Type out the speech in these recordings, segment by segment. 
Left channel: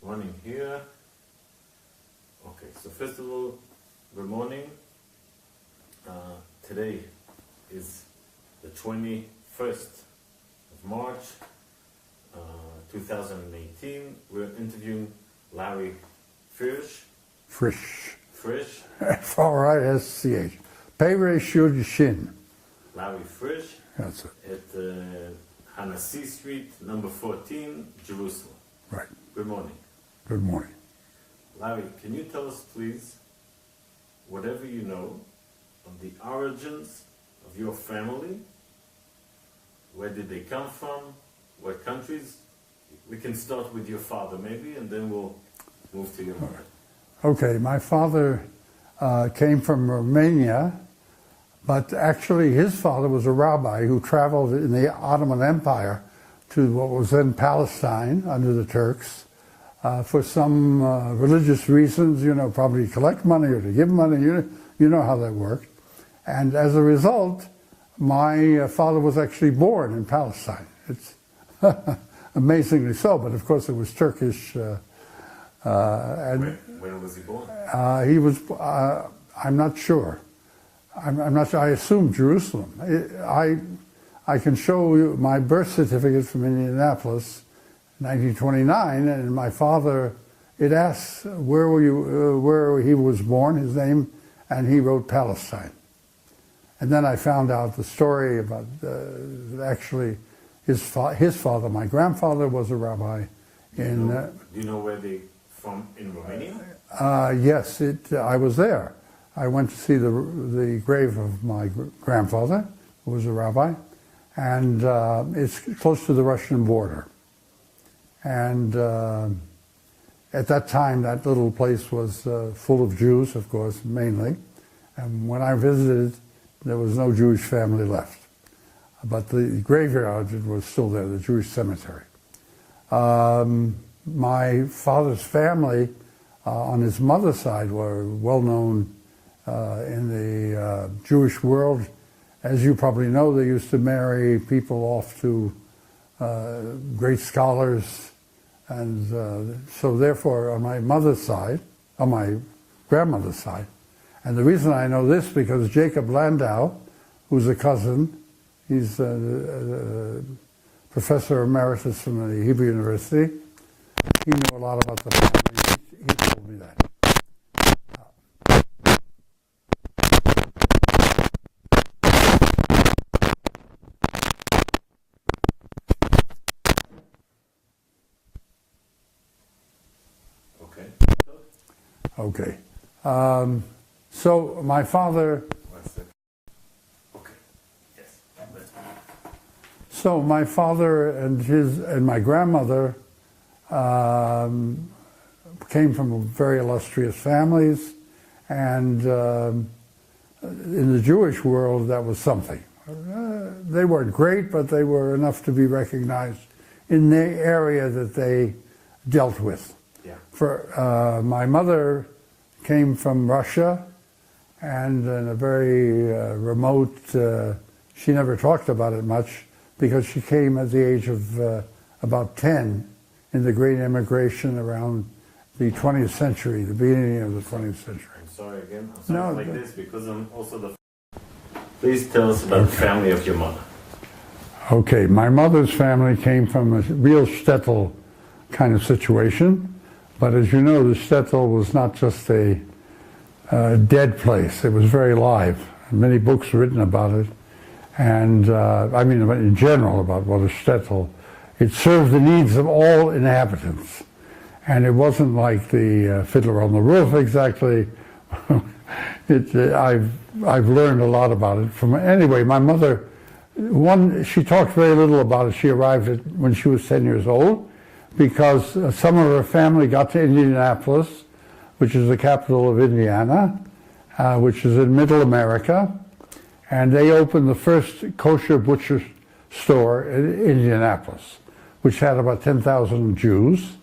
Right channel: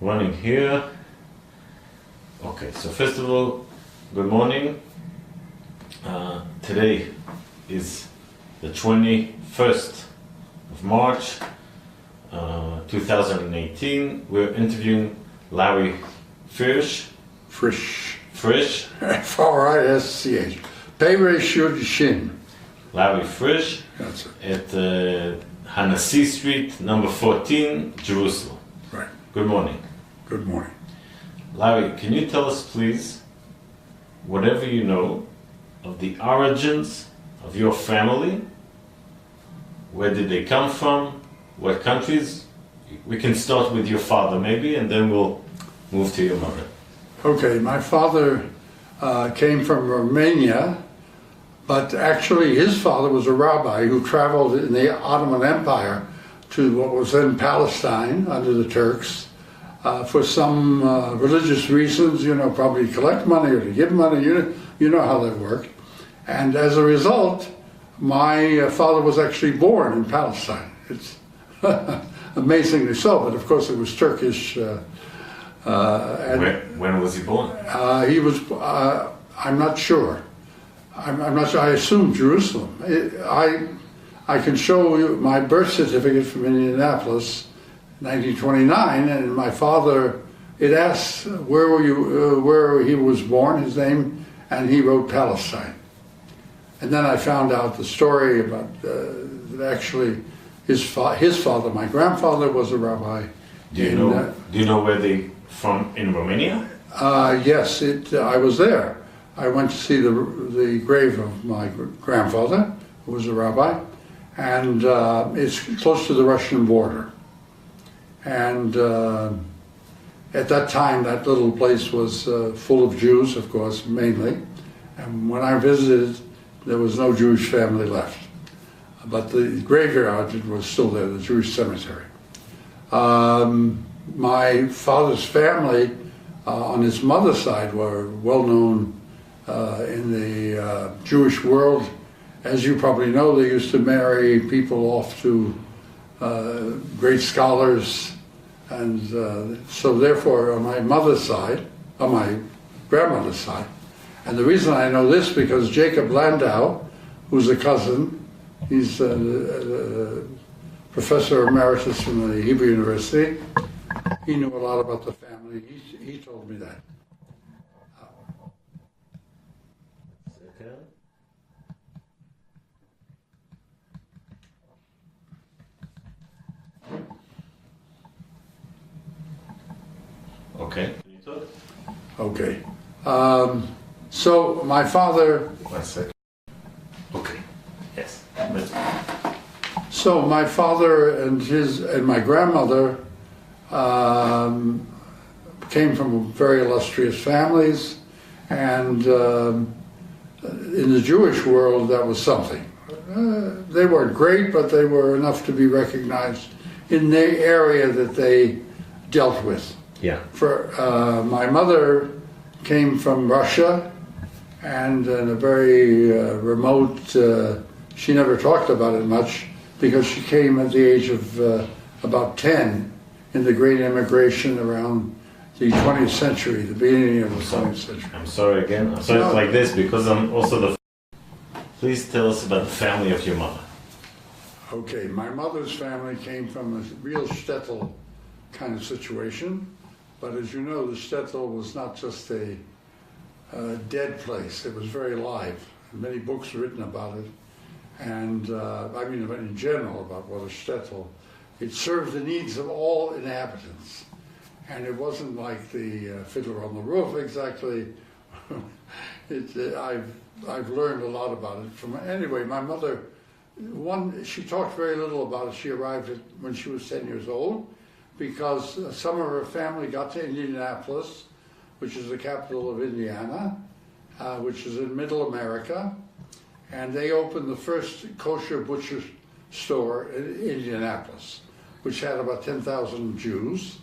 running here. Okay, so first of all, good morning. Today is the 21st of March, 2018. We're interviewing Lauri Frisch. Frisch. Frisch. F-R-I-S-C-H. Peiresh Yud Shin. Lauri Frisch. That's it. At Hanassi Street, number 14, Jerusalem. Right. Good morning. Good morning. Larry, can you tell us, please, whatever you know of the origins of your family? Where did they come from? What countries? We can start with your father, maybe, and then we'll move to your mother. Okay, my father came from Romania, but actually his father was a rabbi who traveled in the Ottoman Empire to what was then Palestine under the Turks for some religious reasons, you know, probably to collect money or to give money, you know how that worked. And as a result, my father was actually born in Palestine. It's amazingly so, but of course it was Turkish. When was he born? He was, I'm not sure. I'm not sure. I assume Jerusalem. I can show you my birth certificate from Indianapolis, 1929, and my father, it asks where were you, where he was born, his name, and he wrote Palestine. And then I found out the story about actually his father, my grandfather, was a rabbi. Do you know where they from in Romania? Yes, I was there. I went to see the grave of my grandfather, who was a rabbi, and it's close to the Russian border. And at that time, that little place was full of Jews, of course, mainly. And when I visited, there was no Jewish family left. But the graveyard was still there, the Jewish cemetery. My father's family on his mother's side were well known in the Jewish world. As you probably know, they used to marry people off to great scholars, and so therefore on my mother's side, on my grandmother's side, and the reason I know this because Jacob Landau, who's a cousin, he's a professor emeritus from the Hebrew University, he knew a lot about the family, he told me that. Okay. Okay. So my father... 1 second. Okay. Yes. So my father and my grandmother came from very illustrious families, and in the Jewish world that was something. They weren't great, but they were enough to be recognized in the area that they dealt with. Yeah. For my mother came from Russia, and in a very remote, she never talked about it much because she came at the age of about 10 in the great immigration around the 20th century, the beginning of the 20th century. I'm sorry again. I'm sorry it's like this because I'm also the... Please tell us about the family of your mother. Okay, my mother's family came from a real shtetl kind of situation. But as you know, the shtetl was not just a dead place. It was very live. Many books written about it. And I mean, in general, about what a shtetl. It served the needs of all inhabitants. And it wasn't like the Fiddler on the Roof exactly. I've learned a lot about it. Anyway, my mother, she talked very little about it. She arrived when she was 10 years old, because some of her family got to Indianapolis, which is the capital of Indiana, which is in Middle America, and they opened the first kosher butcher store in Indianapolis, which had about 10,000 Jews,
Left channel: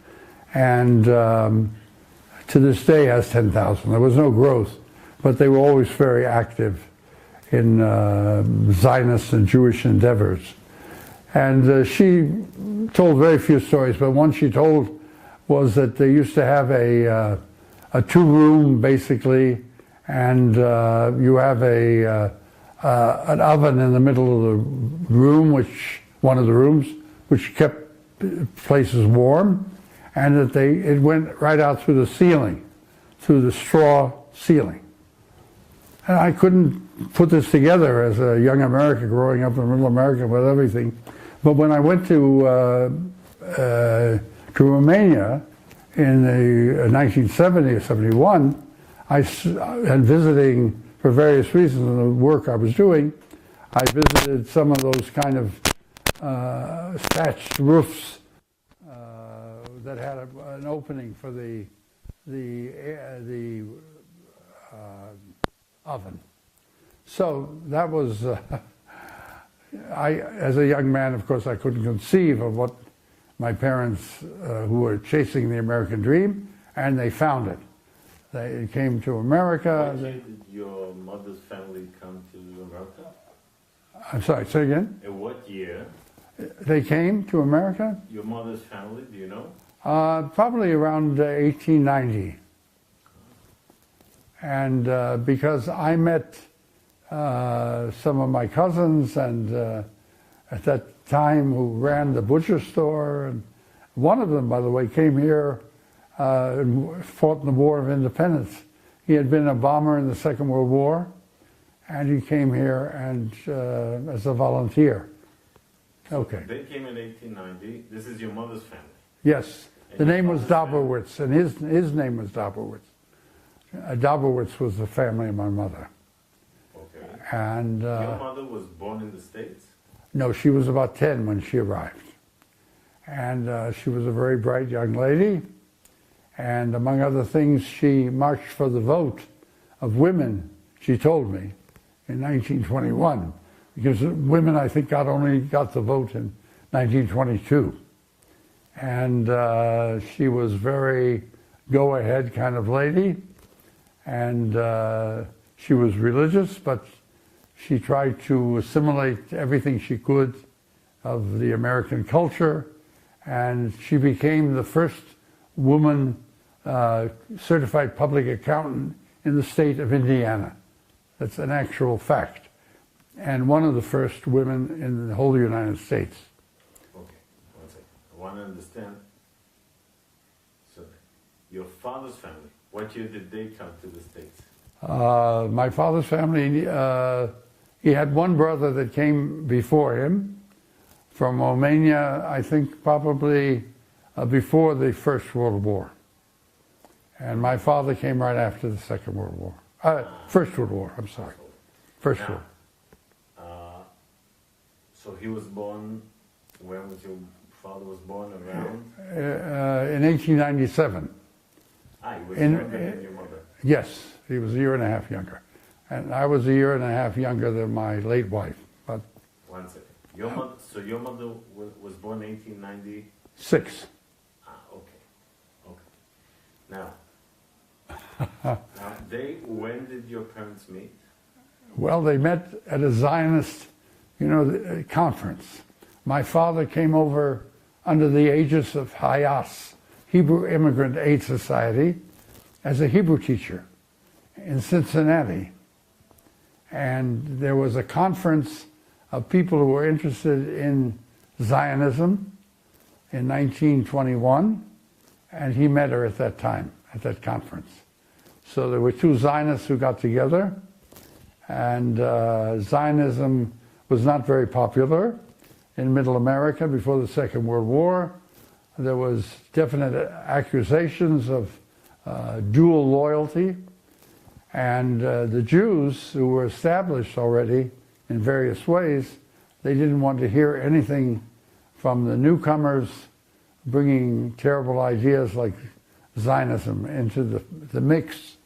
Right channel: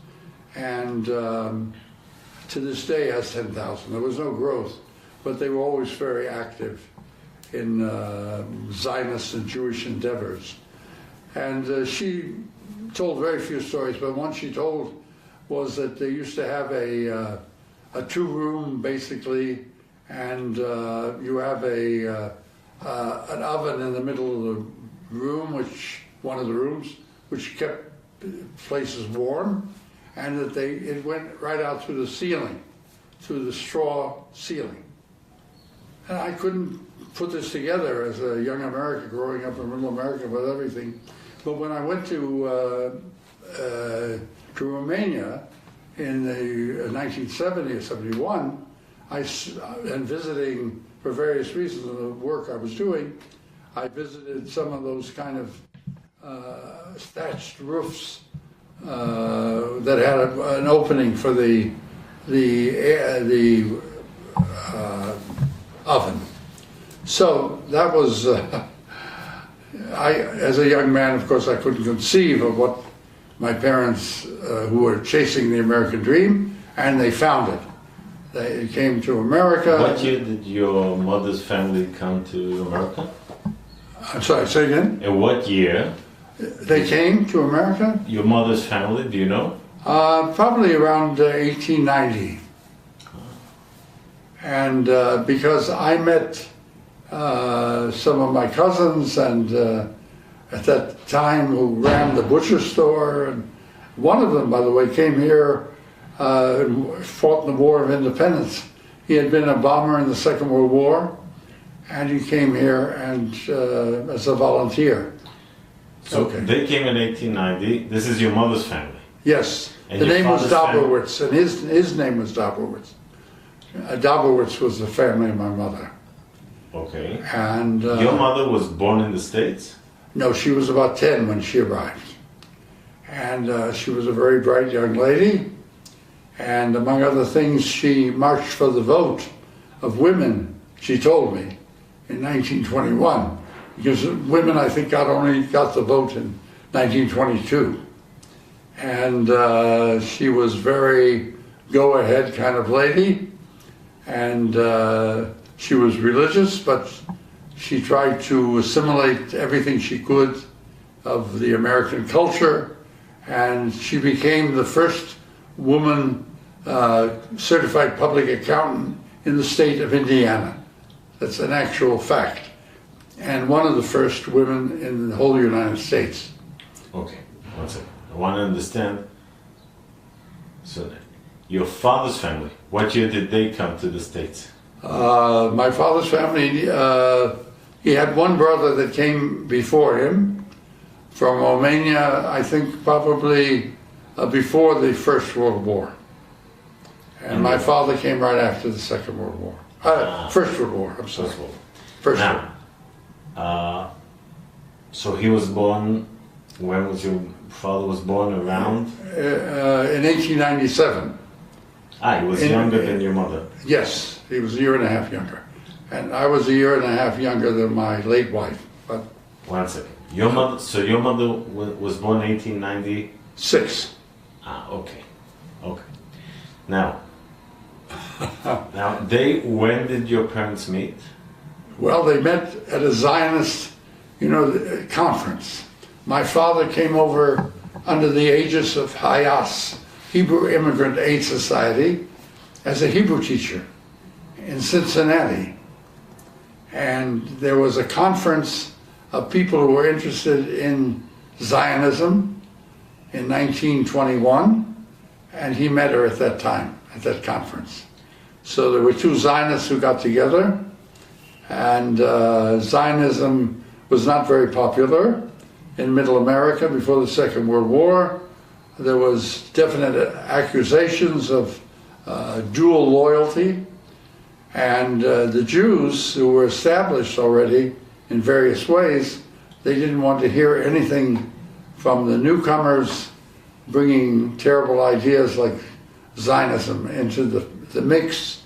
and to this day has 10,000. There was no growth, but they were always very active in Zionist and Jewish endeavors. And she told very few stories, but one she told was that they used to have a two-room, basically, and you have an oven in the middle of the room, one of the rooms, which kept places warm, and that it went right out through the ceiling, through the straw ceiling. And I couldn't put this together as a young American growing up in rural America with everything. But when I went to Romania in the 1970 or 71, and visiting for various reasons in the work I was doing, I visited some of those kind of thatched roofs that had an opening for the oven. So that was, as a young man, of course, I couldn't conceive of what my parents, who were chasing the American dream, and they found it. They came to America. What year did your mother's family come to America? I'm sorry, say again? In what year? They came to America? Your mother's family, do you know? Probably around 1890. And because I met some of my cousins and at that time who ran the butcher store, and one of them, by the way, came here and fought in the War of Independence. He had been a bomber in the Second World War, and he came here and as a volunteer. So they came in 1890. This is your mother's family? Yes. And the name was family? Dobrowitz, and his name was Dobrowitz. Dobrowitz was the family of my mother. Okay. And your mother was born in the States? No, she was about 10 when she arrived. And she was a very bright young lady. And among other things, she marched for the vote of women, she told me, in 1921. Because women, I think, only got the vote in 1922. And she was very go-ahead kind of lady. And she was religious, but she tried to assimilate everything she could of the American culture. And she became the first woman certified public accountant in the state of Indiana. That's an actual fact. And one of the first women in the whole United States. Okay, one second. I want to understand. So, your father's family, what year did they come to the States? My father's family, he had one brother that came before him from Romania, I think probably before the First World War. And my father came right after the Second World War. First World War, I'm sorry. First World War. So he was born, when was your father was born, around? In 1897. He was younger than your mother. Yes, he was a year and a half younger. And I was a year and a half younger than my late wife. But one second. Your mother was born in 1896? Okay. Okay. Now, when did your parents meet? Well, they met at a Zionist, conference. My father came over under the aegis of HIAS, Hebrew Immigrant Aid Society, as a Hebrew teacher in Cincinnati. And there was a conference of people who were interested in Zionism in 1921, and he met her at that time, at that conference. So there were two Zionists who got together, and Zionism was not very popular in Middle America before the Second World War. There was definite accusations of dual loyalty, and the Jews, who were established already in various ways, they didn't want to hear anything from the newcomers bringing terrible ideas like Zionism into the mix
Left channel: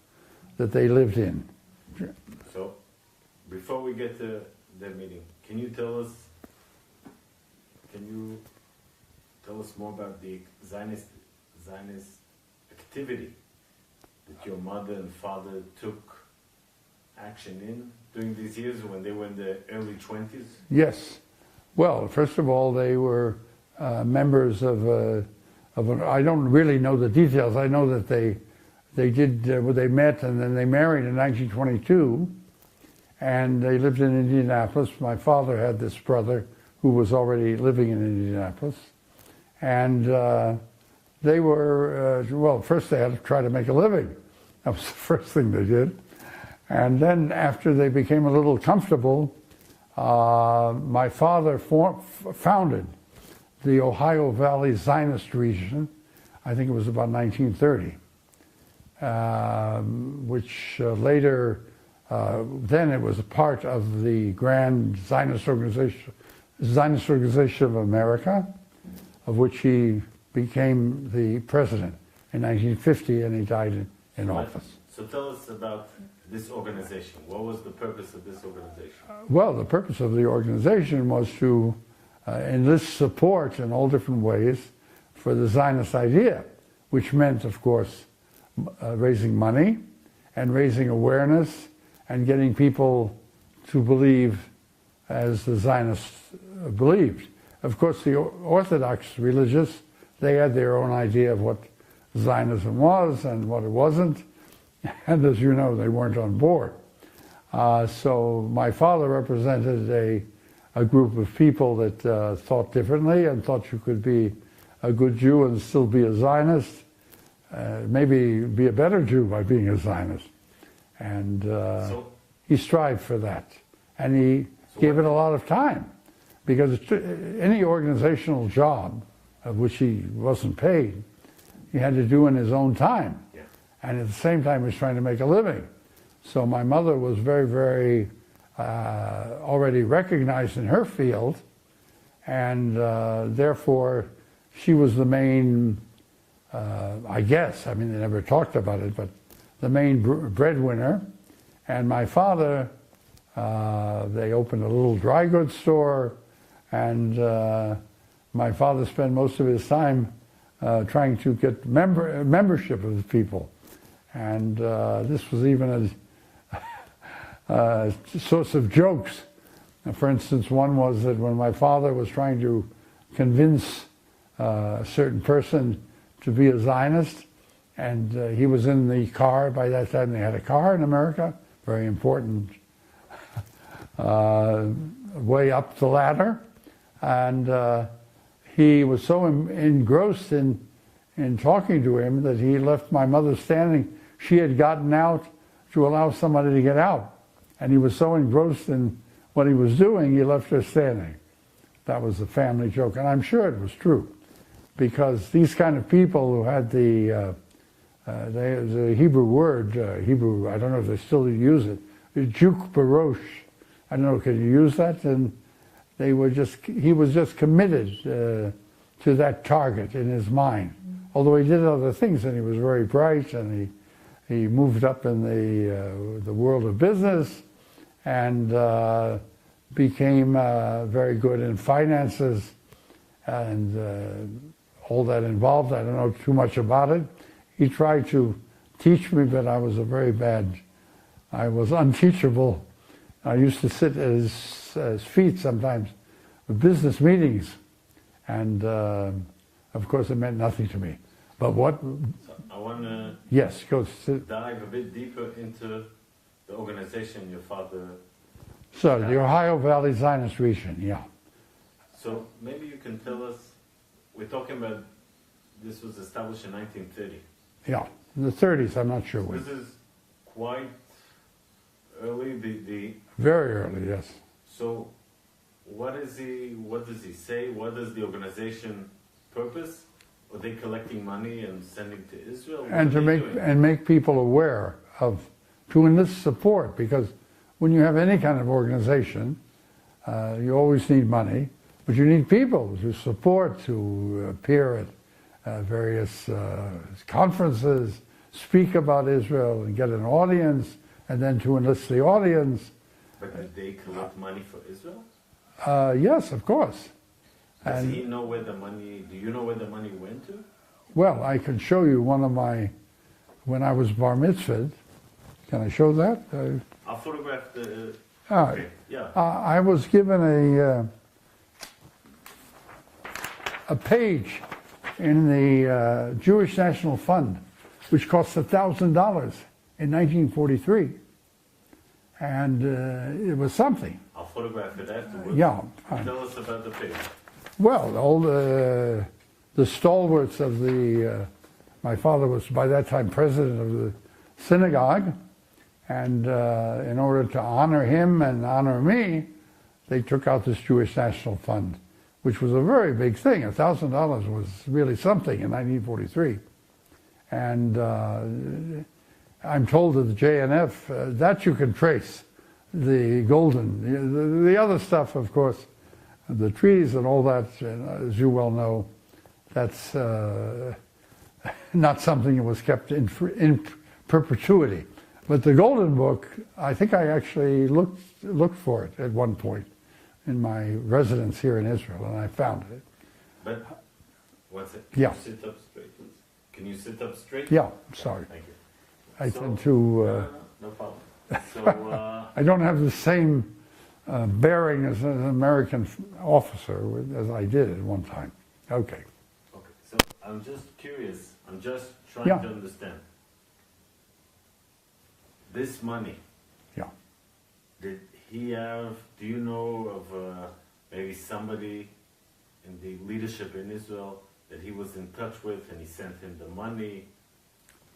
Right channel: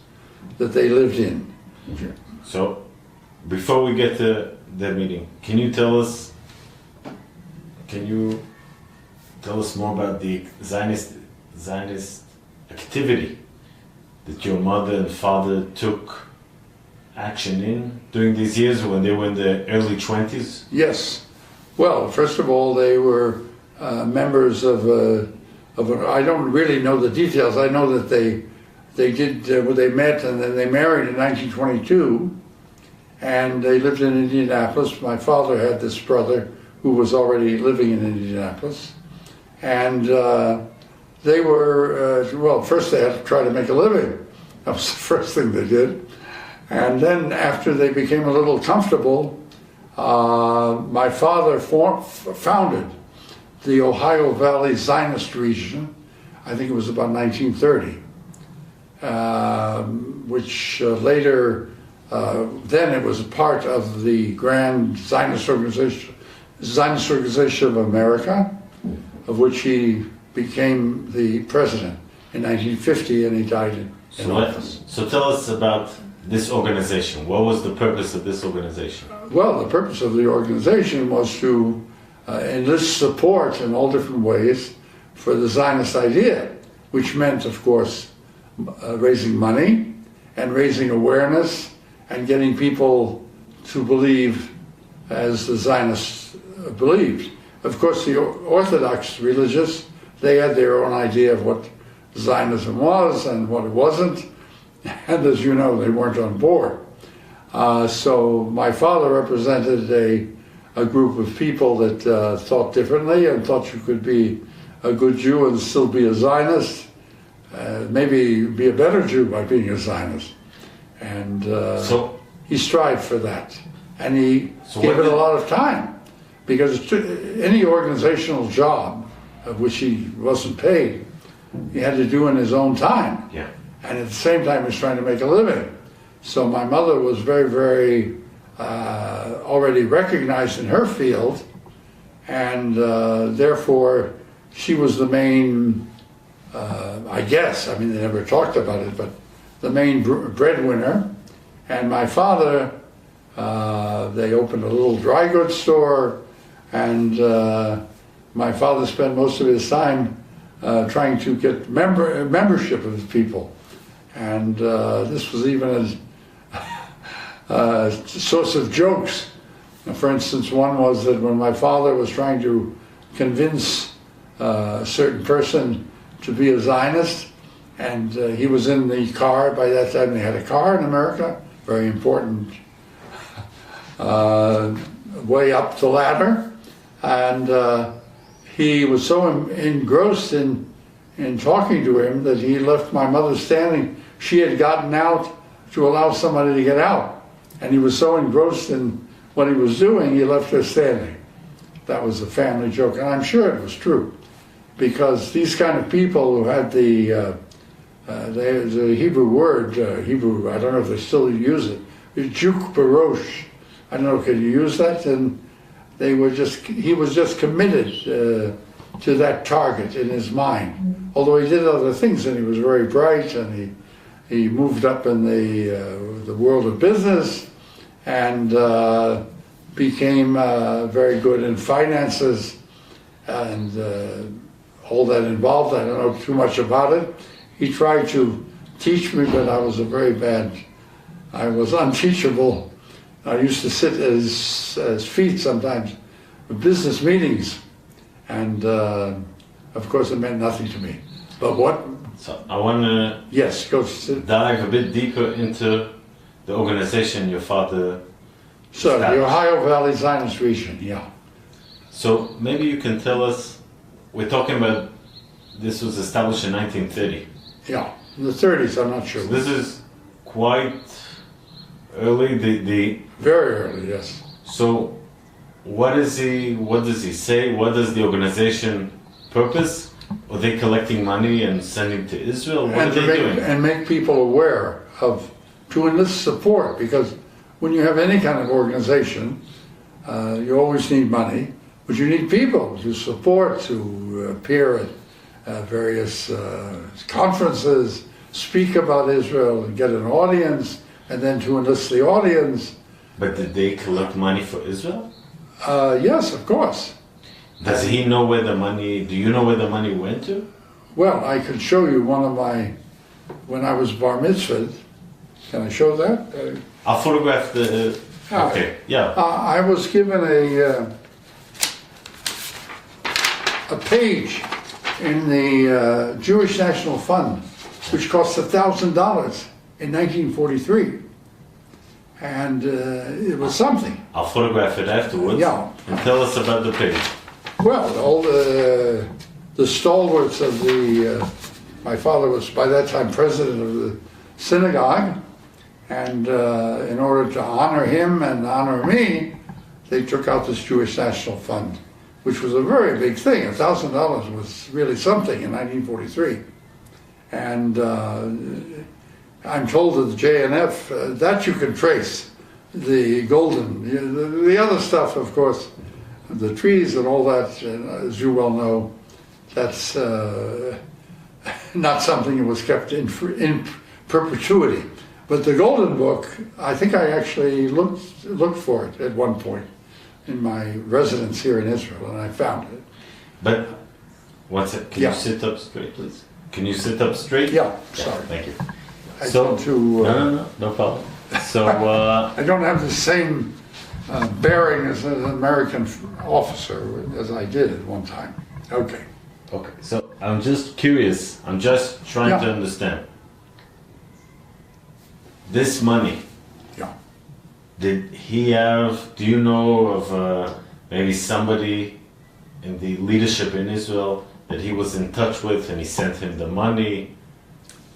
that they lived in. So, before we get to the meeting, can you tell us more about the Zionist activity that your mother and father took action in during these years when they were in the early 20s? Yes. Well, first of all, they were members of I don't really know the details. I know that they met and then they married in 1922, and they lived in Indianapolis. My father had this brother who was already living in Indianapolis, and they were, well, first they had to try to make a living. That was the first thing they did. And then after they became a little comfortable, my father founded the Ohio Valley Zionist region. I think it was about 1930, which later, then it was a part of the Grand Zionist Organization of America, of which he became the president in 1950, and he died in office. So tell us about this organization. What was the purpose of this organization? Well, the purpose of the organization was to enlist support in all different ways for the Zionist idea, which meant, of course, raising money and raising awareness and getting people to believe as the Zionists believed. Of course, the Orthodox religious, they had their own idea of what Zionism was and what it wasn't, and as you know, they weren't on board. So my father represented a group of people that thought differently and thought you could be a good Jew and still be a Zionist, maybe be a better Jew by being a Zionist. And so he strived for that. And he gave it a lot of time, because any organizational job of which he wasn't paid, he had to do in his own time. Yeah. And at the same time, he was trying to make a living. So my mother was very, very already recognized in her field, and therefore she was the main, I guess, I mean, they never talked about it, but the main breadwinner. And my father, they opened a little dry goods store, and my father spent most of his time trying to get membership of the people. And this was even a source of jokes. For instance, one was that when my father was trying to convince a certain person to be a Zionist, and he was in the car, by that time they had a car in America, very important way up the ladder, and he was so engrossed in talking to him that he left my mother standing. She had gotten out to allow somebody to get out, and he was so engrossed in what he was doing, he left her standing. That was a family joke, and I'm sure it was true, because these kind of people who had the Hebrew word, Hebrew, I don't know if they still use it, juk barosh. I don't know, can you use that? And they were he was just committed to that target in his mind. Although he did other things, and he was very bright, and he moved up in the world of business, and became very good in finances, and all that involved. I don't know too much about it. He tried to teach me, but I was I was unteachable. I used to sit at his feet sometimes at business meetings, and of course it meant nothing to me. But what? So I want to dive a bit deeper into the organization your father established. The Ohio Valley Zionist region, yeah. So maybe you can tell us, we're talking about, this was established in 1930. Yeah, in the 30s, I'm not sure. So this is quite early, Very early, yes. So what does he say? What does the organization purpose? Are they collecting money and sending to Israel? What are they doing? And make people aware to enlist support, because when you have any kind of organization, you always need money, but you need people to support, to appear at various conferences, speak about Israel, and get an audience, and then to enlist the audience. But did they collect money for Israel? Yes, of course. Does he know where the money, do you know where the money went to? Well, I can show you one of when I was bar mitzvahed. Can I show that? I'll photograph the, okay, yeah. I was given a page in the Jewish National Fund, which cost $1,000 in 1943. And it was something. I'll photograph it afterwards. Yeah. And tell us about the pig. Well, all the stalwarts of the, my father was by that time president of the synagogue, and in order to honor him and honor me, they took out this Jewish National Fund, which was a very big thing. $1,000 was really something in 1943. And I'm told that the JNF, that you can trace, the golden, the other stuff, of course, the trees and all that, as you well know, that's not something that was kept in perpetuity. But the Golden Book, I think I actually looked for it at one point in my residence here in Israel, and I found it. But, one second, can you sit up straight, please? Can you sit up straight? Yeah, sorry. Thank you. I tend to, no problem. So, I don't have the same bearing as an American officer as I did at one time. Okay. Okay, so I'm just curious, I'm just trying to understand. This money, did he have, do you know of maybe somebody in the leadership in Israel that he was in touch with and he sent him the money?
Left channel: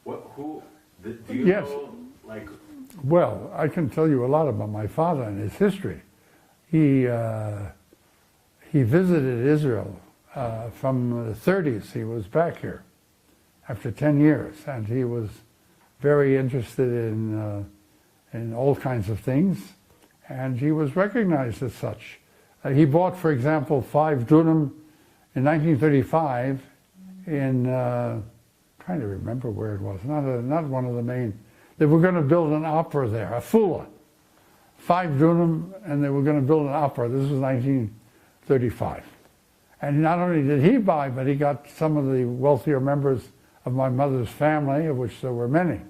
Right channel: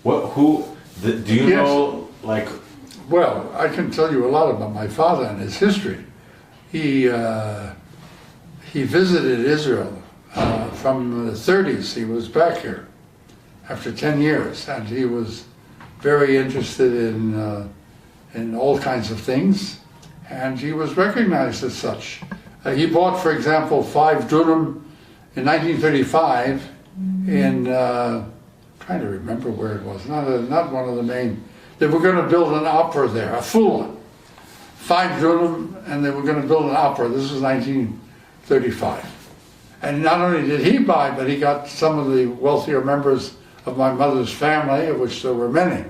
Do you know, like... Well, I can tell you a lot about my father and his history. He visited Israel from the 30s. He was back here after 10 years, and he was very interested in all kinds of things, and he was recognized as such. He bought, for example, 5 dunam in 1935 in, trying to remember where it was, not one of the main, they were going to build an opera there, a full 5 dunam, and they were going to build an opera. This was 1935. And not only did he buy, but he got some of the wealthier members of my mother's family, of which there were many,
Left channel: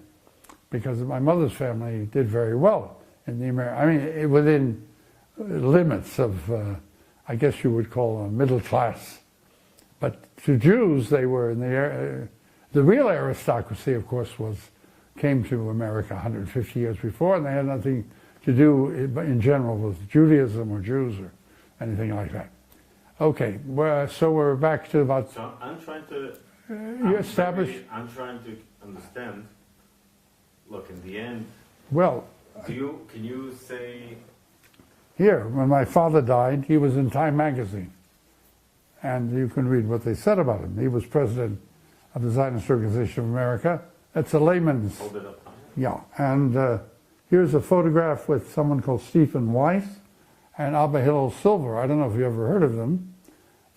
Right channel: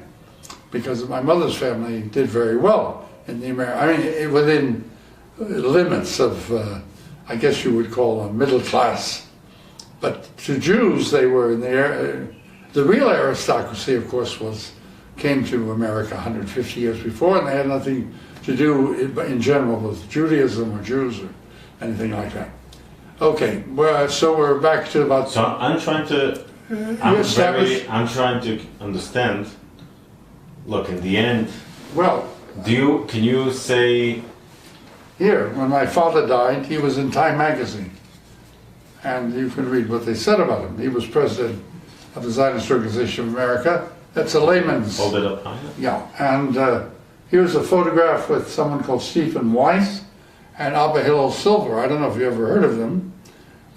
because my mother's family did very well in the within limits of, I guess you would call a middle class. But to Jews, they were in the real aristocracy, of course, came to America 150 years before, and they had nothing to do in general with Judaism or Jews or anything like that. Okay, well, so we're back to about... So I'm trying to understand, look, in the end, well, can you say... Here, when my father died, he was in Time magazine, and you can read what they said about him. He was president of the Zionist Organization of America. That's a layman's... Hold it up higher. Yeah, and here's a photograph with someone called Stephen Weiss and Abba Hillel Silver. I don't know if you ever heard of them.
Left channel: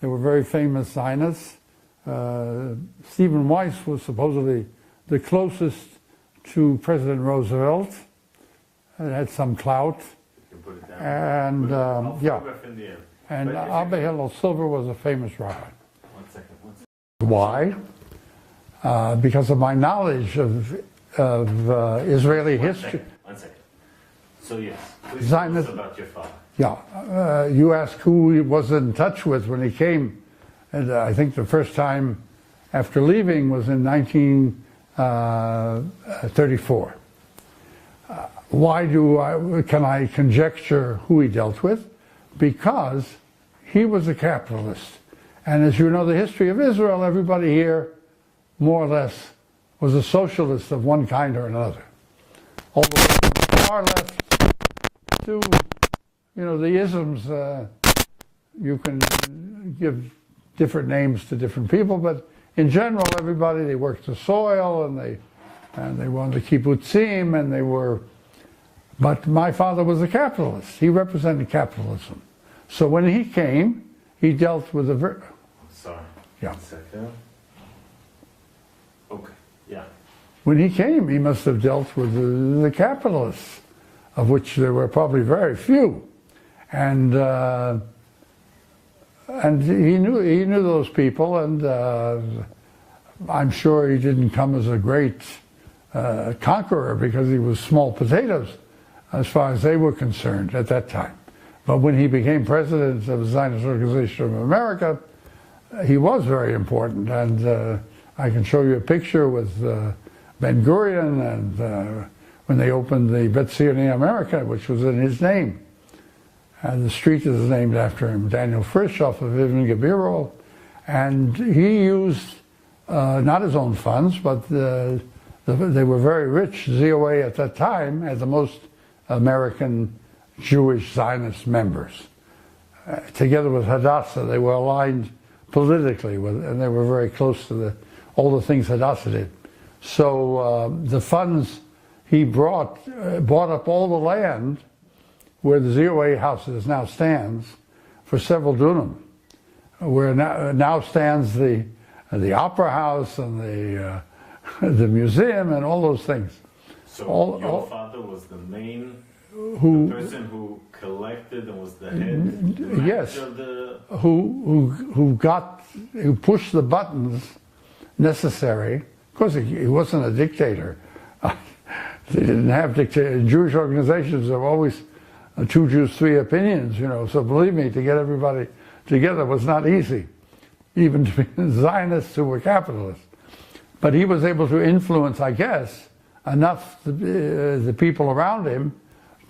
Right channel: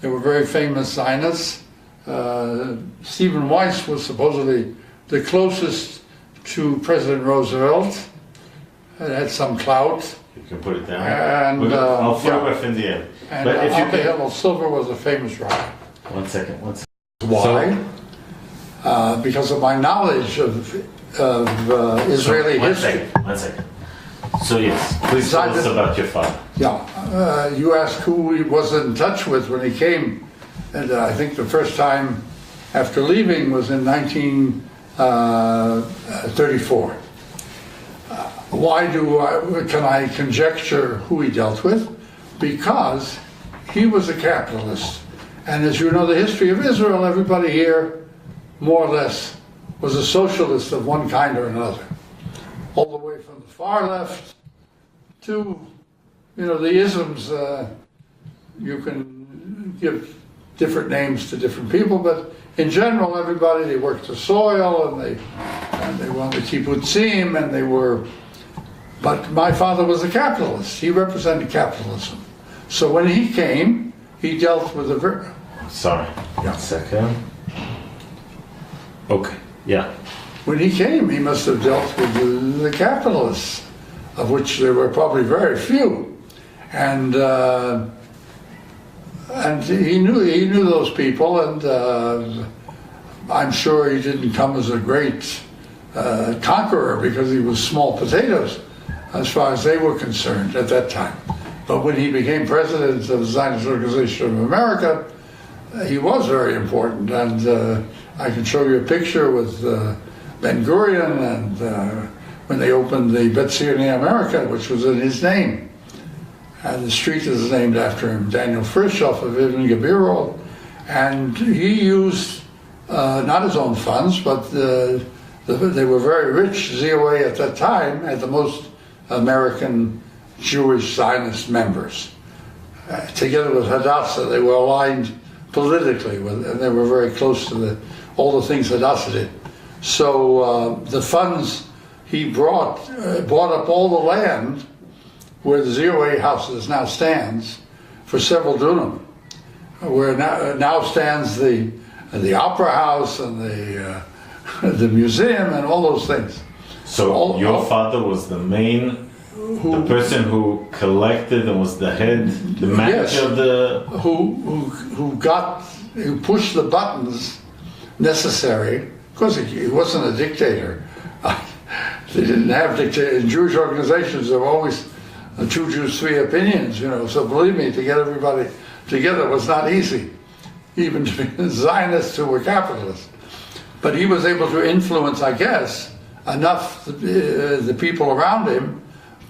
They were very famous Zionists. Stephen Weiss was supposedly the closest to President Roosevelt. It had some clout. You can put it down. And, I'll photograph in the end. And Abba Hillel Silver was a famous writer. One second. Why? Because of my knowledge of Israeli history. One second. So yes, please tell us about your father. Yeah, you asked who he was in touch with when he came, and I think the first time after leaving was in 1934. Why can I conjecture who he dealt with? Because he was a capitalist, and as you know the history of Israel, everybody here, more or less, was a socialist of one kind or another. All the way from the far left to, the isms, you can give different names to different people, but in general, everybody, they worked the soil, and they wanted the kibbutzim, and they were, but my father was a capitalist. He represented capitalism. So when he came, he dealt with a Sorry, 1 second. Okay, yeah. When he came, he must have dealt with the capitalists, of which there were probably very few, and he knew those people, and I'm sure he didn't come as a great conqueror because he was small potatoes, as far as they were concerned at that time. But when he became president of the Zionist Organization of America, he was very important, and I can show you a picture with Ben Gurion and when they opened the Bezirne America, which was in his name. And the street is named after him, Daniel Frisch off of Ibn Gabirol. And he used not his own funds, but they were very rich. ZOA at that time had the most American Jewish Zionist members. Together with Hadassah, they were aligned politically, and they were very close to all the things Hadassah did. So the funds he bought up all the land where the ZOA houses now stands for several dunam, where now stands the opera house and the museum and all those things. So your father was the main, the person who collected and was the head, the manager yes, of the... Who pushed the buttons necessary. Of course, he wasn't a dictator. They didn't have dictators. In Jewish organizations, there were always 2 Jews, 3 opinions, you know. So believe me, to get everybody together was not easy, even to be Zionists who were capitalists. But he was able to influence, I guess, enough the people around him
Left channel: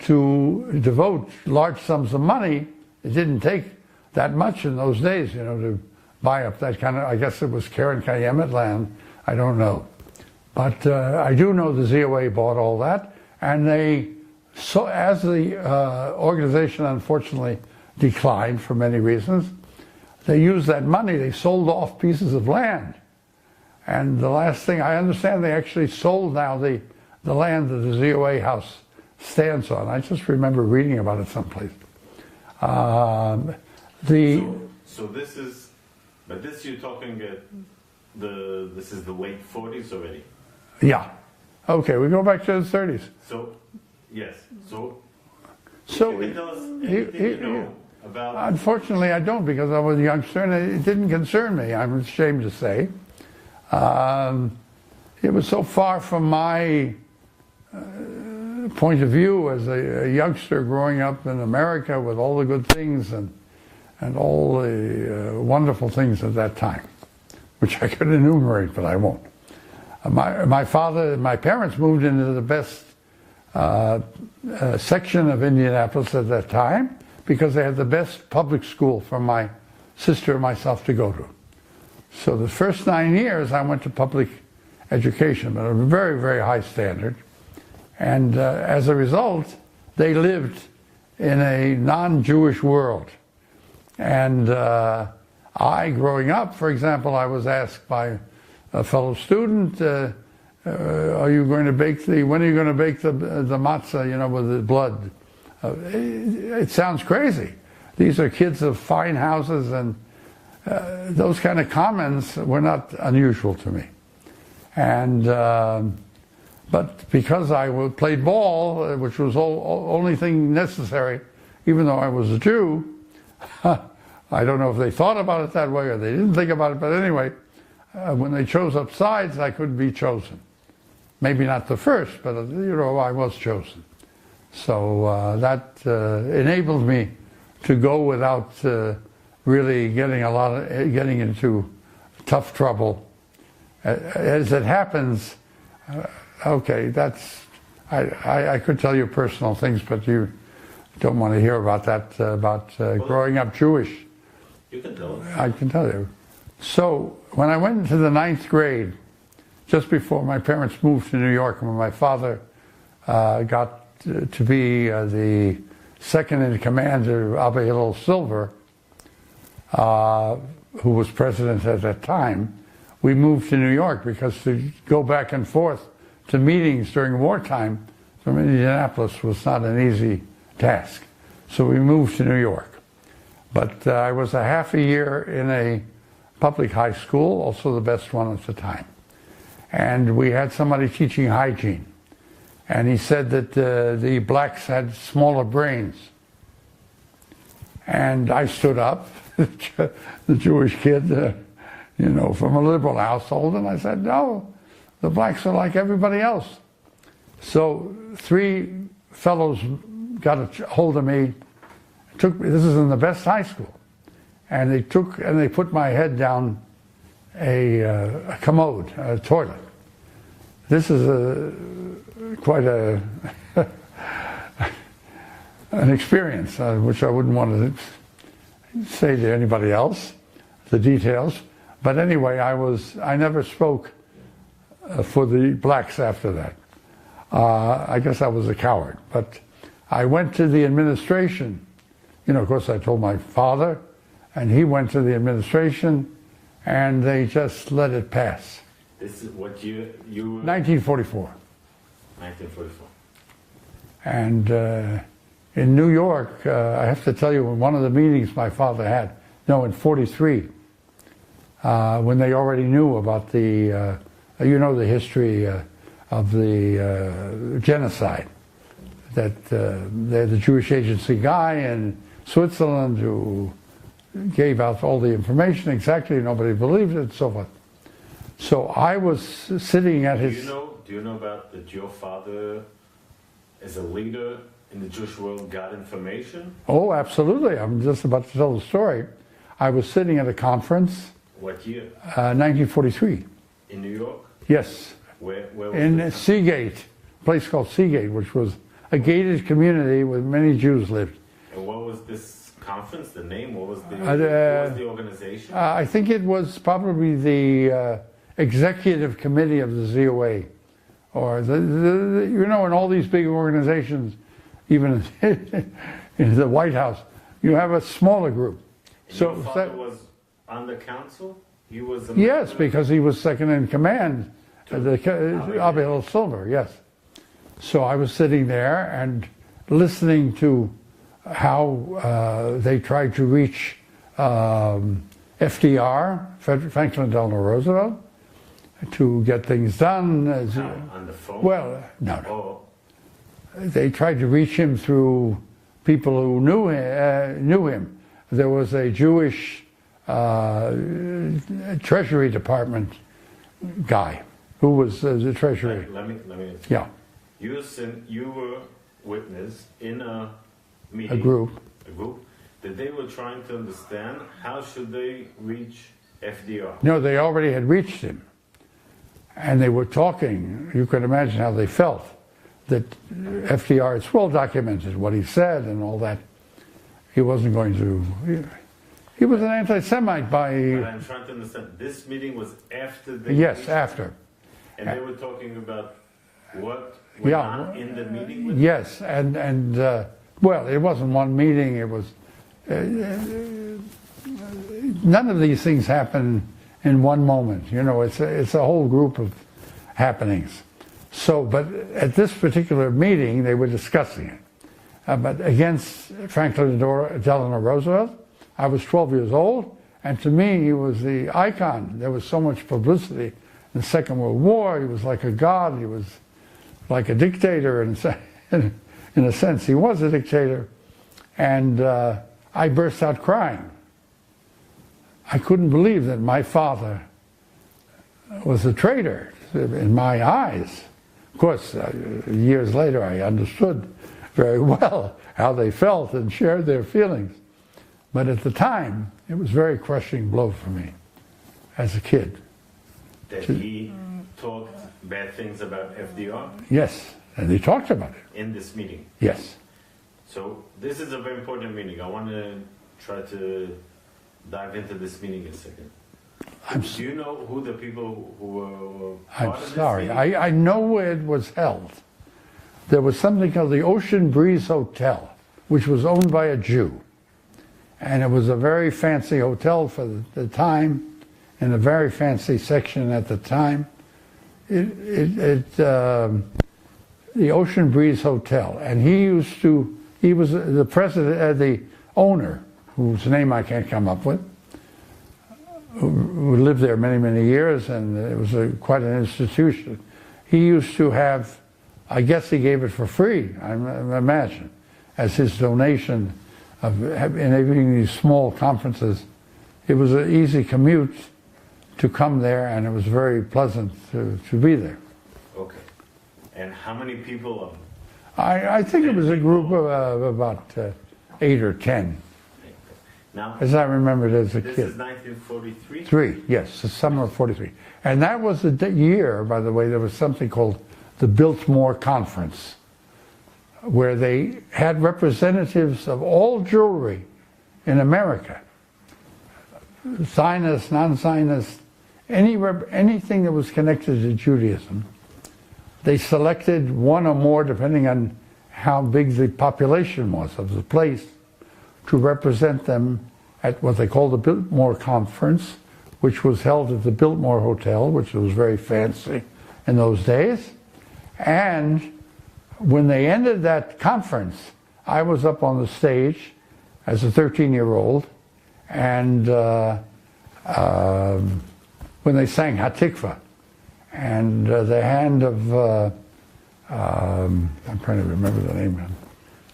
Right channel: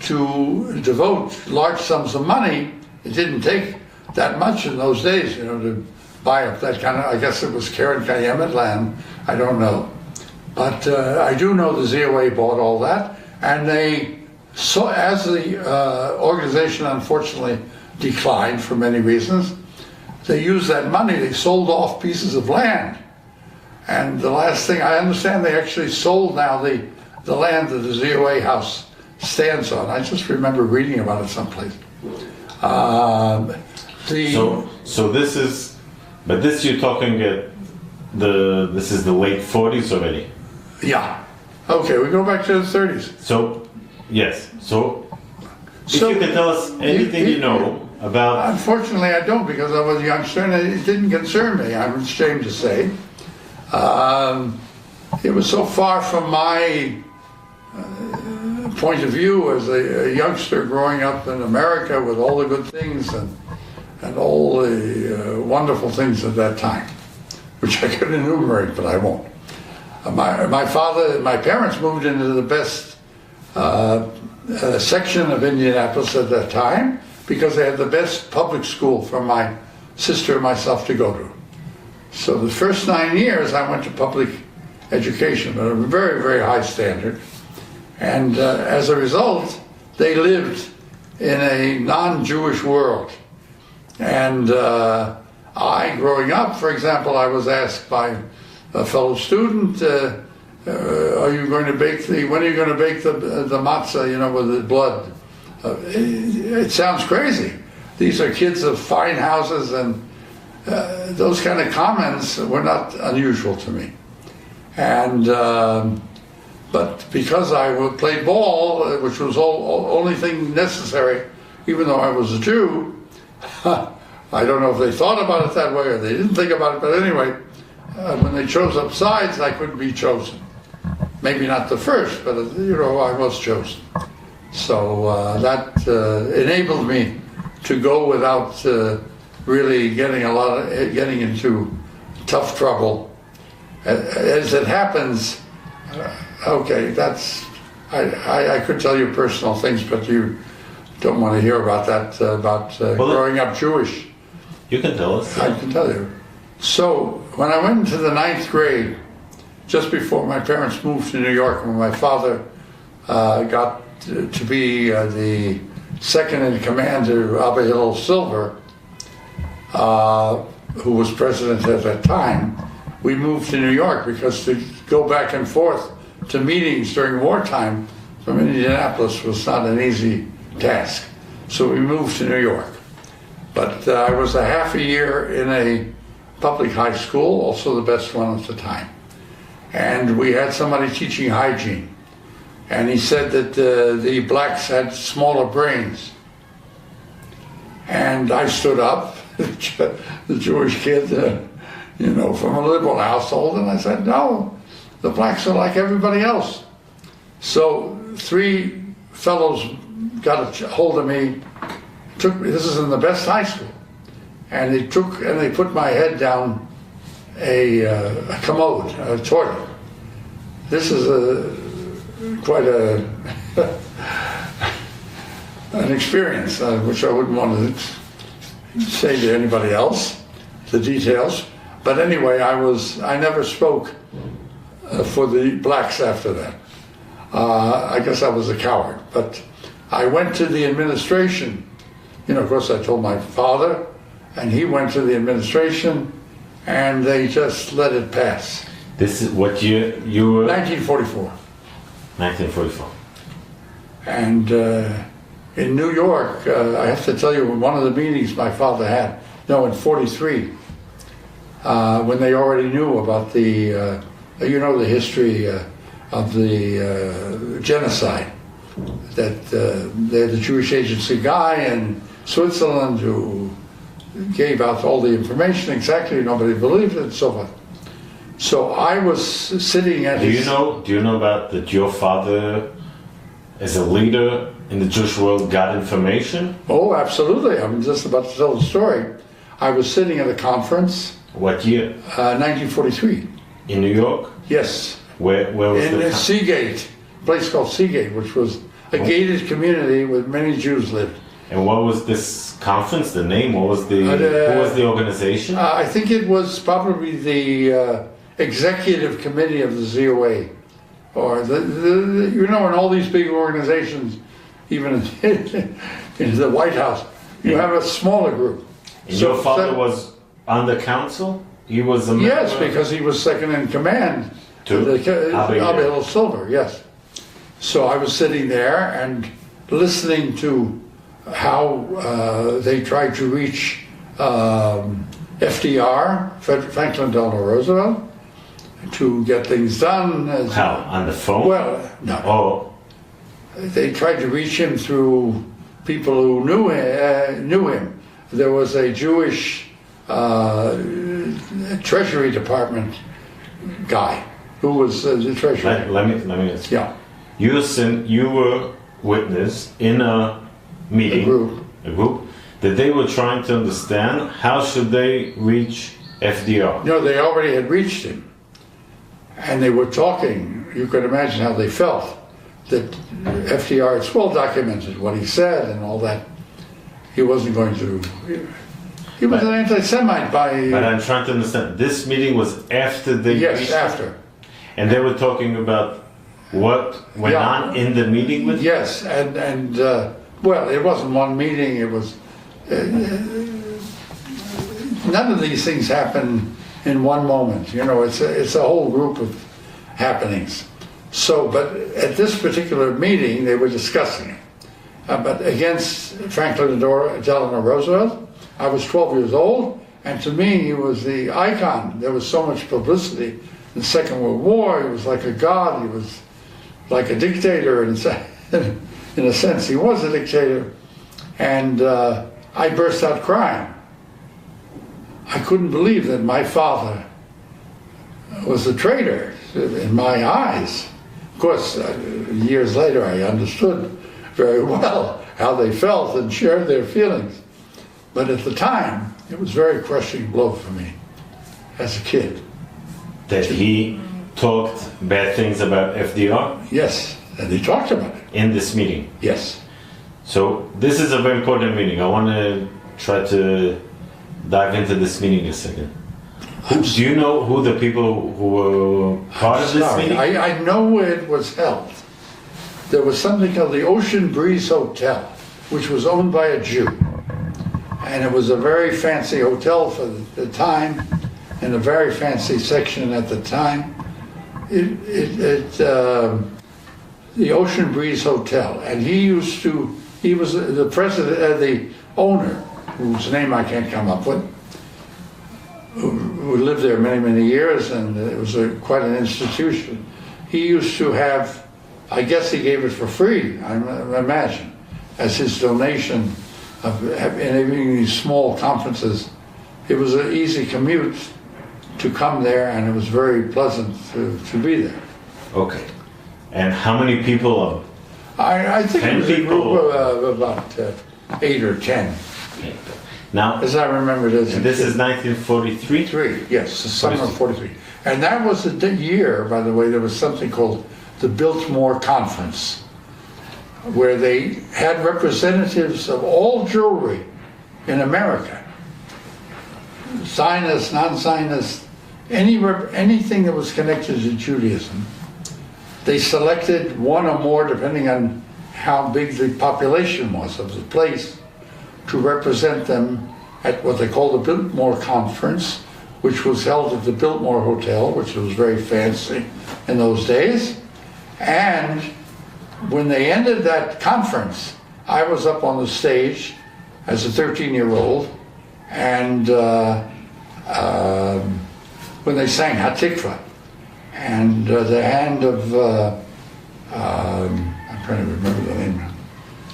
to devote large sums of money. It didn't take that much in those days, you know, to buy up that kind of, I guess it was Karen Kayemet land, I don't know. But I do know the ZOA bought all that, and they, so as the organization unfortunately declined for many reasons, they used that money, they sold off pieces of land. And the last thing, I understand they actually sold now the land that the ZOA house stands on. I just remember reading about it someplace. So this is, but this you're talking this is the late 40s already? Yeah. Okay, we go back to the 30s. So, yes. So if you could tell us anything you know about... Unfortunately, I don't, because I was a youngster and it didn't concern me, I'm ashamed to say. It was so far from my point of view as a youngster growing up in America with all the good things and all the wonderful things at that time, which I could enumerate, but I won't. My parents moved into the best section of Indianapolis at that time because they had the best public school for my sister and myself to go to. So the first 9 years I went to public education, but a very, very high standard. And as a result, they lived in a non-Jewish world. And I, growing up, for example, I was asked by a fellow student, when are you going to bake the matzah, you know, with the blood? It sounds crazy. These are kids of fine houses, and those kind of comments were not unusual to me. And but because I played ball, which was only thing necessary, even though I was a Jew, I don't know if they thought about it that way or they didn't think about it, but anyway, when they chose up sides, I couldn't be chosen. Maybe not the first, but you know, I was chosen. So that enabled me to go without really getting into tough trouble. As it happens, okay, that's, I could tell you personal things, but you don't want to hear about that, growing up Jewish. You can tell us. I can tell you. So when I went into the 9th grade, just before my parents moved to New York, when my father got to be the second in command to Abba Hillel Silver, who was president at that time, we moved to New York because to go back and forth to meetings during wartime from Indianapolis was not an easy task. So we moved to New York. But I was a half a year in a public high school, also the best one at the time. And we had somebody teaching hygiene. And he said that the blacks had smaller brains. And I stood up, the Jewish kid, you know, from a liberal household, and I said, no, the blacks are like everybody else. So 3 fellows got a hold of me, this is in the best high school, and they put my head down a commode, a toilet. This is quite an experience, which I wouldn't want to say to anybody else, the details. But anyway, I never spoke for the blacks after that. I guess I was a coward, but I went to the administration. You know, of course, I told my father, and he went to the administration, and they just let it pass. This is what year you were? 1944. 1944. And in New York, I have to tell you, one of the meetings my father had, no, in 43, when they already knew about the, you know, the history of the genocide, that the Jewish agency guy in Switzerland who gave out all the information exactly, nobody believed it, and so forth. So I was sitting at his... Do you know about that your father, as a leader in the Jewish world, got information? Oh, absolutely. I'm just about to tell the story. I was sitting at a conference. What year? 1943. In New York? Yes. Where was in Seagate, a place called Seagate, which was a gated community where many Jews lived. And what was this conference, the name? What was the organization? I think it was probably the executive committee of the ZOA, or you know, in all these big organizations, even in the White House, you have a smaller group. And so your father was on the council? He was a member? Yes, because he was second in command to the Abel Silver, yes. So I was sitting there and listening to how they tried to reach FDR, Franklin Delano Roosevelt, to get things done. How? On the phone? Well, no. Oh. They tried to reach him through people who knew him. There was a Jewish Treasury Department guy who was the treasurer. Let me ask you. Yeah. You were witness in a meeting, a group, that they were trying to understand how should they reach FDR. No, they already had reached him. And they were talking, you can imagine how they felt, that FDR, it's well documented what he said and all that. He wasn't going to, he was an anti-Semite by... But I'm trying to understand, this meeting was after they Yes, reached after. And they were talking about what went on in the meeting with Yes, and well, it wasn't one meeting, it was... none of these things happen in one moment, you know, it's a whole group of happenings. So, but at this particular meeting, they were discussing it. But against Franklin Delano Roosevelt, I was 12 years old, and to me, he was the icon. There was so much publicity in the Second World War. He was like a god. He was like a dictator, in a sense. He was a dictator. And I burst out crying. I couldn't believe that my father was a traitor in my eyes. Of course, years later, I understood very well how they felt and shared their feelings. But at the time, it was a very crushing blow for me as a kid. That he talked bad things about FDR? Yes, and he talked about it. In this meeting? Yes. So this is a very important meeting. I want to try to dive into this meeting a second. Do you know who the people who were part of this meeting? I know where it was held. There was something called the Ocean Breeze Hotel, which was owned by a Jew. And it was a very fancy hotel for the time, in a very fancy section at the time. The Ocean Breeze Hotel. And he was the president, the owner, whose name I can't come up with, who lived there many, many years, and it was quite an institution. He used to have, I guess he gave it for free, I imagine, as his donation of having these small conferences. It was an easy commute to come there, and it was very pleasant to be there. Okay. And how many people? I think it was a group of about 8 or 10. Now, as I remember it as a this kid. is 1943? Yes, the summer of 43. And that was the year, by the way, there was something called the Biltmore Conference, where they had representatives of all Jewry in America, Zionist, non-Zionist, anything that was connected to Judaism. They selected one or more, depending on how big the population was of the place, to represent them at what they called the Biltmore Conference, which was held at the Biltmore Hotel, which was very fancy in those days. And when they ended that conference, I was up on the stage as a 13-year-old, and when they sang Hatikva, and the hand of, I'm trying to remember the name,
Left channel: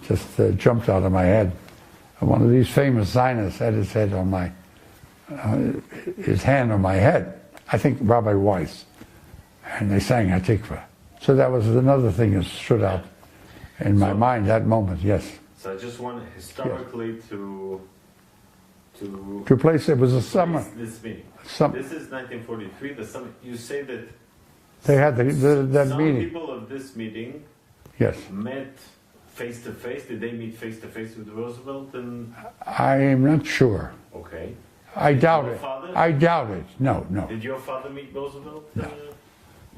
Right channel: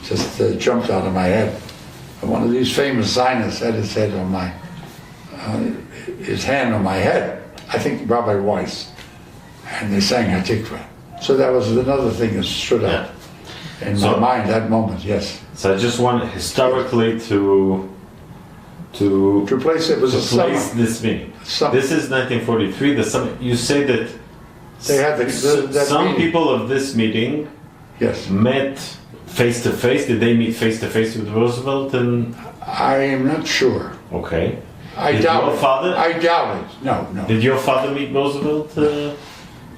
just jumped out of my head. One of these famous Zionists had his head on my, his hand on my head. I think Rabbi Weiss, and they sang Hatikva. So that was another thing that stood out in my mind that moment. Yes. So I just want historically to place it was a summer. This meeting. Summer. This is 1943. The summer. You say that they had that some meeting. people of this meeting, yes, met face to face. Did they meet face to face with Roosevelt? And I'm not sure. Okay. I doubt your it. father? I doubt it. No. Did your father meet Roosevelt?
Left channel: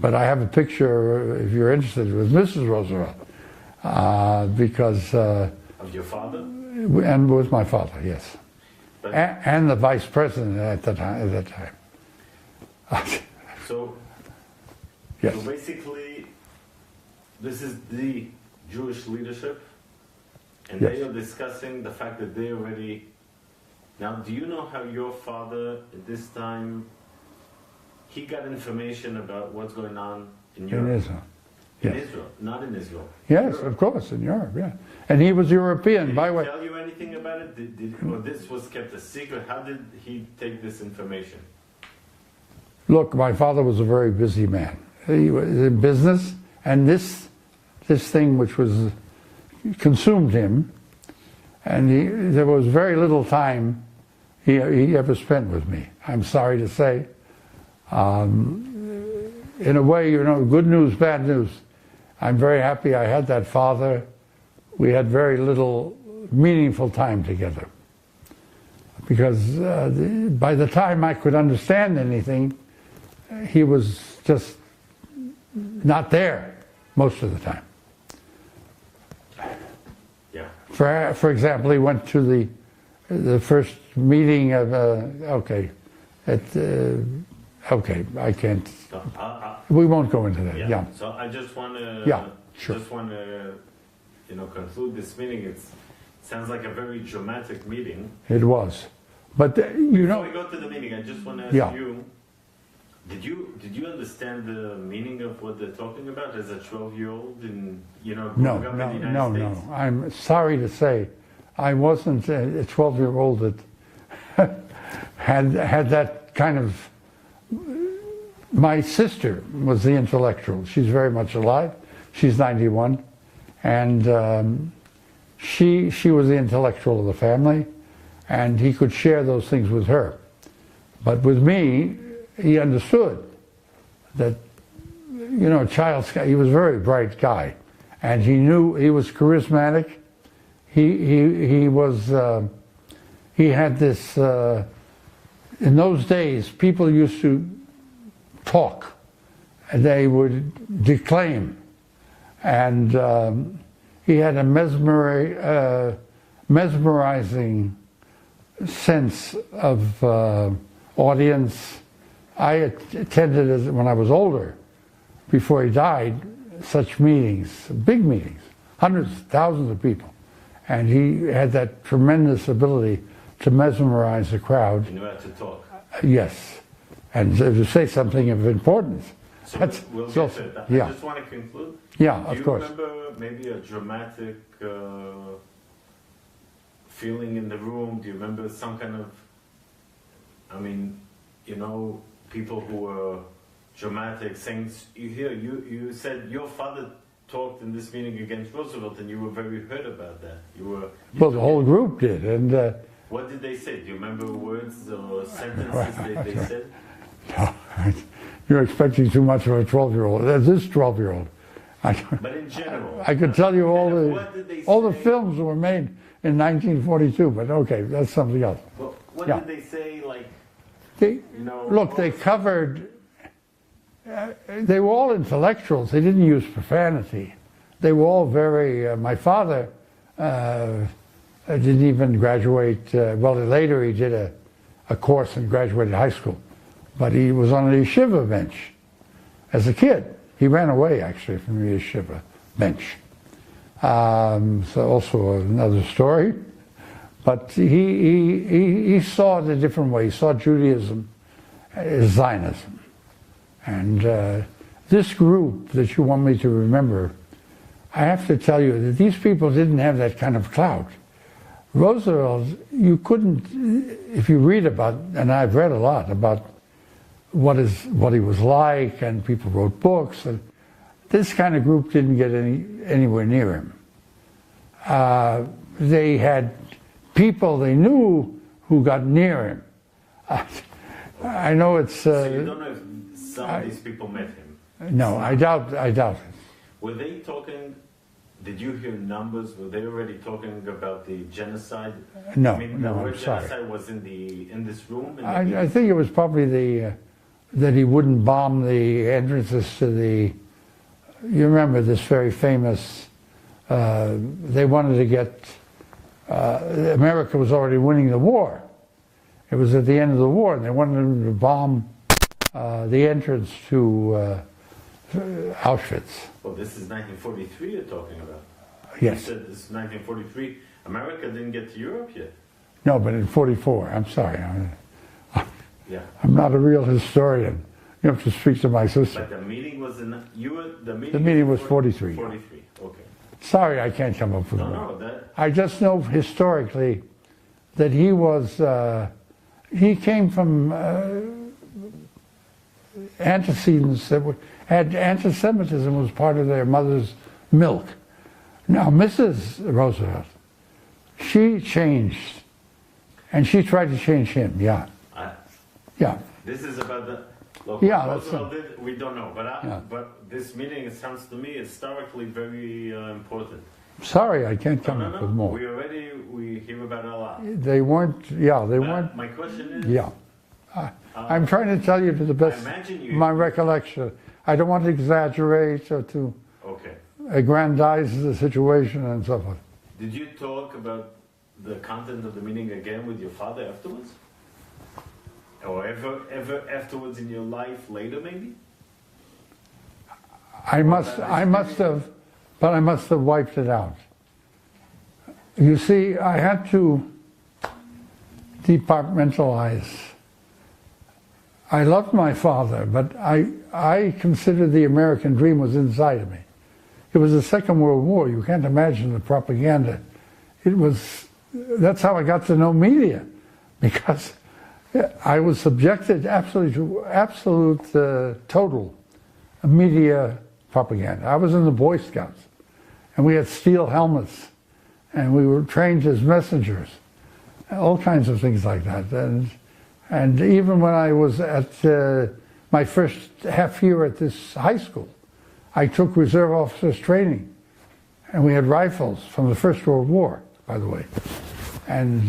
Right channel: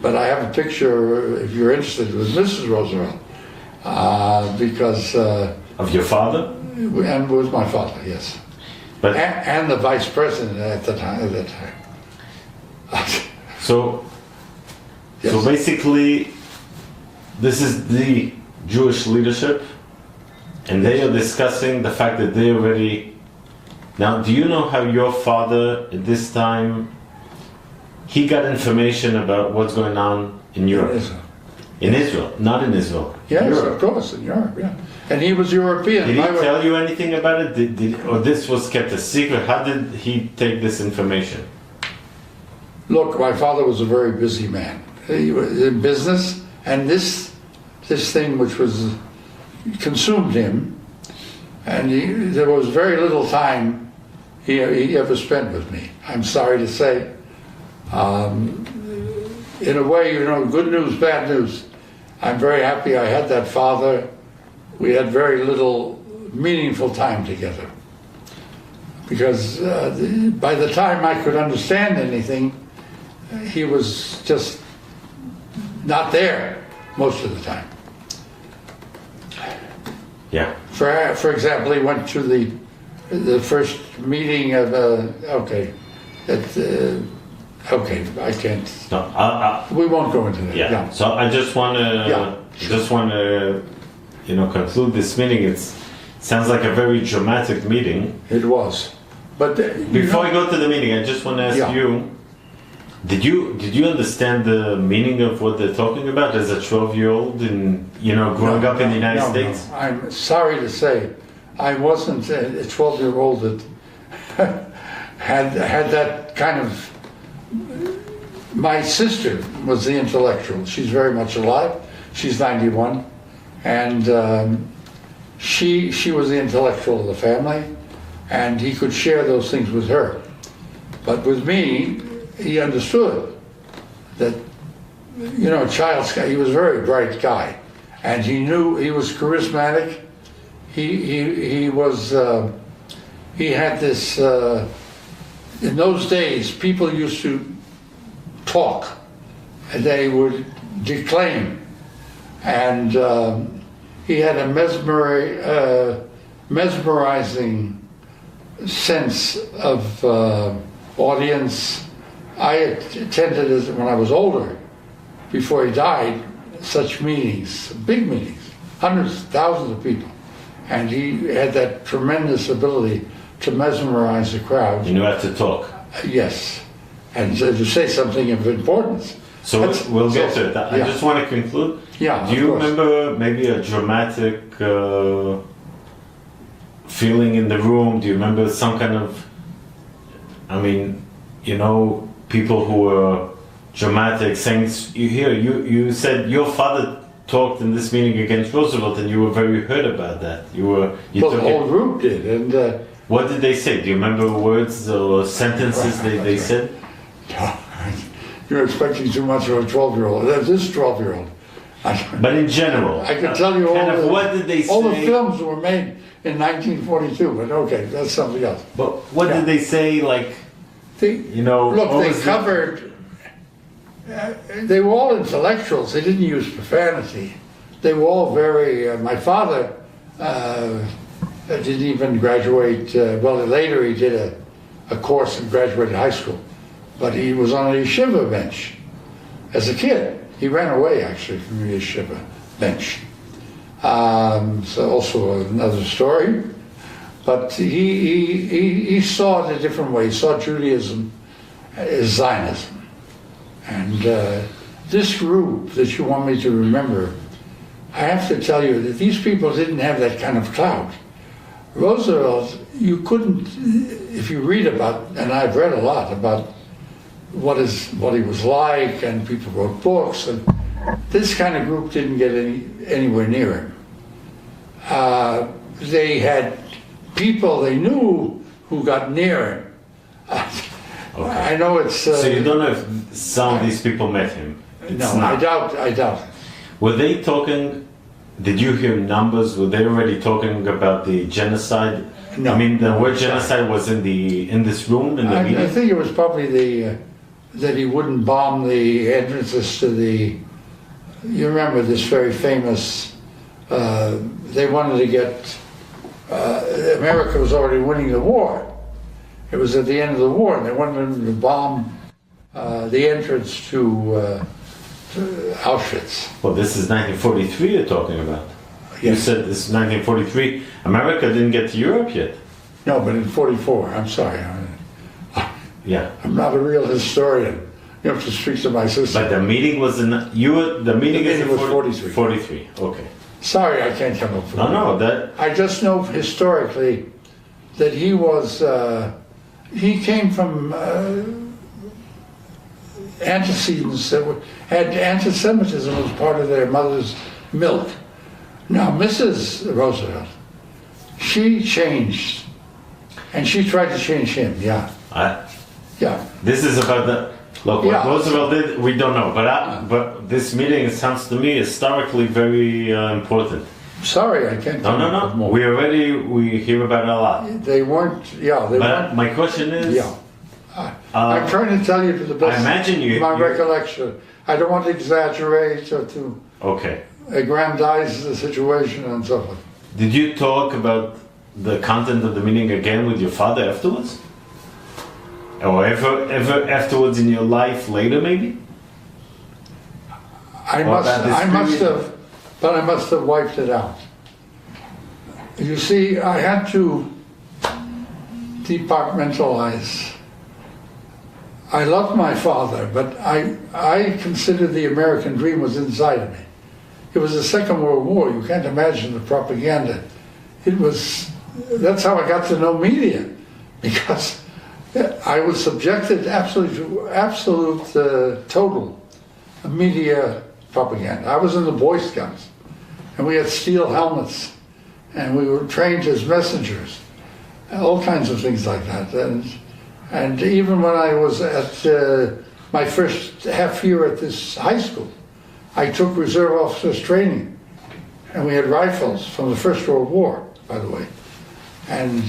But I have a picture, if you're interested, with Mrs. Roosevelt, because of your father? And with my father, yes. But and the vice president at that time. So, yes. so basically, this is the Jewish leadership, and they are discussing the fact that they already. Now, do you know how your father at this time? He got information about what's going on in Europe. In Israel, not in Israel. Yes, Europe. of course, in Europe, yeah. And he was European. Did he tell you anything about it? Or this was kept a secret? How did he take this information? Look, my father was a very busy man. He was in business, and this thing which was consumed him, and there was very little time he ever spent with me. I'm sorry to say. In a way, you know, good news, bad news. I'm very happy I had that father. We had very little meaningful time together. Because by the time I could understand anything, he was just not there most of the time. Yeah. For example, he went to the first meeting of, okay, I can't. No, we won't go into that. Yeah. So I just want to, conclude this meeting. It sounds like a very dramatic meeting. It was, but before we go to the meeting, I just want to ask you: Did you understand the meaning of what they're talking about as a 12-year-old and growing up in the United States? No. I'm sorry to say, I wasn't a 12-year-old that had that kind of. My sister was the intellectual. She's very much alive. She's 91, and she was the intellectual of the family, and he could share those things with her. But with me, he understood that, he was a very bright guy, and he knew he was charismatic. He was he had this. In those days, people used to talk, and they would declaim, and he had a mesmerizing sense of audience. I attended, when I was older, before he died, such meetings, big meetings, hundreds, thousands of people, and he had that tremendous ability to mesmerize the crowd. You knew how to talk. Yes, and to say something of importance. So we'll get to it. I just want to conclude. Yeah, do you remember maybe a dramatic feeling in the room? Do you remember some kind of, people who were dramatic saying, you said your father talked in this meeting against Roosevelt, and you were very hurt about that. The whole group did, and What did they say? Do you remember words or sentences they said? You're expecting too much of a 12-year-old. There's this 12-year-old. But in general, I can tell you what did they say? all the films were made in 1942, but okay, that's something else. But what did they say, like, you know... Look, they covered... they were all intellectuals. They didn't use profanity. They were all very... my father didn't even graduate... well, later he did a course and graduated high school. But he was on a yeshiva bench as a kid. He ran away, actually, from the yeshiva bench. So also another story. But he saw it a different way. He saw Judaism as Zionism. And this group that you want me to remember, I have to tell you that these people didn't have that kind of clout. Roosevelt, you couldn't, if you read about, and I've read a lot about what he was like, and people wrote books, and this kind of group didn't get anywhere near him. They had people they knew who got near him. Okay. I know it's... so you don't know if some of these people met him? No, I doubt it. Were they talking, did you hear numbers? Were they already talking about the genocide? No. I mean, the word genocide was in this room, in the meeting? I think it was probably that he wouldn't bomb the entrances to the... You remember this very famous... they wanted to get... America was already winning the war. It was at the end of the war, and they wanted him to bomb the entrance to Auschwitz. Well, this is 1943 you're talking about. Yes. You said this is 1943. America didn't get to Europe yet. No, but in 44, I'm sorry. Yeah. I'm not a real historian. You have to speak to my sister. But the meeting was in... The meeting was 43. 43, okay. Sorry, I can't come up with it. No, that... I just know historically that he was... he came from antecedents that had anti-Semitism as part of their mother's milk. Now, Mrs. Roosevelt, she changed, and she tried to change him, yeah. Yeah. This is about the... Look, what Roosevelt did, we don't know, but this meeting sounds to me historically very important. Sorry, I can't tell you more. We hear about it a lot. They weren't, weren't. My question is... Yeah. I'm trying to tell you to the best of my recollection. I don't want to exaggerate or to aggrandize the situation and so forth. Did you talk about the content of the meeting again with your father afterwards? Or ever afterwards in your life later, maybe? I must have wiped it out. You see, I had to departmentalize. I loved my father, but I considered the American dream was inside of me. It was the Second World War. You can't imagine the propaganda. That's how I got to know media, because I was subjected absolute total media propaganda. I was in the Boy Scouts, and we had steel helmets, and we were trained as messengers, all kinds of things like that. And even when I was at my first half year at this high school, I took reserve officers training, and we had rifles from the First World War, by the way, and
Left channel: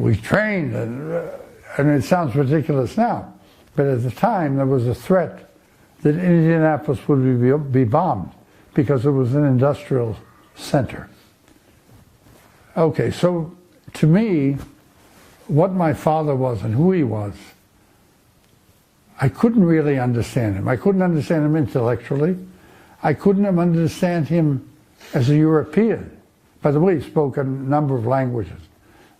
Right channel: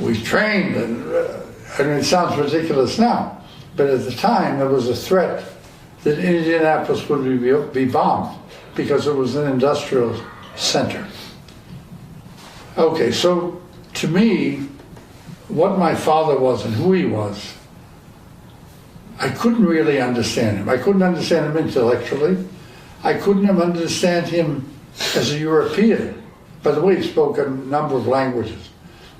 we trained, and it sounds ridiculous now, but at the time there was a threat that Indianapolis would be bombed because it was an industrial center. Okay, so to me, what my father was and who he was, I couldn't really understand him. I couldn't understand him intellectually. I couldn't understand him as a European. By the way, he spoke a number of languages.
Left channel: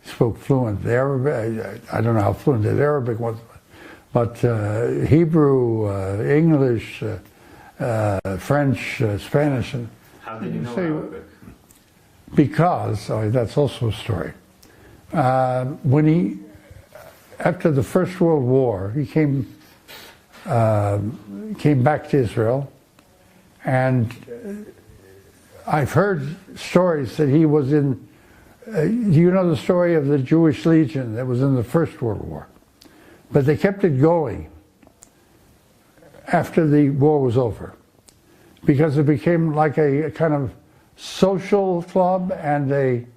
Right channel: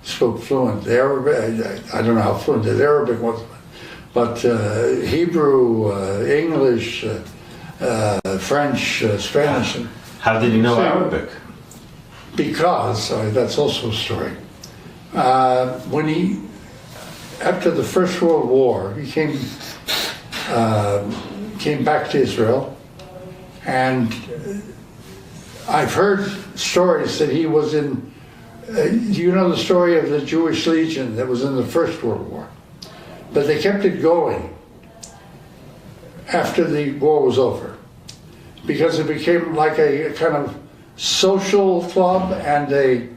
He spoke fluent Arabic. I don't know how fluent his Arabic was, but Hebrew, English, French, Spanish. How did he know Arabic? Because, that's also a story. After the First World War, he came back to Israel, and I've heard stories that he was in do you know the story of the Jewish Legion that was in the First World War? But they kept it going after the war was over, because it became like a kind of social club and a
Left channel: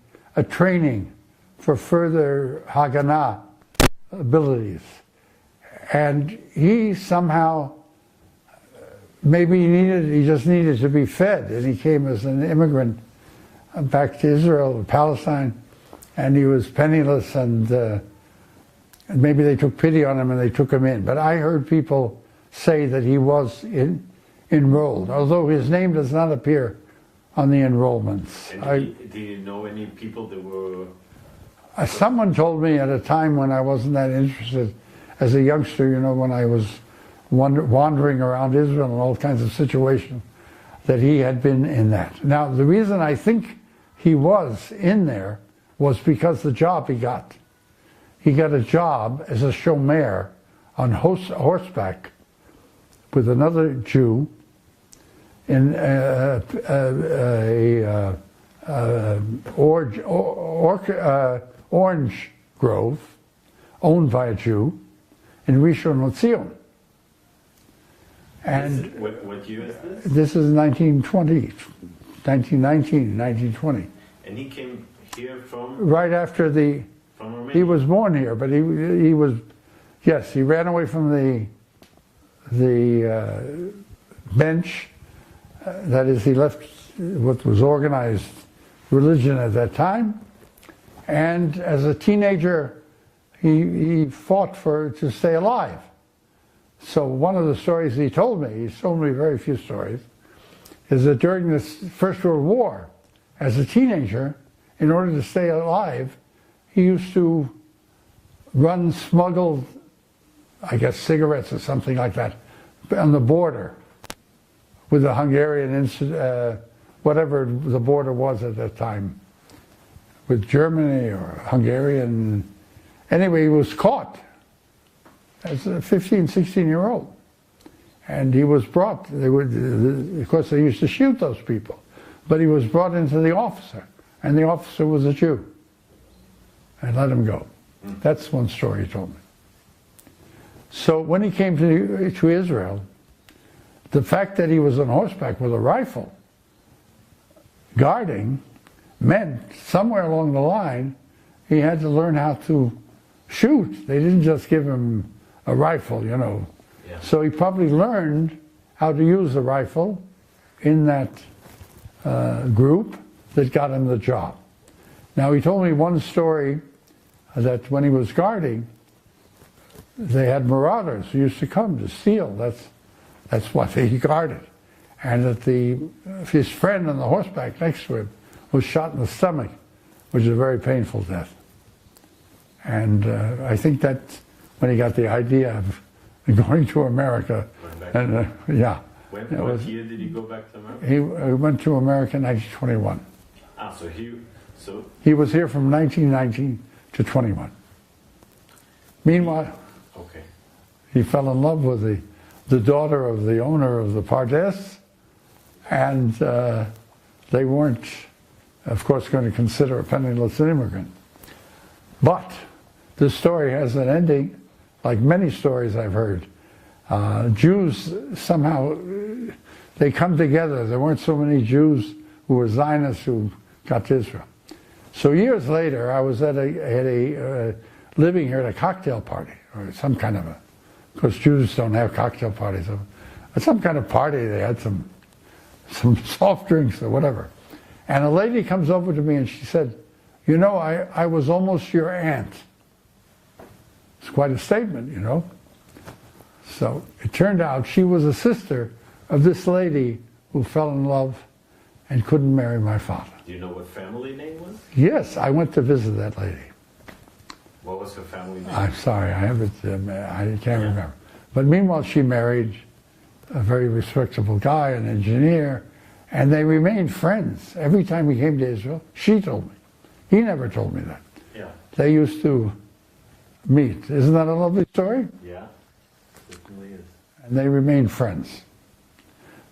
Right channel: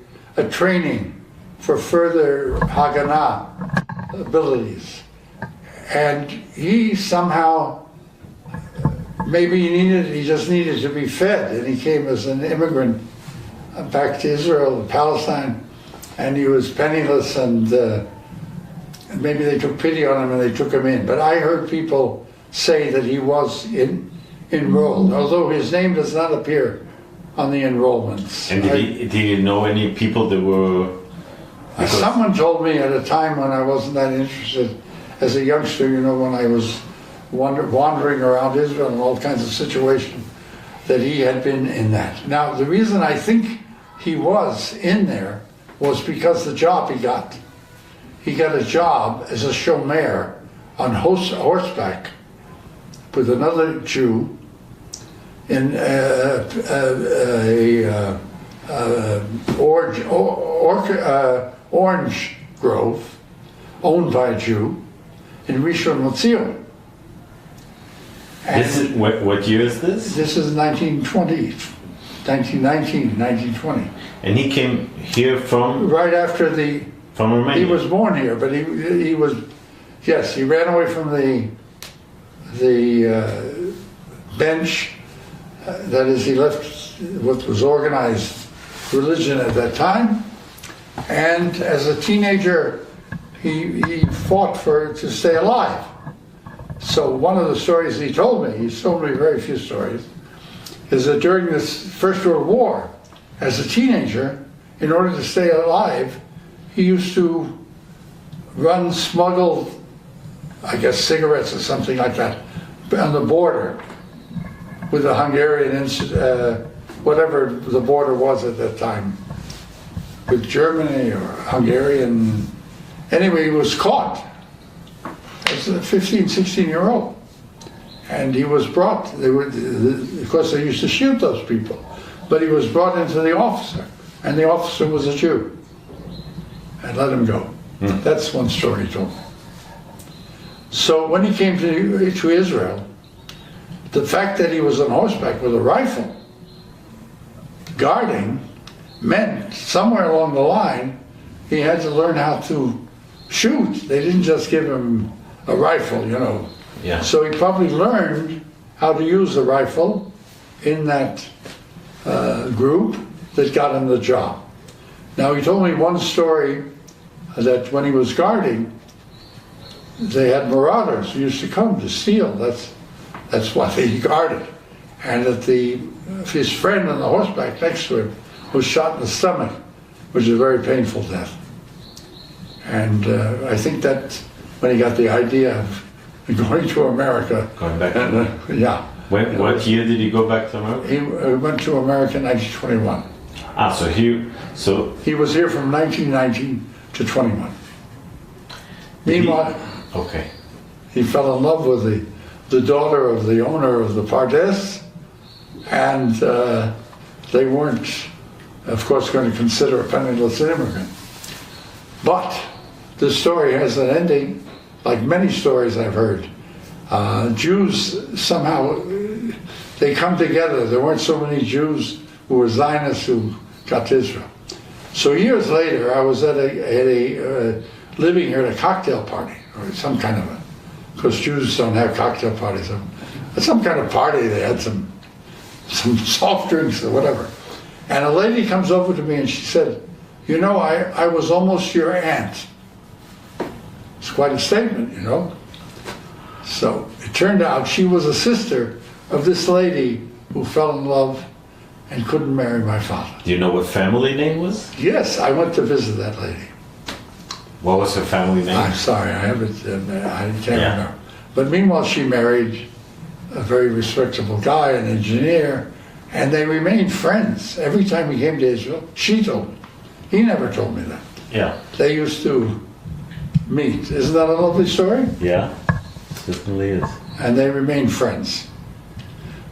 training for further Haganah abilities. And he somehow, maybe he just needed to be fed, and he came as an immigrant back to Israel, Palestine, and he was penniless, and maybe they took pity on him and they took him in. But I heard people say that he was enrolled, although his name does not appear on the enrollments. And did he know any people that were... Someone told me at a time when I wasn't that interested, as a youngster, you know, when I was wandering around Israel in all kinds of situations, that he had been in that. Now, the reason I think he was in there was because the job he got. He got a job as a shomer on horseback with another Jew in orange grove owned by a Jew in Rishon LeZion. This is, what year is this? This is 1920, 1919, 1920. And he came here from? Right after the... From Romania? He was born here, but he was... Yes, he ran away from the bench. That is, he left what was organized religion at that time. And as a teenager, he fought to stay alive. So one of the stories he told me very few stories, is that during this First World War, as a teenager, in order to stay alive, he used to run smuggled, I guess, cigarettes or something like that, on the border with the Hungarian, whatever the border was at that time, with Germany or Hungarian. Anyway, he was caught as a 15, 16-year-old. And he was brought, of course they used to shoot those people, but he was brought into the officer, and the officer was a Jew, and let him go. That's one story he told me. So when he came to Israel, the fact that he was on horseback with a rifle, guarding, meant somewhere along the line, he had to learn how to shoot. They didn't just give him a rifle, you know. Yeah. So he probably learned how to use the rifle in that group that got him the job. Now he told me one story that when he was guarding, they had marauders who used to come to steal. That's what he guarded. And that his friend on the horseback next to him was shot in the stomach, which is a very painful death. And I think that when he got the idea of going to America. Going back and, yeah. What year did he go back to America? He went to America in 1921. Ah, so he was here from 1919 to 21. Meanwhile, okay, he fell in love with the daughter of the owner of the Pardes, and they weren't, of course, going to consider a penniless immigrant. But the story has an ending, like many stories I've heard. Jews somehow, they come together. There weren't so many Jews who were Zionists who got to Israel. So years later, I was at living here at a cocktail party, or some kind of because Jews don't have cocktail parties. At some kind of party, they had some soft drinks or whatever. And a lady comes over to me and she said, you know, I was almost your aunt. It's quite a statement, you know. So it turned out she was a sister of this lady who fell in love and couldn't marry my father. Do you know what family name was? Yes, I went to visit that lady. What was her family name? I'm sorry, I can't remember. But meanwhile, she married a very respectable guy, an engineer, and they remained friends. Every time we came to Israel, she told me. He never told me that. Yeah. They used to meet. Isn't that a lovely story? Yeah, it certainly is. And they remained friends.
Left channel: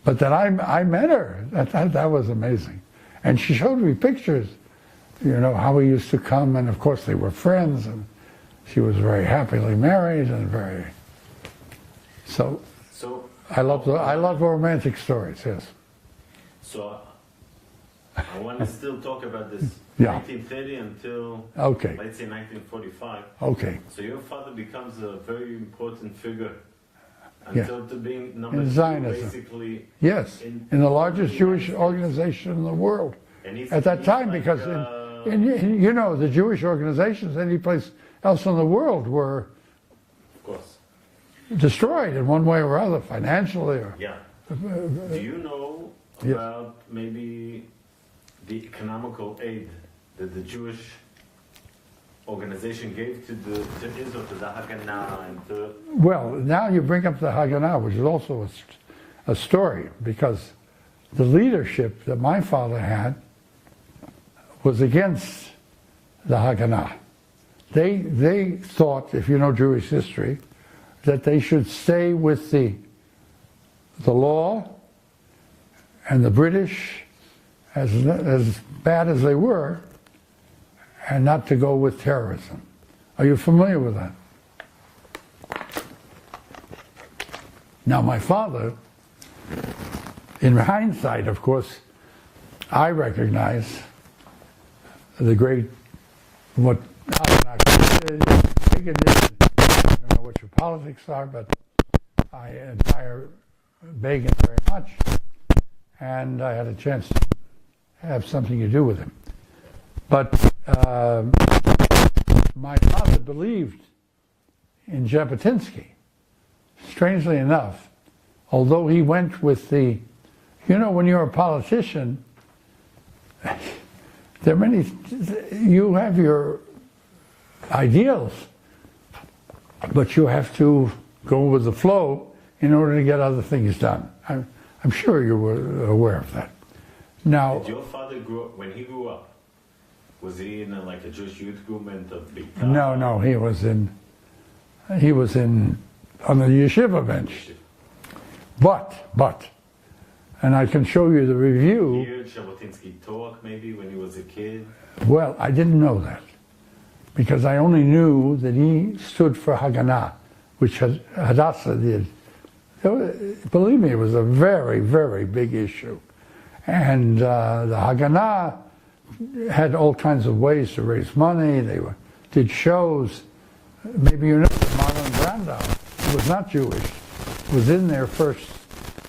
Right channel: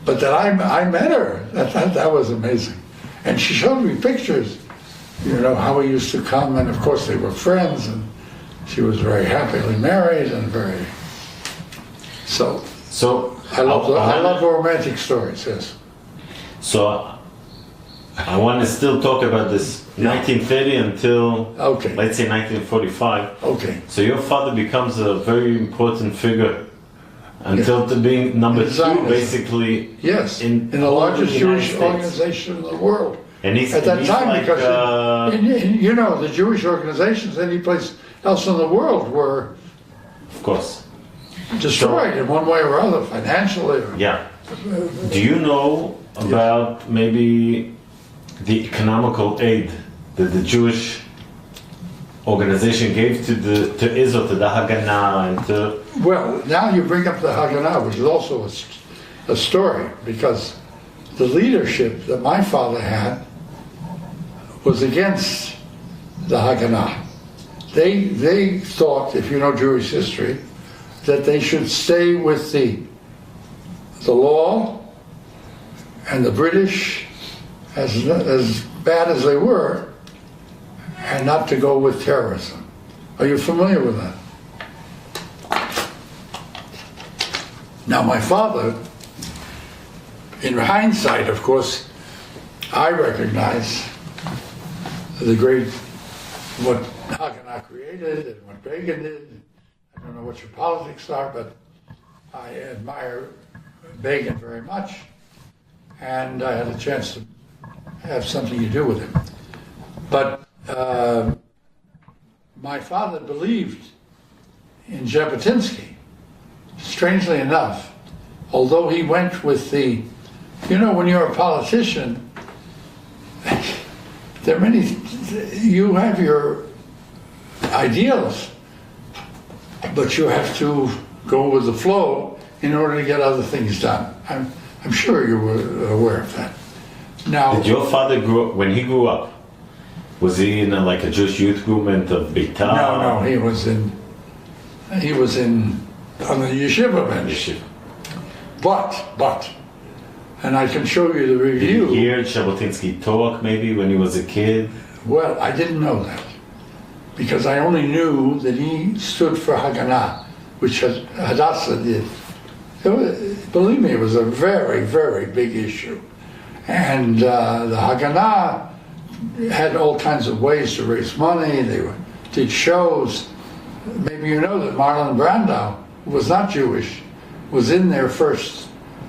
But that I met her, that was amazing. And she showed me pictures you know, how he used to come, and of course they were friends, and she was very happily married and very. So I love romantic stories. Yes. So I want to still talk about this 1930 until let's say 1945. Okay. So your father becomes a very important figure until to being number two, basically. Yes. In the largest Jewish organization in the world. And he's at that time, like, because you know, the Jewish organizations any place else in the world were, of course, destroyed in one way or other, financially. Yeah. Do you know about maybe the economical aid that the Jewish organization gave to Israel, to the Haganah, and to... Well, now you bring up the Haganah, which is also a story, because the leadership that my father had was against the Haganah. They thought, if you know Jewish history, that they should stay with the law and the British, as bad as they were, and not to go with terrorism. Are you familiar with that? Now my father, in hindsight, of course, I recognize the great, what Reagan did. I don't know what your politics are, but I admire Reagan very much, and I had a chance to have something to do with him. But my father believed in Jabotinsky, strangely enough, although he went with the, you know, when you're a politician, there are many, you have your ideals, but you have to go with the flow in order to get other things done. I'm sure you were aware of that. Now, did your father grow up, when he grew up, was he in like a Jewish youth movement of Eitan? No, he was on the yeshiva bench. But, and I can show you the review. Did you hear Jabotinsky talk maybe when he was a kid? Well, I didn't know that, because I only knew that he stood for Haganah, which Hadassah did. Believe me, it was a very, very big issue. And the Haganah had all kinds of ways to raise money. They did shows. Maybe you know that Marlon Brando, who was not Jewish, was in their first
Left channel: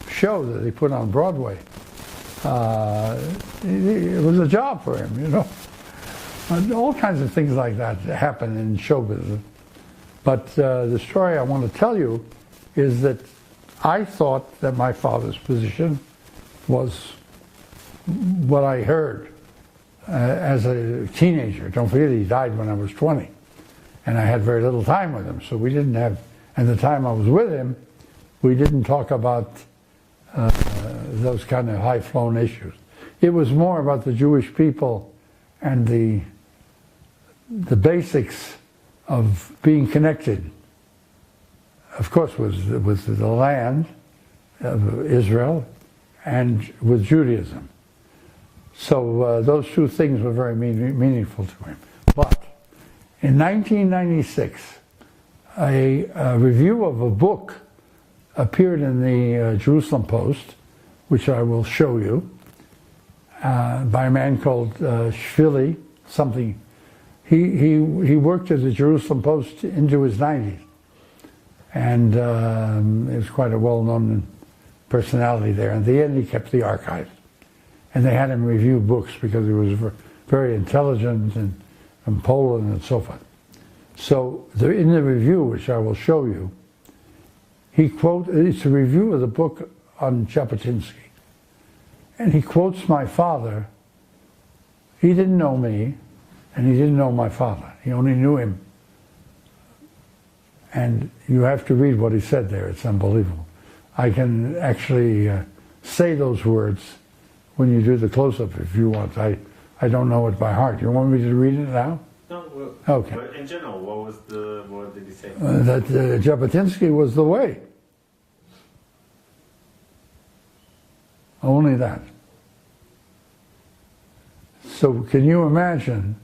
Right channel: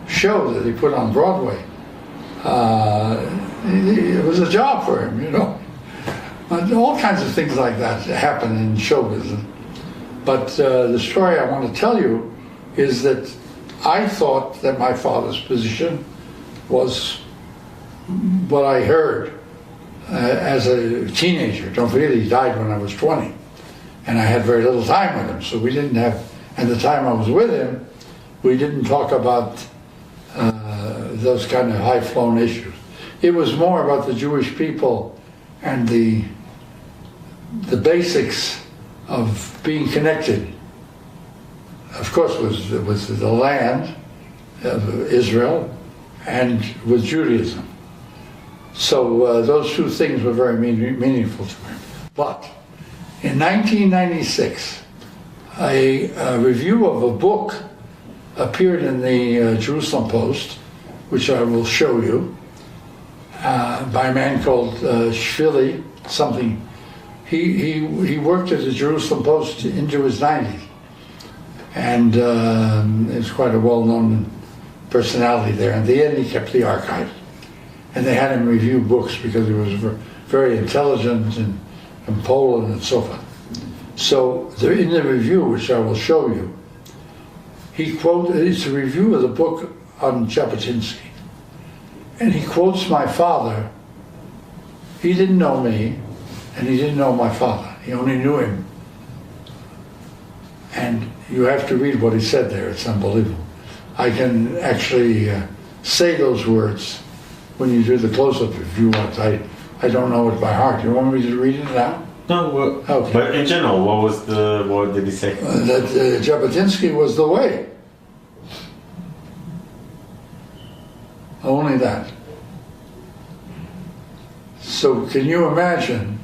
show that he put on Broadway. It was a job for him, you know. All kinds of things like that happen in show business. But the story I want to tell you is that I thought that my father's position was what I heard as a teenager. Don't forget, he died when I was 20, and I had very little time with him, so we didn't have, and the time I was with him, we didn't talk about those kind of high-flown issues. It was more about the Jewish people and the basics of being connected. Of course, was the land of Israel and with Judaism. So those two things were very meaningful to him. But in 1996, a review of a book appeared in the Jerusalem Post, which I will show you, by a man called Shvili, something. He worked at the Jerusalem Post into his 90s. And he was quite a well-known personality there. In the end, he kept the archive. And they had him review books because he was very intelligent and Poland and so forth. So in the review, which I will show you, it's a review of the book on Jabotinsky. And he quotes my father. He didn't know me, and he didn't know my father. He only knew him. And you have to read what he said there. It's unbelievable. I can actually say those words when you do the close-up if you want. I don't know it by heart. You want me to read it now? No, well, okay. But in general, what did he say? That Jabotinsky was the way. Only that. So can you imagine,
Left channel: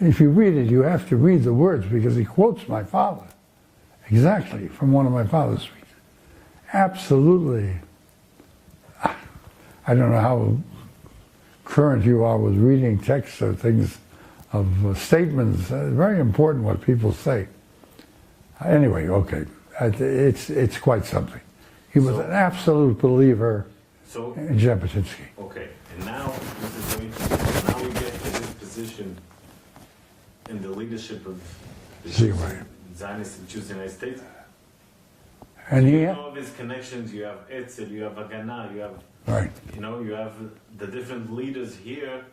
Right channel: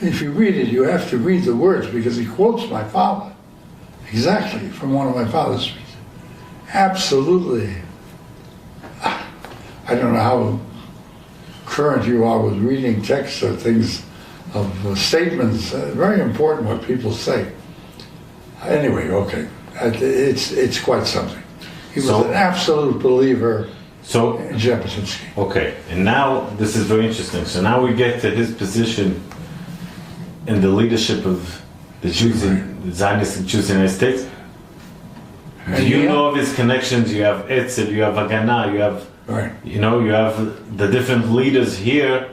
if you read it, you have to read the words because he quotes my father exactly from one of my father's speeches. Absolutely. I don't know how current you are with reading texts or things of statements. Very important what people say. Anyway, okay, it's quite something. He was an absolute believer in Jabotinsky. Okay, and now this is very interesting. So now we get to his position in the leadership of the Jews, the Zionist Jews in the United States. Do you know of his connections? You have Etzel, you have Haganah, you have, you know, you have the different leaders here.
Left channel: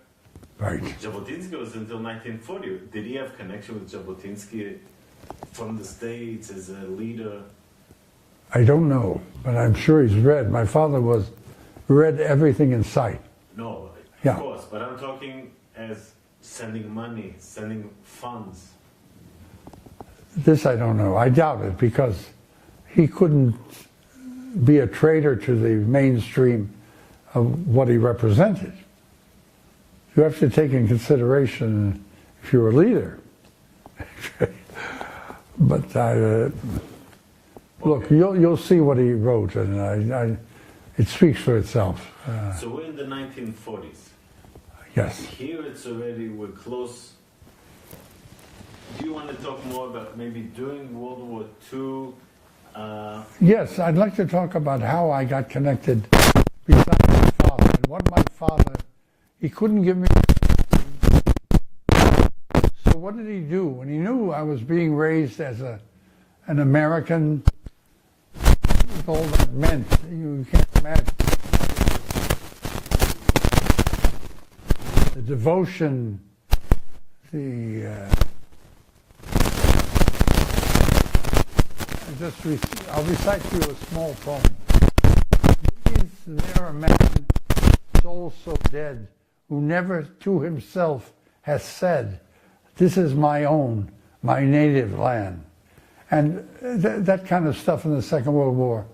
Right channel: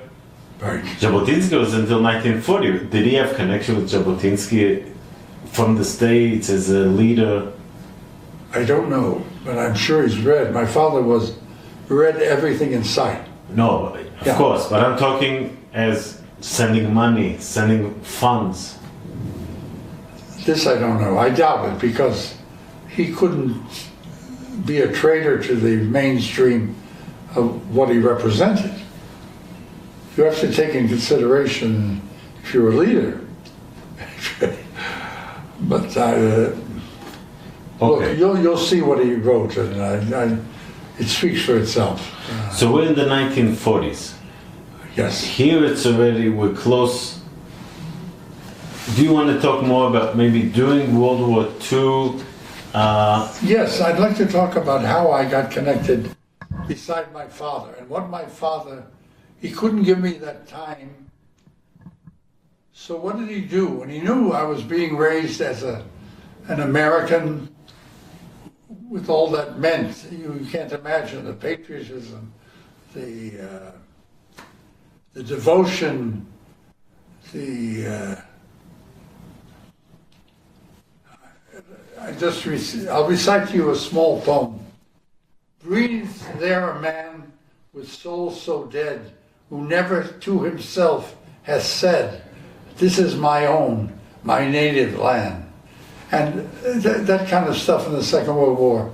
Right. Jabotinsky was until 1940. Did he have connection with Jabotinsky from the States as a leader? I don't know, but I'm sure he's read. My father read everything in sight. No, of course, but I'm talking as sending money, sending funds. This I don't know. I doubt it because he couldn't be a traitor to the mainstream of what he represented. You have to take in consideration if you're a leader. But look, you'll see what he wrote, and it speaks for itself. So we're in the 1940s. Yes. Here it's already, we're close. Do you want to talk more about maybe during World War II? Yes, I'd like to talk about how I got connected beside my father, and what my father, he couldn't give me that time. So what did he do? When he knew I was being raised as an American, with all that meant, you can't imagine the patriotism, the devotion, I'll recite to you a small poem. Breathes there a man with soul so dead, who never to himself has said, "This is my own, my native land." And that kind of stuff in the Second World War,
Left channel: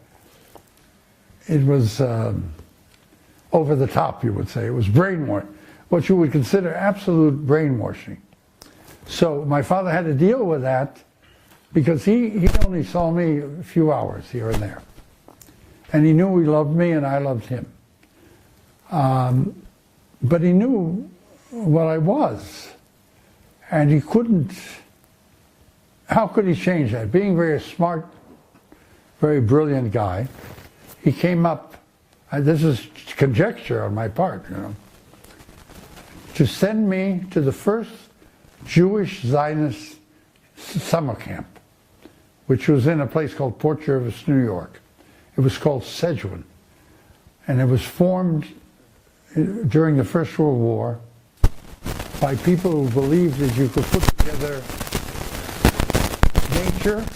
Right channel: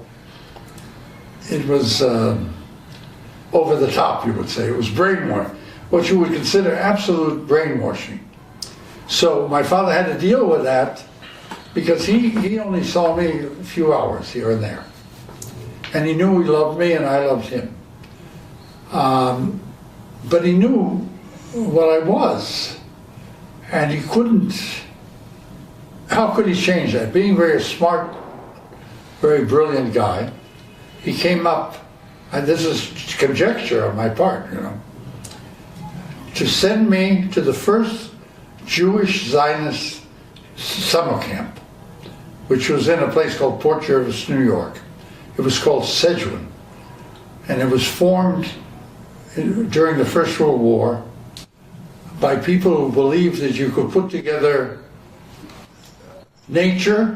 it was over the top, you would say. It was brainwashing, what you would consider absolute brainwashing. So my father had to deal with that because he only saw me a few hours here and there. And he knew he loved me and I loved him. But he knew what I was. And he couldn't, how could he change that? Being very smart, very brilliant guy, he came up, and this is conjecture on my part, you know, to send me to the first Jewish Zionist summer camp, which was in a place called Port Jervis, New York. It was called Sedgwick, and it was formed during the First World War by people who believed that you could put together nature,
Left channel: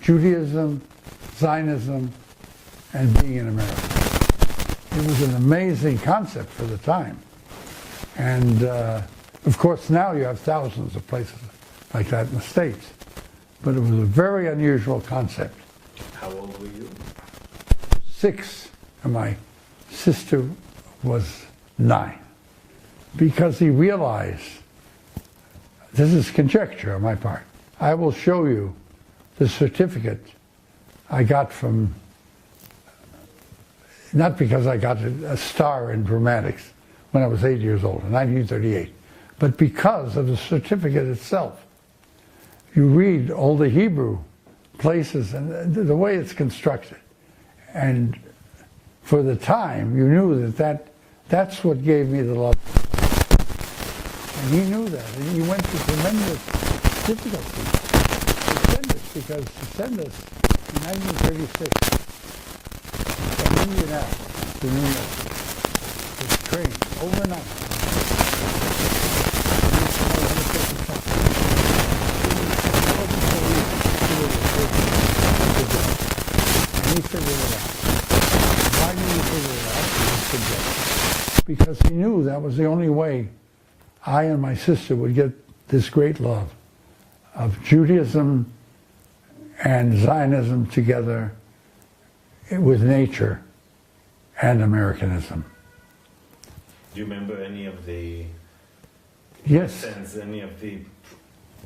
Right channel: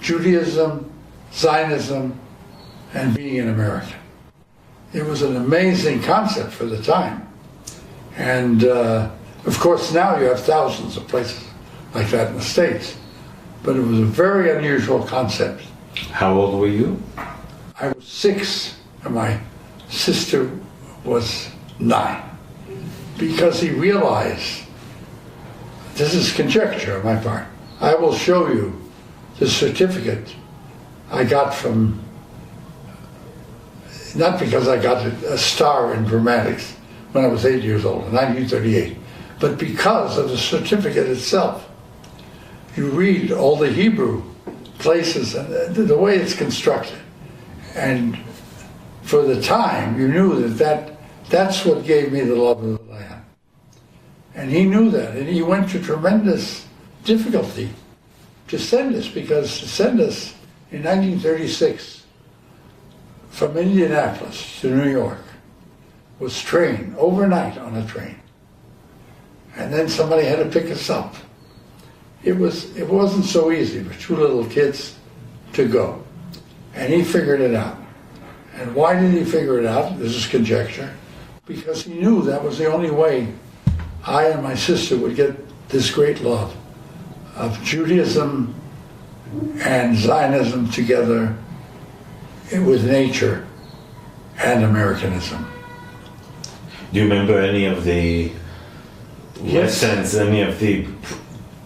Judaism, Zionism, and being an American. It was an amazing concept for the time. And of course now you have thousands of places like that in the States. But it was a very unusual concept. How old were you? I was 6 and my sister was 9. Because he realized, this is conjecture on my part, I will show you the certificate I got from, not because I got a star in dramatics when I was 8 years old, in 1938, but because of the certificate itself. You read all the Hebrew places and the way it's constructed. And for the time, you knew that's what gave me the love of life. And he knew that, and he went to tremendous difficulty to send us, because to send us in 1936 from Indianapolis to New York was trained overnight on a train. And then somebody had to pick us up. It wasn't so easy, 2 little kids to go. And he figured it out. And why did he figure it out? This is conjecture. Because he knew that was the only way I and my sister would get this great love of Judaism and Zionism together with nature and Americanism. Do you remember any of the Yes. lessons, any of the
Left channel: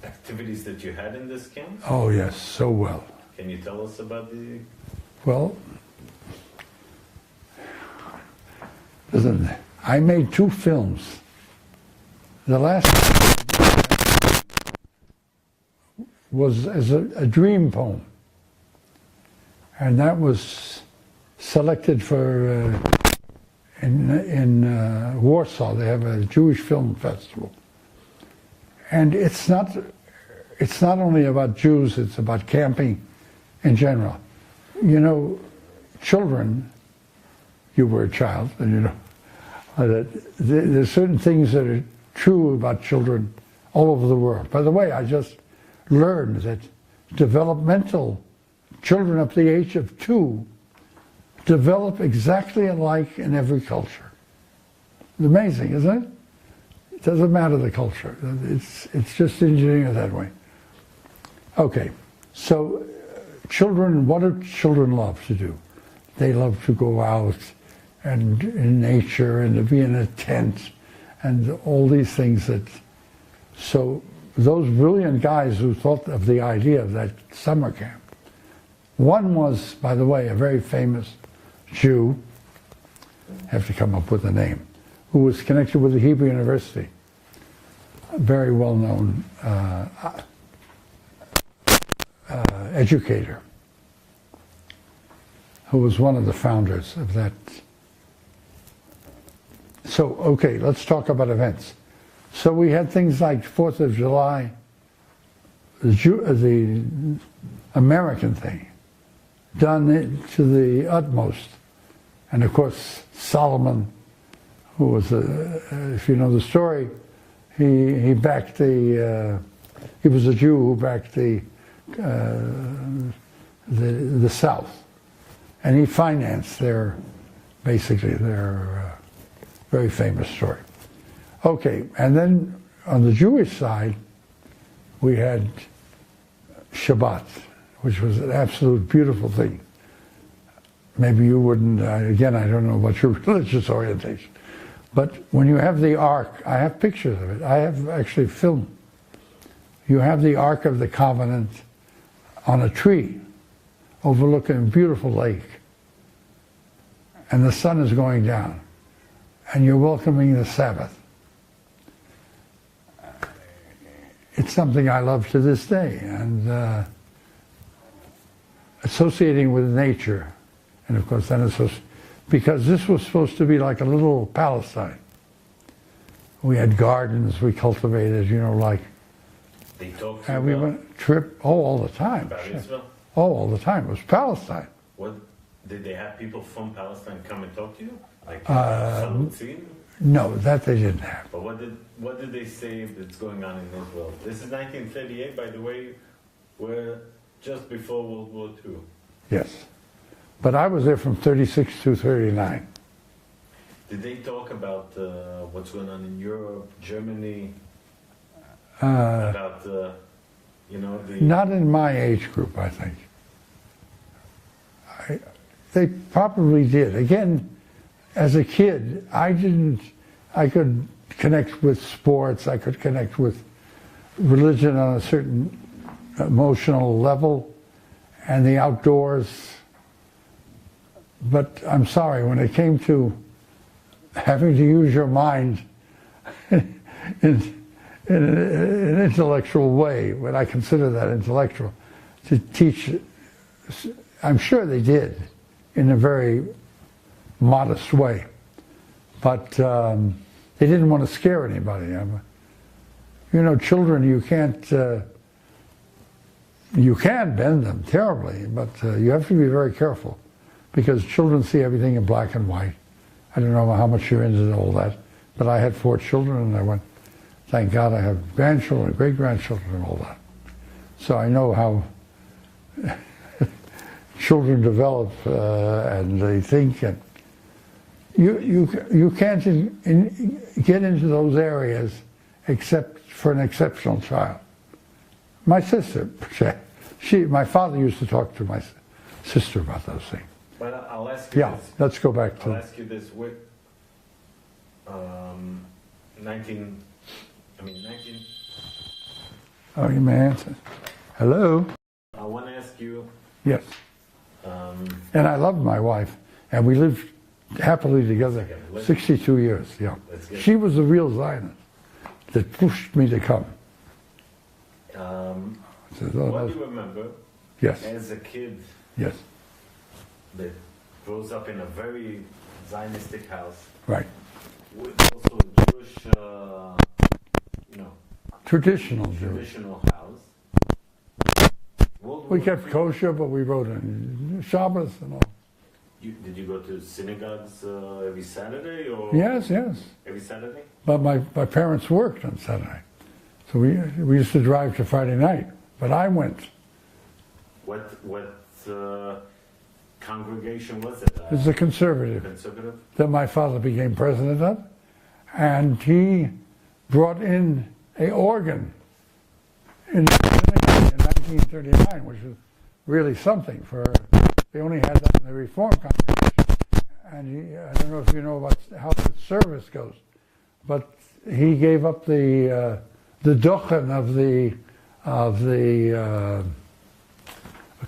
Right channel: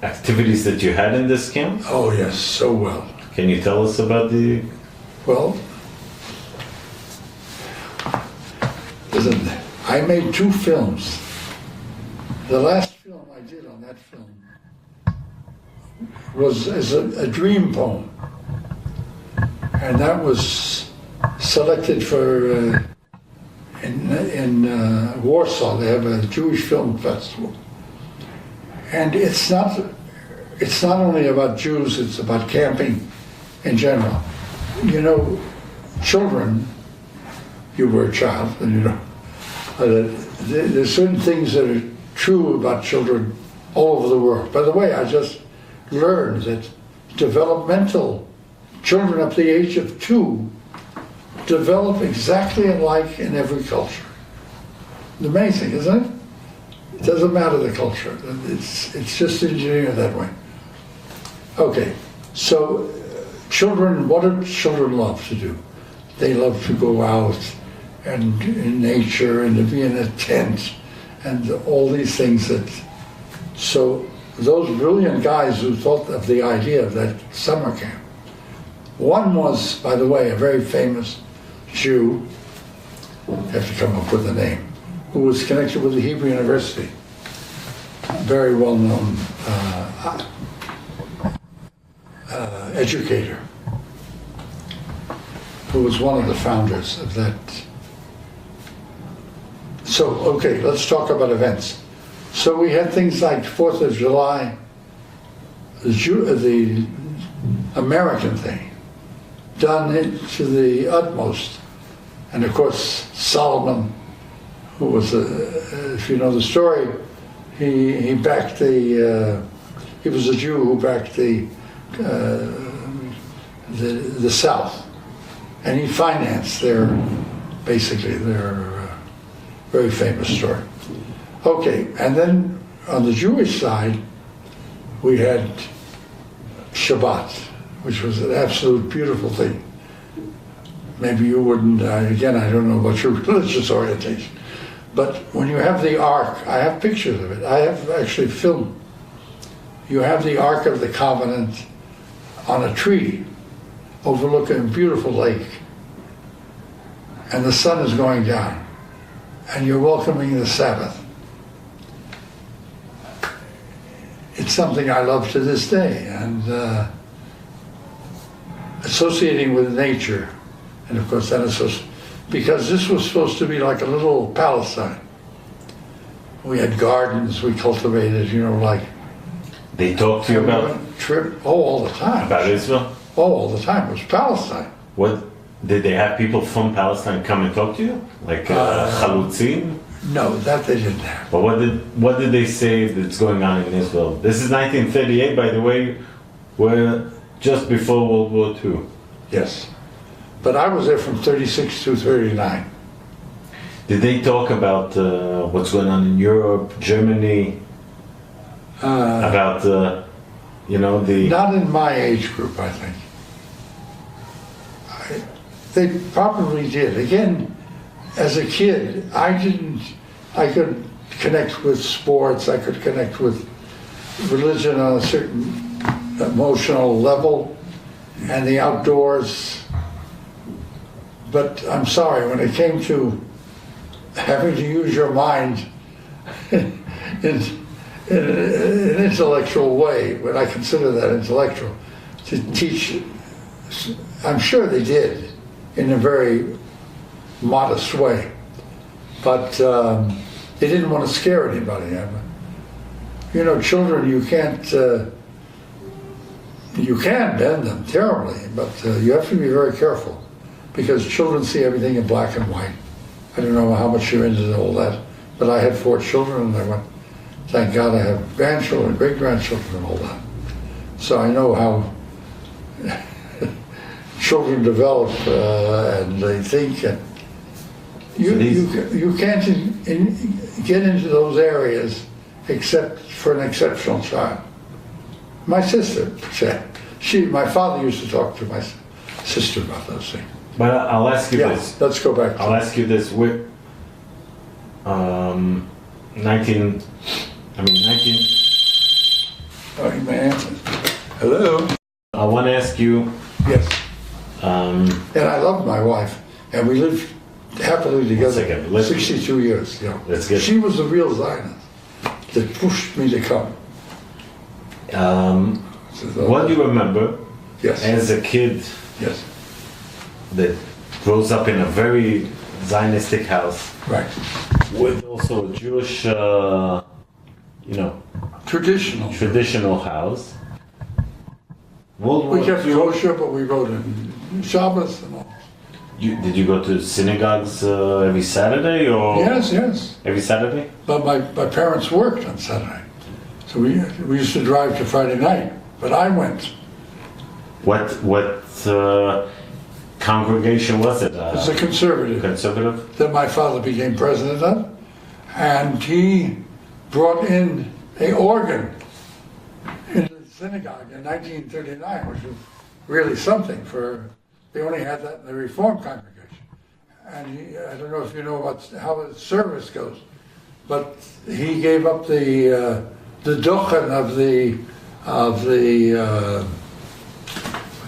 activities that you had in this camp? Oh yes, so well. Can you tell us about the... Well, listen, I made 2 films. The last was as a dream poem, and that was selected for in Warsaw. They have a Jewish film festival, and it's not only about Jews. It's about camping in general. You know, children. You were a child, and you know there's certain things that are true about children all over the world. By the way, I just learned that developmental children up to the age of 2 develop exactly alike in every culture. It's amazing, isn't it? It doesn't matter the culture. It's just engineered that way. Okay, so children, what do children love to do? They love to go out and in nature and to be in a tent and all these things that, so those brilliant guys who thought of the idea of that summer camp, one was, by the way, a very famous Jew, I have to come up with a name, who was connected with the Hebrew University, a very well-known educator, who was one of the founders of that. So, okay, let's talk about events. So we had things like 4th of July, the American thing, done to the utmost. And of course, Solomon, who was, if you know the story, he backed the, he was a Jew who backed the South. And he financed their, basically their very famous story. Okay, and then on the Jewish side, we had Shabbat, which was an absolute beautiful thing. Maybe you wouldn't, again, I don't know about your religious orientation, but when you have the Ark, I have pictures of it, I have actually filmed. You have the Ark of the Covenant on a tree overlooking a beautiful lake, and the sun is going down, and you're welcoming the Sabbath. It's something I love to this day, and associating with nature, and of course then because this was supposed to be like a little Palestine. We had gardens we cultivated, you know, like. They talked to you about? All the time. About Israel? Oh, all the time. It was Palestine. What, did they have people from Palestine come and talk to you? Like Chalutzim? No, that they didn't have. But what did they say that's going on in Israel? This is 1938, by the way. We're just before World War II. Yes. But I was there from 36 to 39. Did they talk about what's going on in Europe, Germany? About, you know, the... Not in my age group, I think. They probably did. Again, as a kid, I could connect with sports, I could connect with religion on a certain emotional level, and the outdoors. But I'm sorry, when it came to having to use your mind in an intellectual way, when I consider that intellectual, to teach, I'm sure they did in a very modest way, but they didn't want to scare anybody. You know, children, you can bend them terribly, but you have to be very careful, because children see everything in black and white. I don't know how much you're into all that, but I had 4 children, and I went, thank God I have grandchildren, great-grandchildren, and all that. So I know how children develop and they think. And you can't get into those areas except for an exceptional child. My sister said, my father used to talk to my sister about those things. But I'll ask you this. Let's go back to I'll ask you this. 19. Oh, you may answer. Hello? I want to ask you. Yes. And I love my wife, and we lived happily together 62 years. Yeah. She was the real Zionist that pushed me to come. What do you remember? Yes. As a kid. Yes. That grows up in a very Zionistic house. Right. With also a Jewish, traditional house. We kept kosher, but we wrote in Shabbos and all. Did you go to synagogues every Saturday or? Yes. Every Saturday? But my parents worked on Saturday. So we used to drive to Friday night, but I went. What congregation was it? It was a conservative. Conservative? That my father became president of, and he brought in an organ in 1939, which was really something for. They only had that in the Reform congregation, and I don't know if you know how the service goes, but he gave up the duchen of the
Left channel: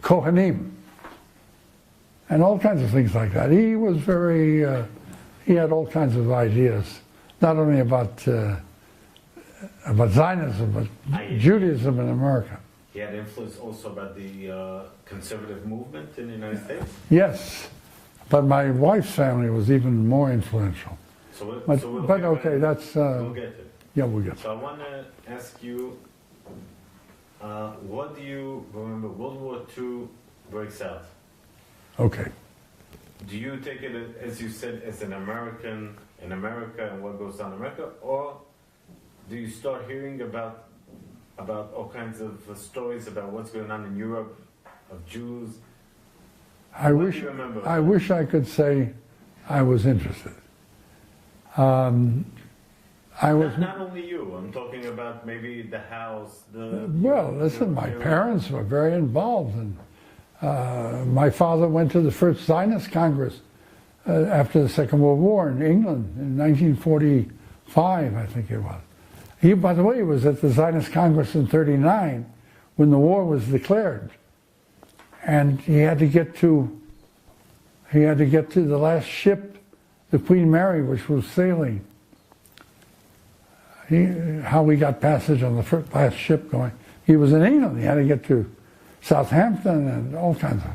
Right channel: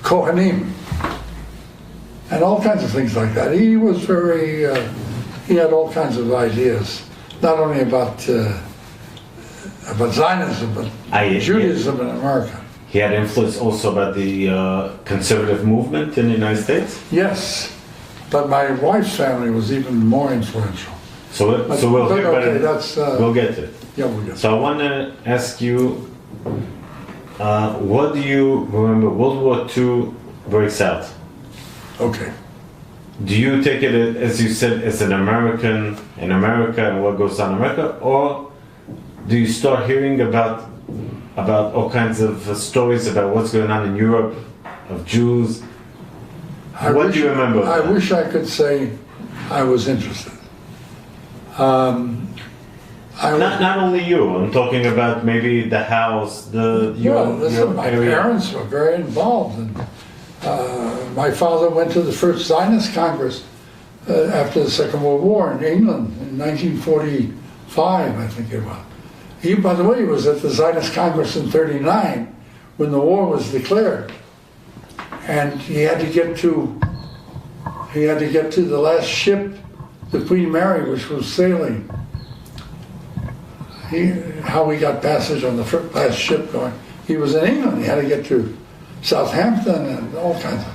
Kohanim and all kinds of things like that. He was very. He had all kinds of ideas, not only about Zionism, but Judaism in America. He had influence also about the conservative movement in the United States? Yes, but my wife's family was even more influential. We'll get it. Yeah, we'll get it. So I want to ask you, what do you remember? World War II breaks out. Okay. Do you take it, as you said, as an American in America and what goes on in America, or do you start hearing about all kinds of stories about what's going on in Europe, of Jews? What do you remember? I wish I could say I was interested. Not only you, I'm talking about maybe the house, my parents were very involved. And, my father went to the first Zionist Congress after the Second World War in England in 1945, I think it was. He, by the way, was at the Zionist Congress in '39 when the war was declared, and he had to get to the last ship, the Queen Mary, which was sailing. How he got passage on the last ship going. He was in England. He had to get to Southampton and all kinds of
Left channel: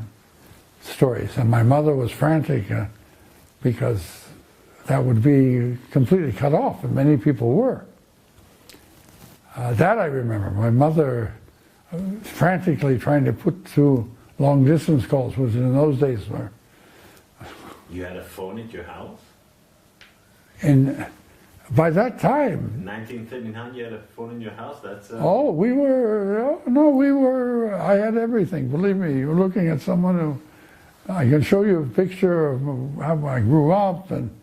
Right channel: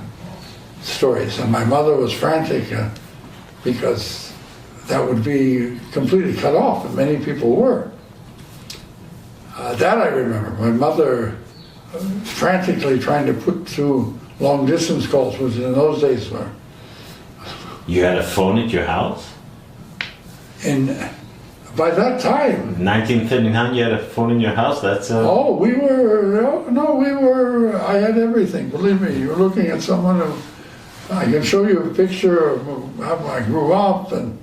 stories. And my mother was frantic because that would be completely cut off, and many people were. That I remember. My mother frantically trying to put through long distance calls, which in those days were. You had a phone at your house? By that time. 1939, you had a phone in your house? That's we were, I had everything, believe me. You're looking at someone who, I can show you a picture of how I grew up, and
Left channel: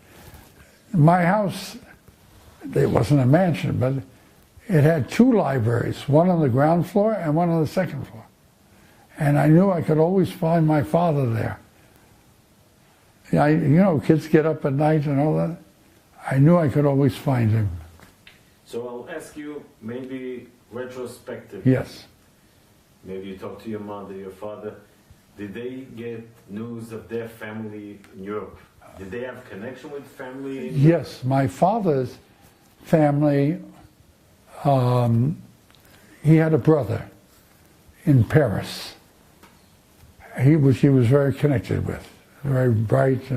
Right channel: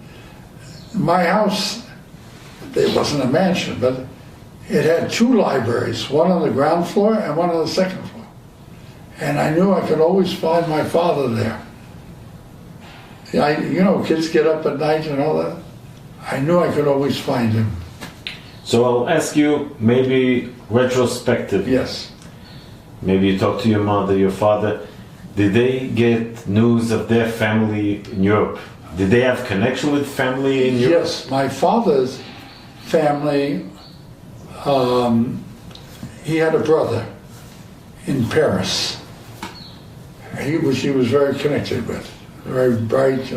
my house, it wasn't a mansion, but it had two libraries, one on the ground floor and one on the second floor. And I knew I could always find my father there. Kids get up at night and all that. I knew I could always find him. So I'll ask you, maybe retrospective. Yes. Maybe you talk to your mother, your father. Did they get news of their family in Europe? Did they have connection with family in Europe? Yes, my father's family, he had a brother in Paris, which he was very connected with, very bright,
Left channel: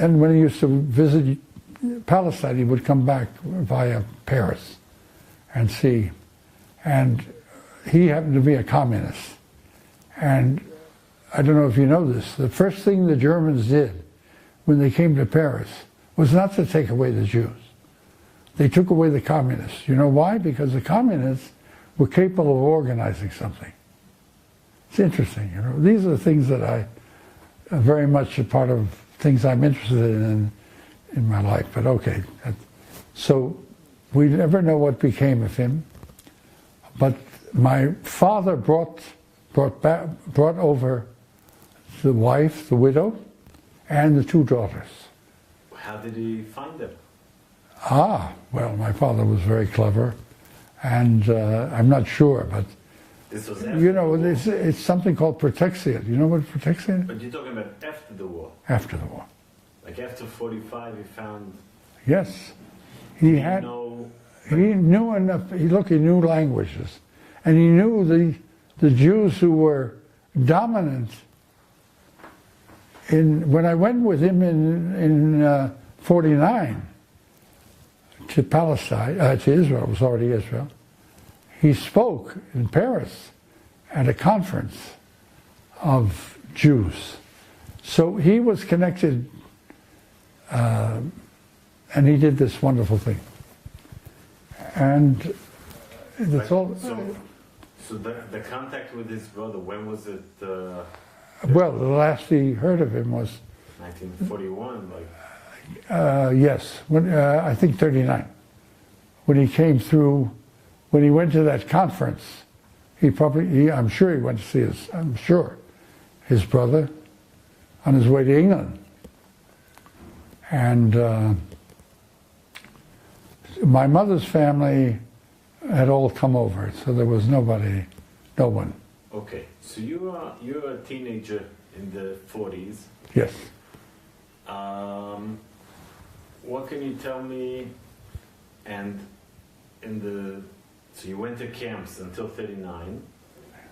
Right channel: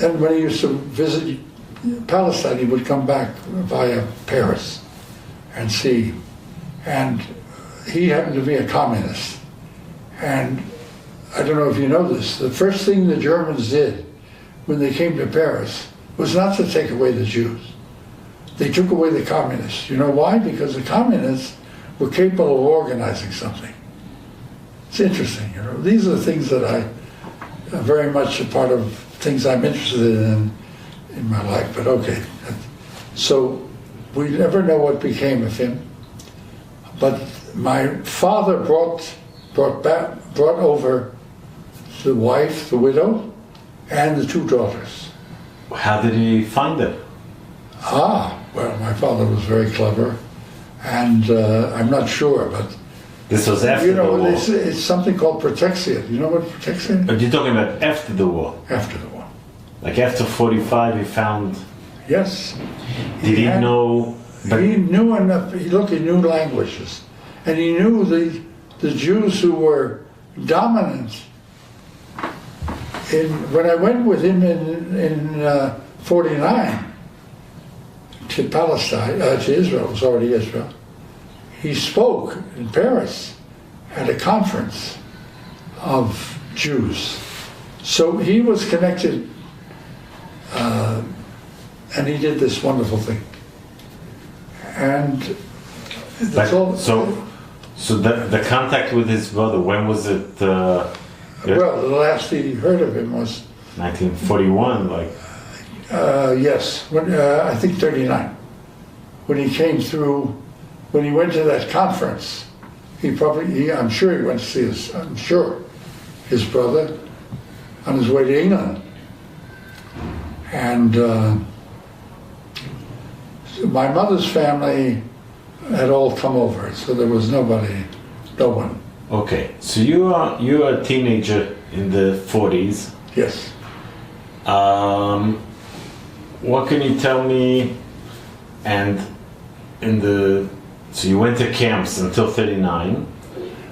and when he used to visit Palestine, he would come back via Paris and see. And he happened to be a communist. And I don't know if you know this, the first thing the Germans did when they came to Paris was not to take away the Jews. They took away the communists. You know why? Because the communists were capable of organizing something. It's interesting, These are the things that I are very much a part of things I'm interested in my life, but okay. So we never know what became of him. But my father brought over the wife, the widow, and the two daughters. How did he find them? Well, my father was very clever, and I'm not sure, but This was after the war. it's something called protection. You know what protection is? But you're talking about after the war. After the war. Like after 45, he found. Yes. Did he know? But He knew enough. He knew languages, and he knew the Jews who were dominant. When I went with him in 49 to Palestine, to Israel, it was already Israel. He spoke in Paris at a conference of Jews. So he was connected, and he did this wonderful thing. And that's all. So the contact with his brother, when was it? Well, the last he heard of him was 1941, like. Yes, I think 39. When he came through, when he went to that conference, I'm sure he went to see his brother on his way to England. And my mother's family had all come over, so there was no one. Okay, so you're a teenager in the 40s. Yes. What can you tell me? And so you went to camps until 39.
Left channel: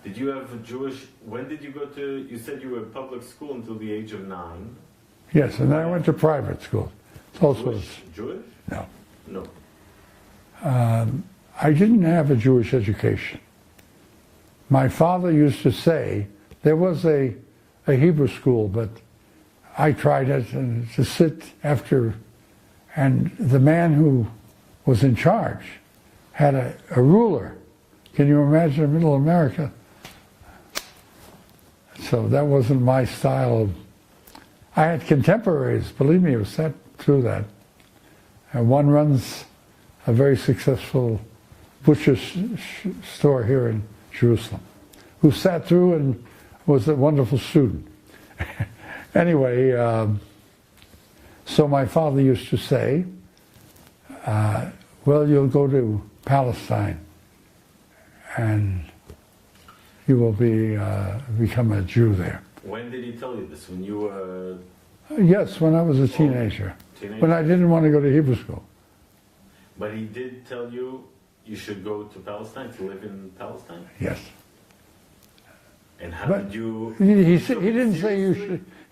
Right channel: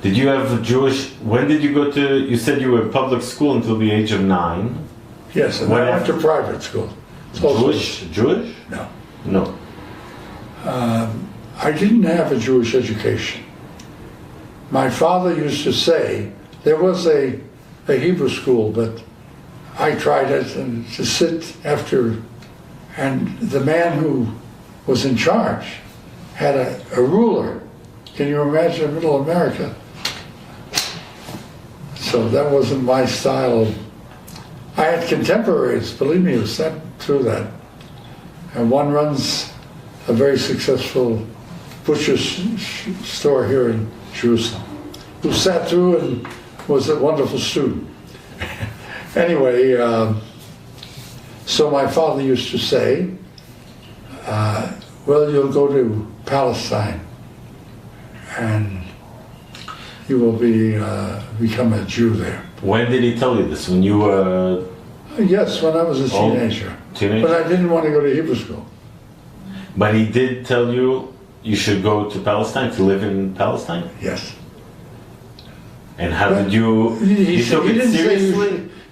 Did you have a Jewish? When did you go to? You said you were in public school until the age of 9. Yes, and I went to private school. Jewish? No. No. I didn't have a Jewish education. My father used to say there was a Hebrew school, but I tried it and to sit after, and the man who was in charge had a ruler. Can you imagine middle America? So that wasn't my style. I had contemporaries, believe me, who sat through that. And one runs a very successful butcher's store here in Jerusalem, who sat through and was a wonderful student. Anyway, so my father used to say, well, you'll go to Palestine and you will become a Jew there. When did he tell you this? When you were... Yes, when I was a teenager. When I didn't want to go to Hebrew school. But he did tell you you should go to Palestine, to live in Palestine? Yes. And how did you... He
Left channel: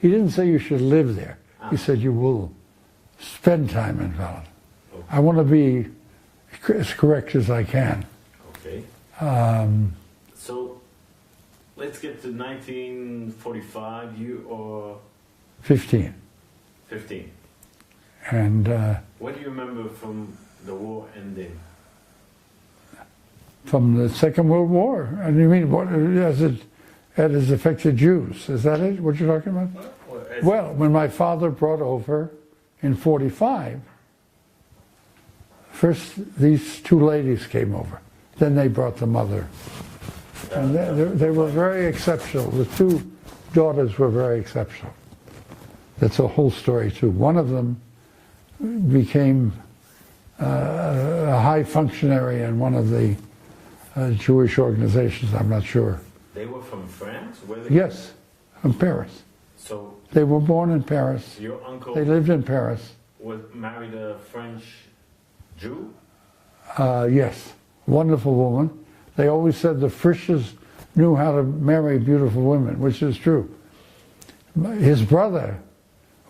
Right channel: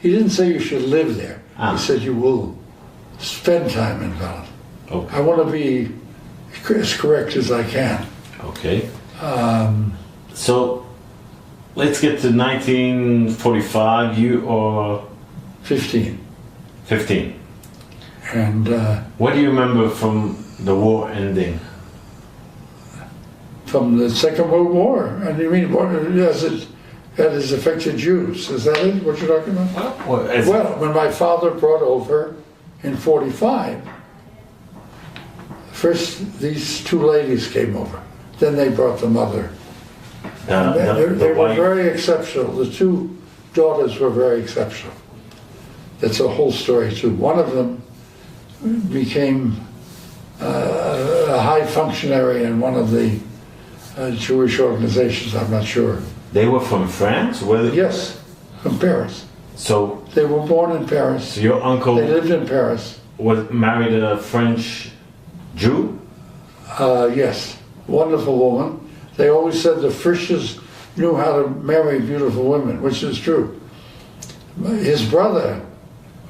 didn't say you should live there. He said you will spend time in Palestine. Okay. I want to be as correct as I can. Okay. So let's get to 1945. You are 15. 15. And what do you remember from the war ending? From the Second World War? And you mean what has affected Jews? Is that it? What you're talking about? Well, when my father brought over in 45, first these two ladies came over. Then they brought the mother. They were very exceptional. The two daughters were very exceptional. That's a whole story too. One of them became a high functionary in one of the Jewish organizations, I'm not sure. They were from France? Yes, from Paris. So they were born in Paris. So your uncle... They lived in Paris. Was married a French Jew? Yes, wonderful woman. They always said the Frisches knew how to marry beautiful women, which is true. His brother,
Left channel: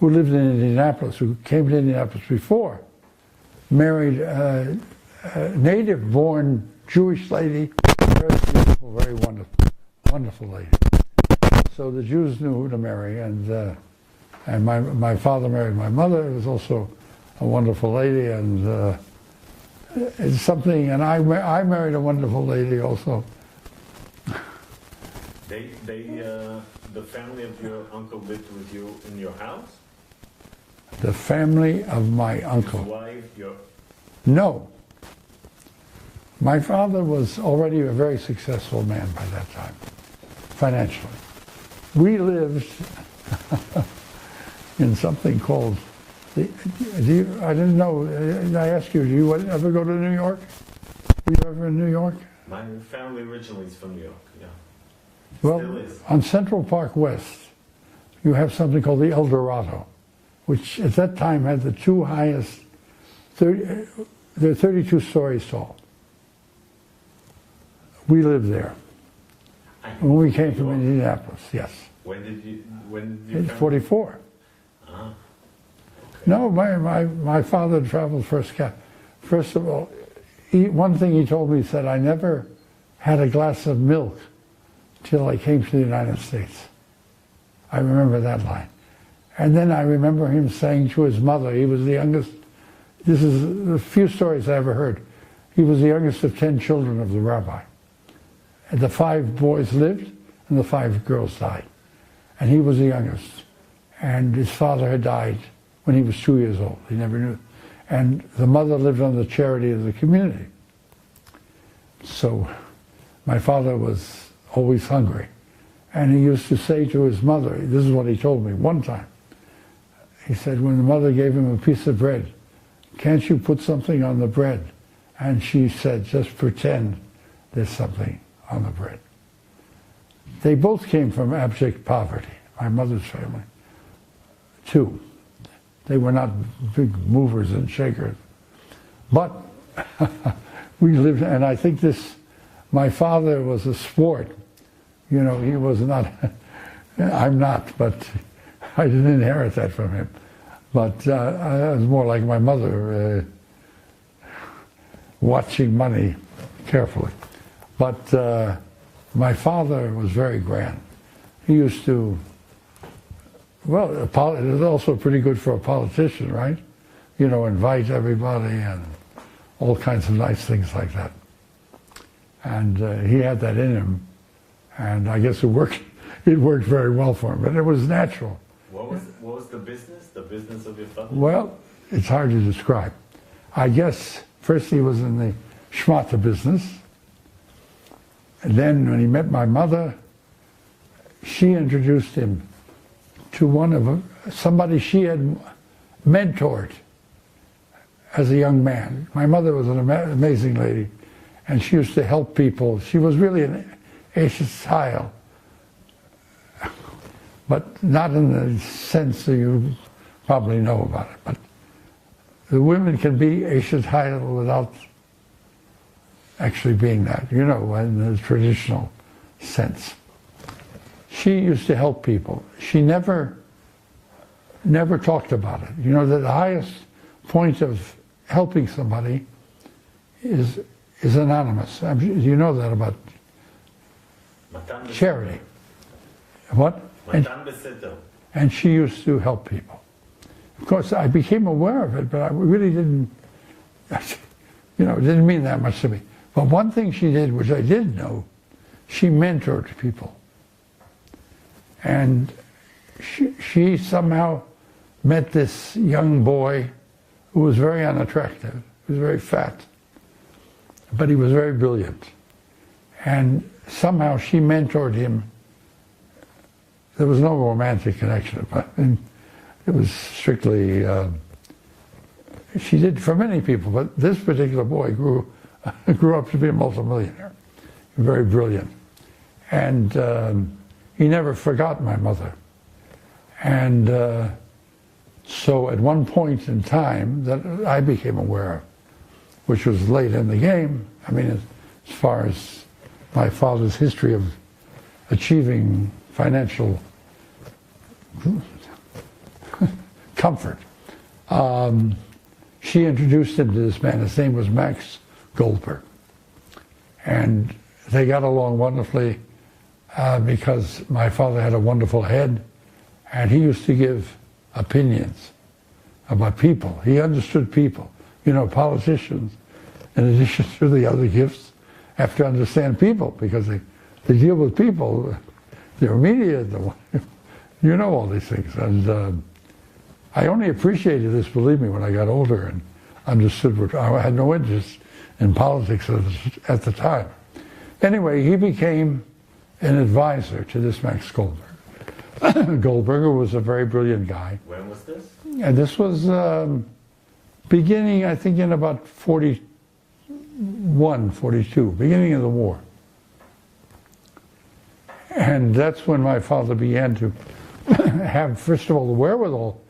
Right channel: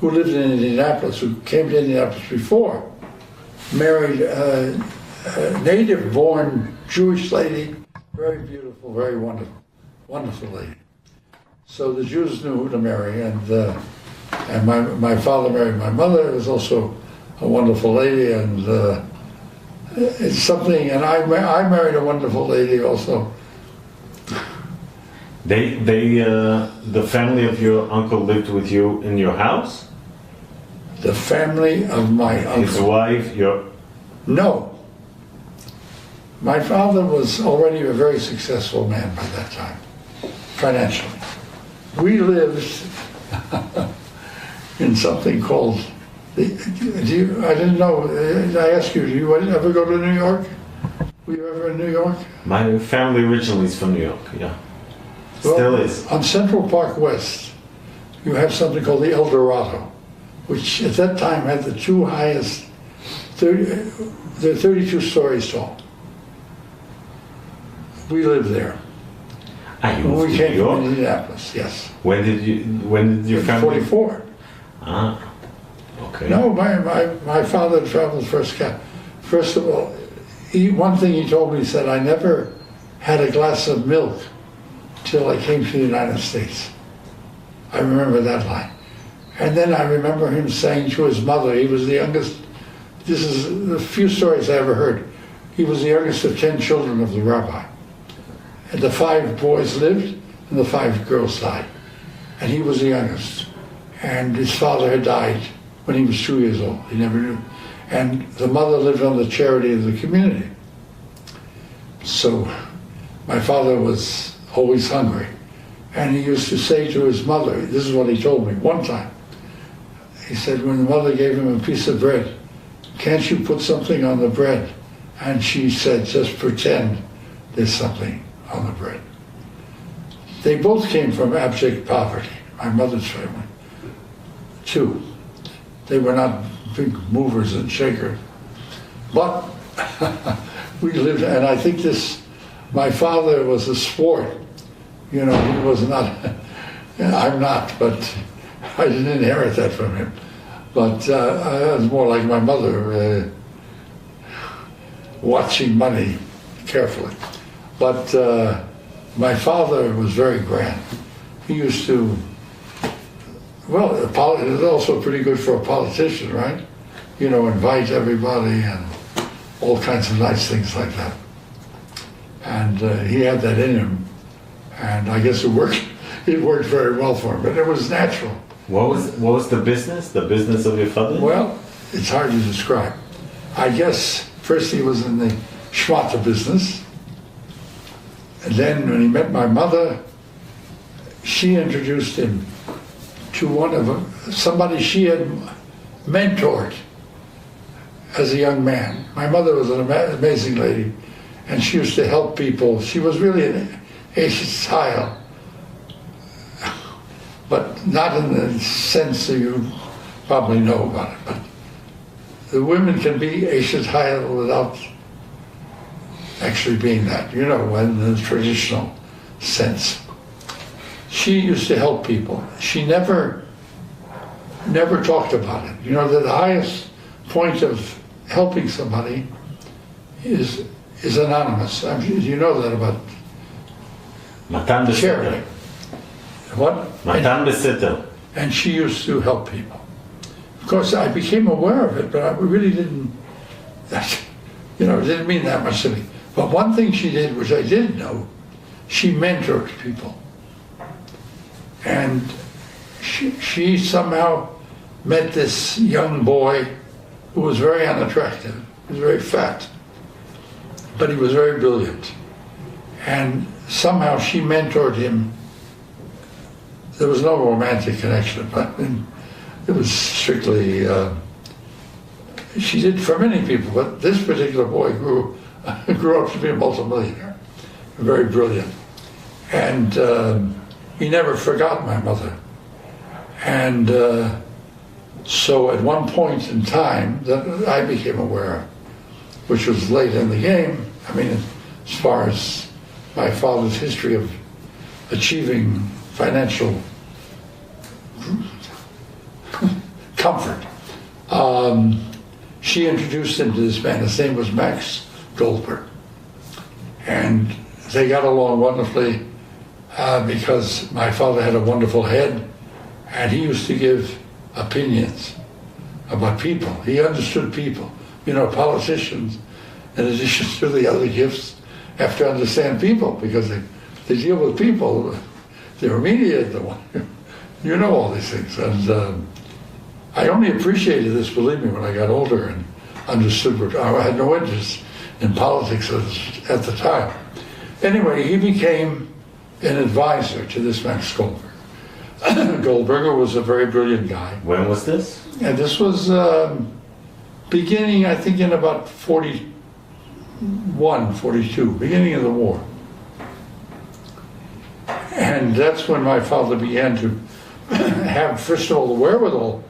who lived in Indianapolis, who came to Indianapolis before, married a native-born Jewish lady, very beautiful, very wonderful lady. So the Jews knew who to marry, and my father married my mother, who was also a wonderful lady, and it's something. And I married a wonderful lady also. The family of your uncle lived with you in your house? The family of my uncle. His wife, No. My father was already a very successful man by that time, financially. We lived in something called I didn't know. I asked you, do you ever go to New York? Were you ever in New York? My family originally is from New York, yeah. Well, Still is. On Central Park West, you have something called the El Dorado, which at that time had the two highest, they're 32 stories tall. We lived there. Ah, you When moved we to came New York? from Indianapolis, yes. When did your In family? 44. Ah, okay. No, my father traveled first class. First of all, one thing he told me, he said, I never had a glass of milk till I came to the United States. I remember that line. And then I remember him saying to his mother, he was the youngest, this is the few stories I ever heard, he was the youngest of 10 children of the rabbi. And the 5 boys lived and the 5 girls died. And he was the youngest. And his father had died when he was 2 years old. He never knew. And the mother lived on the charity of the community. So my father was always hungry. And he used to say to his mother, this is what he told me one time. He said when the mother gave him a piece of bread, can't you put something on the bread? And she said, just pretend there's something on the bread. They both came from abject poverty, my mother's family, too. They were not big movers and shakers. But we lived, and I think my father was a sport. You know, he was not, I'm not, but I didn't inherit that from him. But I was more like my mother, watching money carefully. But my father was very grand. He used to, well, it was also pretty good for a politician, right? You know, invite everybody and all kinds of nice things like that. And he had that in him. And I guess it worked very well for him, but it was natural. What was the business? The business of your father? Well, it's hard to describe. I guess first he was in the schmata business. And then when he met my mother, she introduced him to somebody she had mentored as a young man. My mother was an amazing lady, and she used to help people. She was really an Eshet style, but not in the sense that you probably know about it. But the women can be Eshet style without actually being that, you know, in the traditional sense. She used to help people. She never talked about it. You know, the highest point of helping somebody is anonymous. I mean, you know that about Matan charity. What? Matan Beseter. And she used to help people. Of course, I became aware of it, but I really didn't, you know, it didn't mean that much to me. But one thing she did, which I didn't know, she mentored people. And she somehow met this young boy who was very unattractive. He was very fat, but he was very brilliant. And somehow she mentored him. There was no romantic connection, but it was strictly, she did for many people, but this particular boy grew up to be a multimillionaire, very brilliant. And he never forgot my mother. And so at one point in time that I became aware of, which was late in the game, I mean, as far as my father's history of achieving financial comfort, she introduced him to this man. His name was Max Goldberg. And they got along wonderfully because my father had a wonderful head, and he used to give opinions about people. He understood people. You know, politicians, in addition to the other gifts, have to understand people because they deal with people. They're media, you know all these things. And I only appreciated this, believe me, when I got older and understood what, I had no interest in politics at the time. Anyway, he became an advisor to this Max Goldberg. Goldberger was a very brilliant guy. When was this? And this was beginning, I think, in about 41, 42, beginning of the war. And that's when my father began to have, first of all, the wherewithal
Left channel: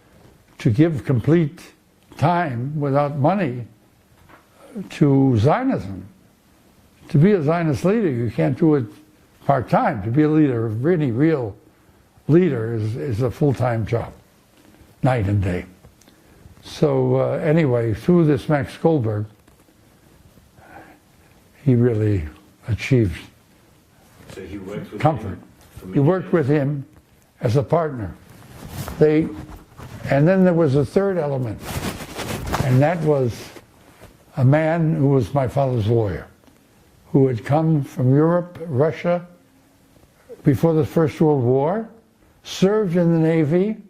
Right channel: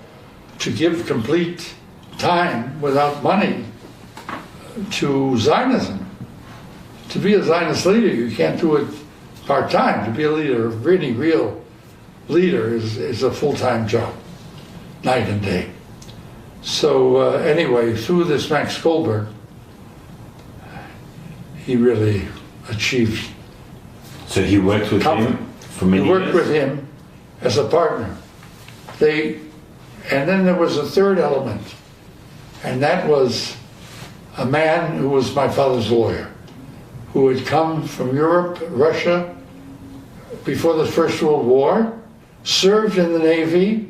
to give complete time without money to Zionism. To be a Zionist leader, you can't do it part-time. To be a leader, a really real leader, is a full-time job, night and day. So anyway, through this Max Goldberg, he really achieved. So he worked with him for many years? He worked with him as a partner. And then there was a third element, and that was a man who was my father's lawyer, who had come from Europe, Russia, before the First World War, served in the Navy.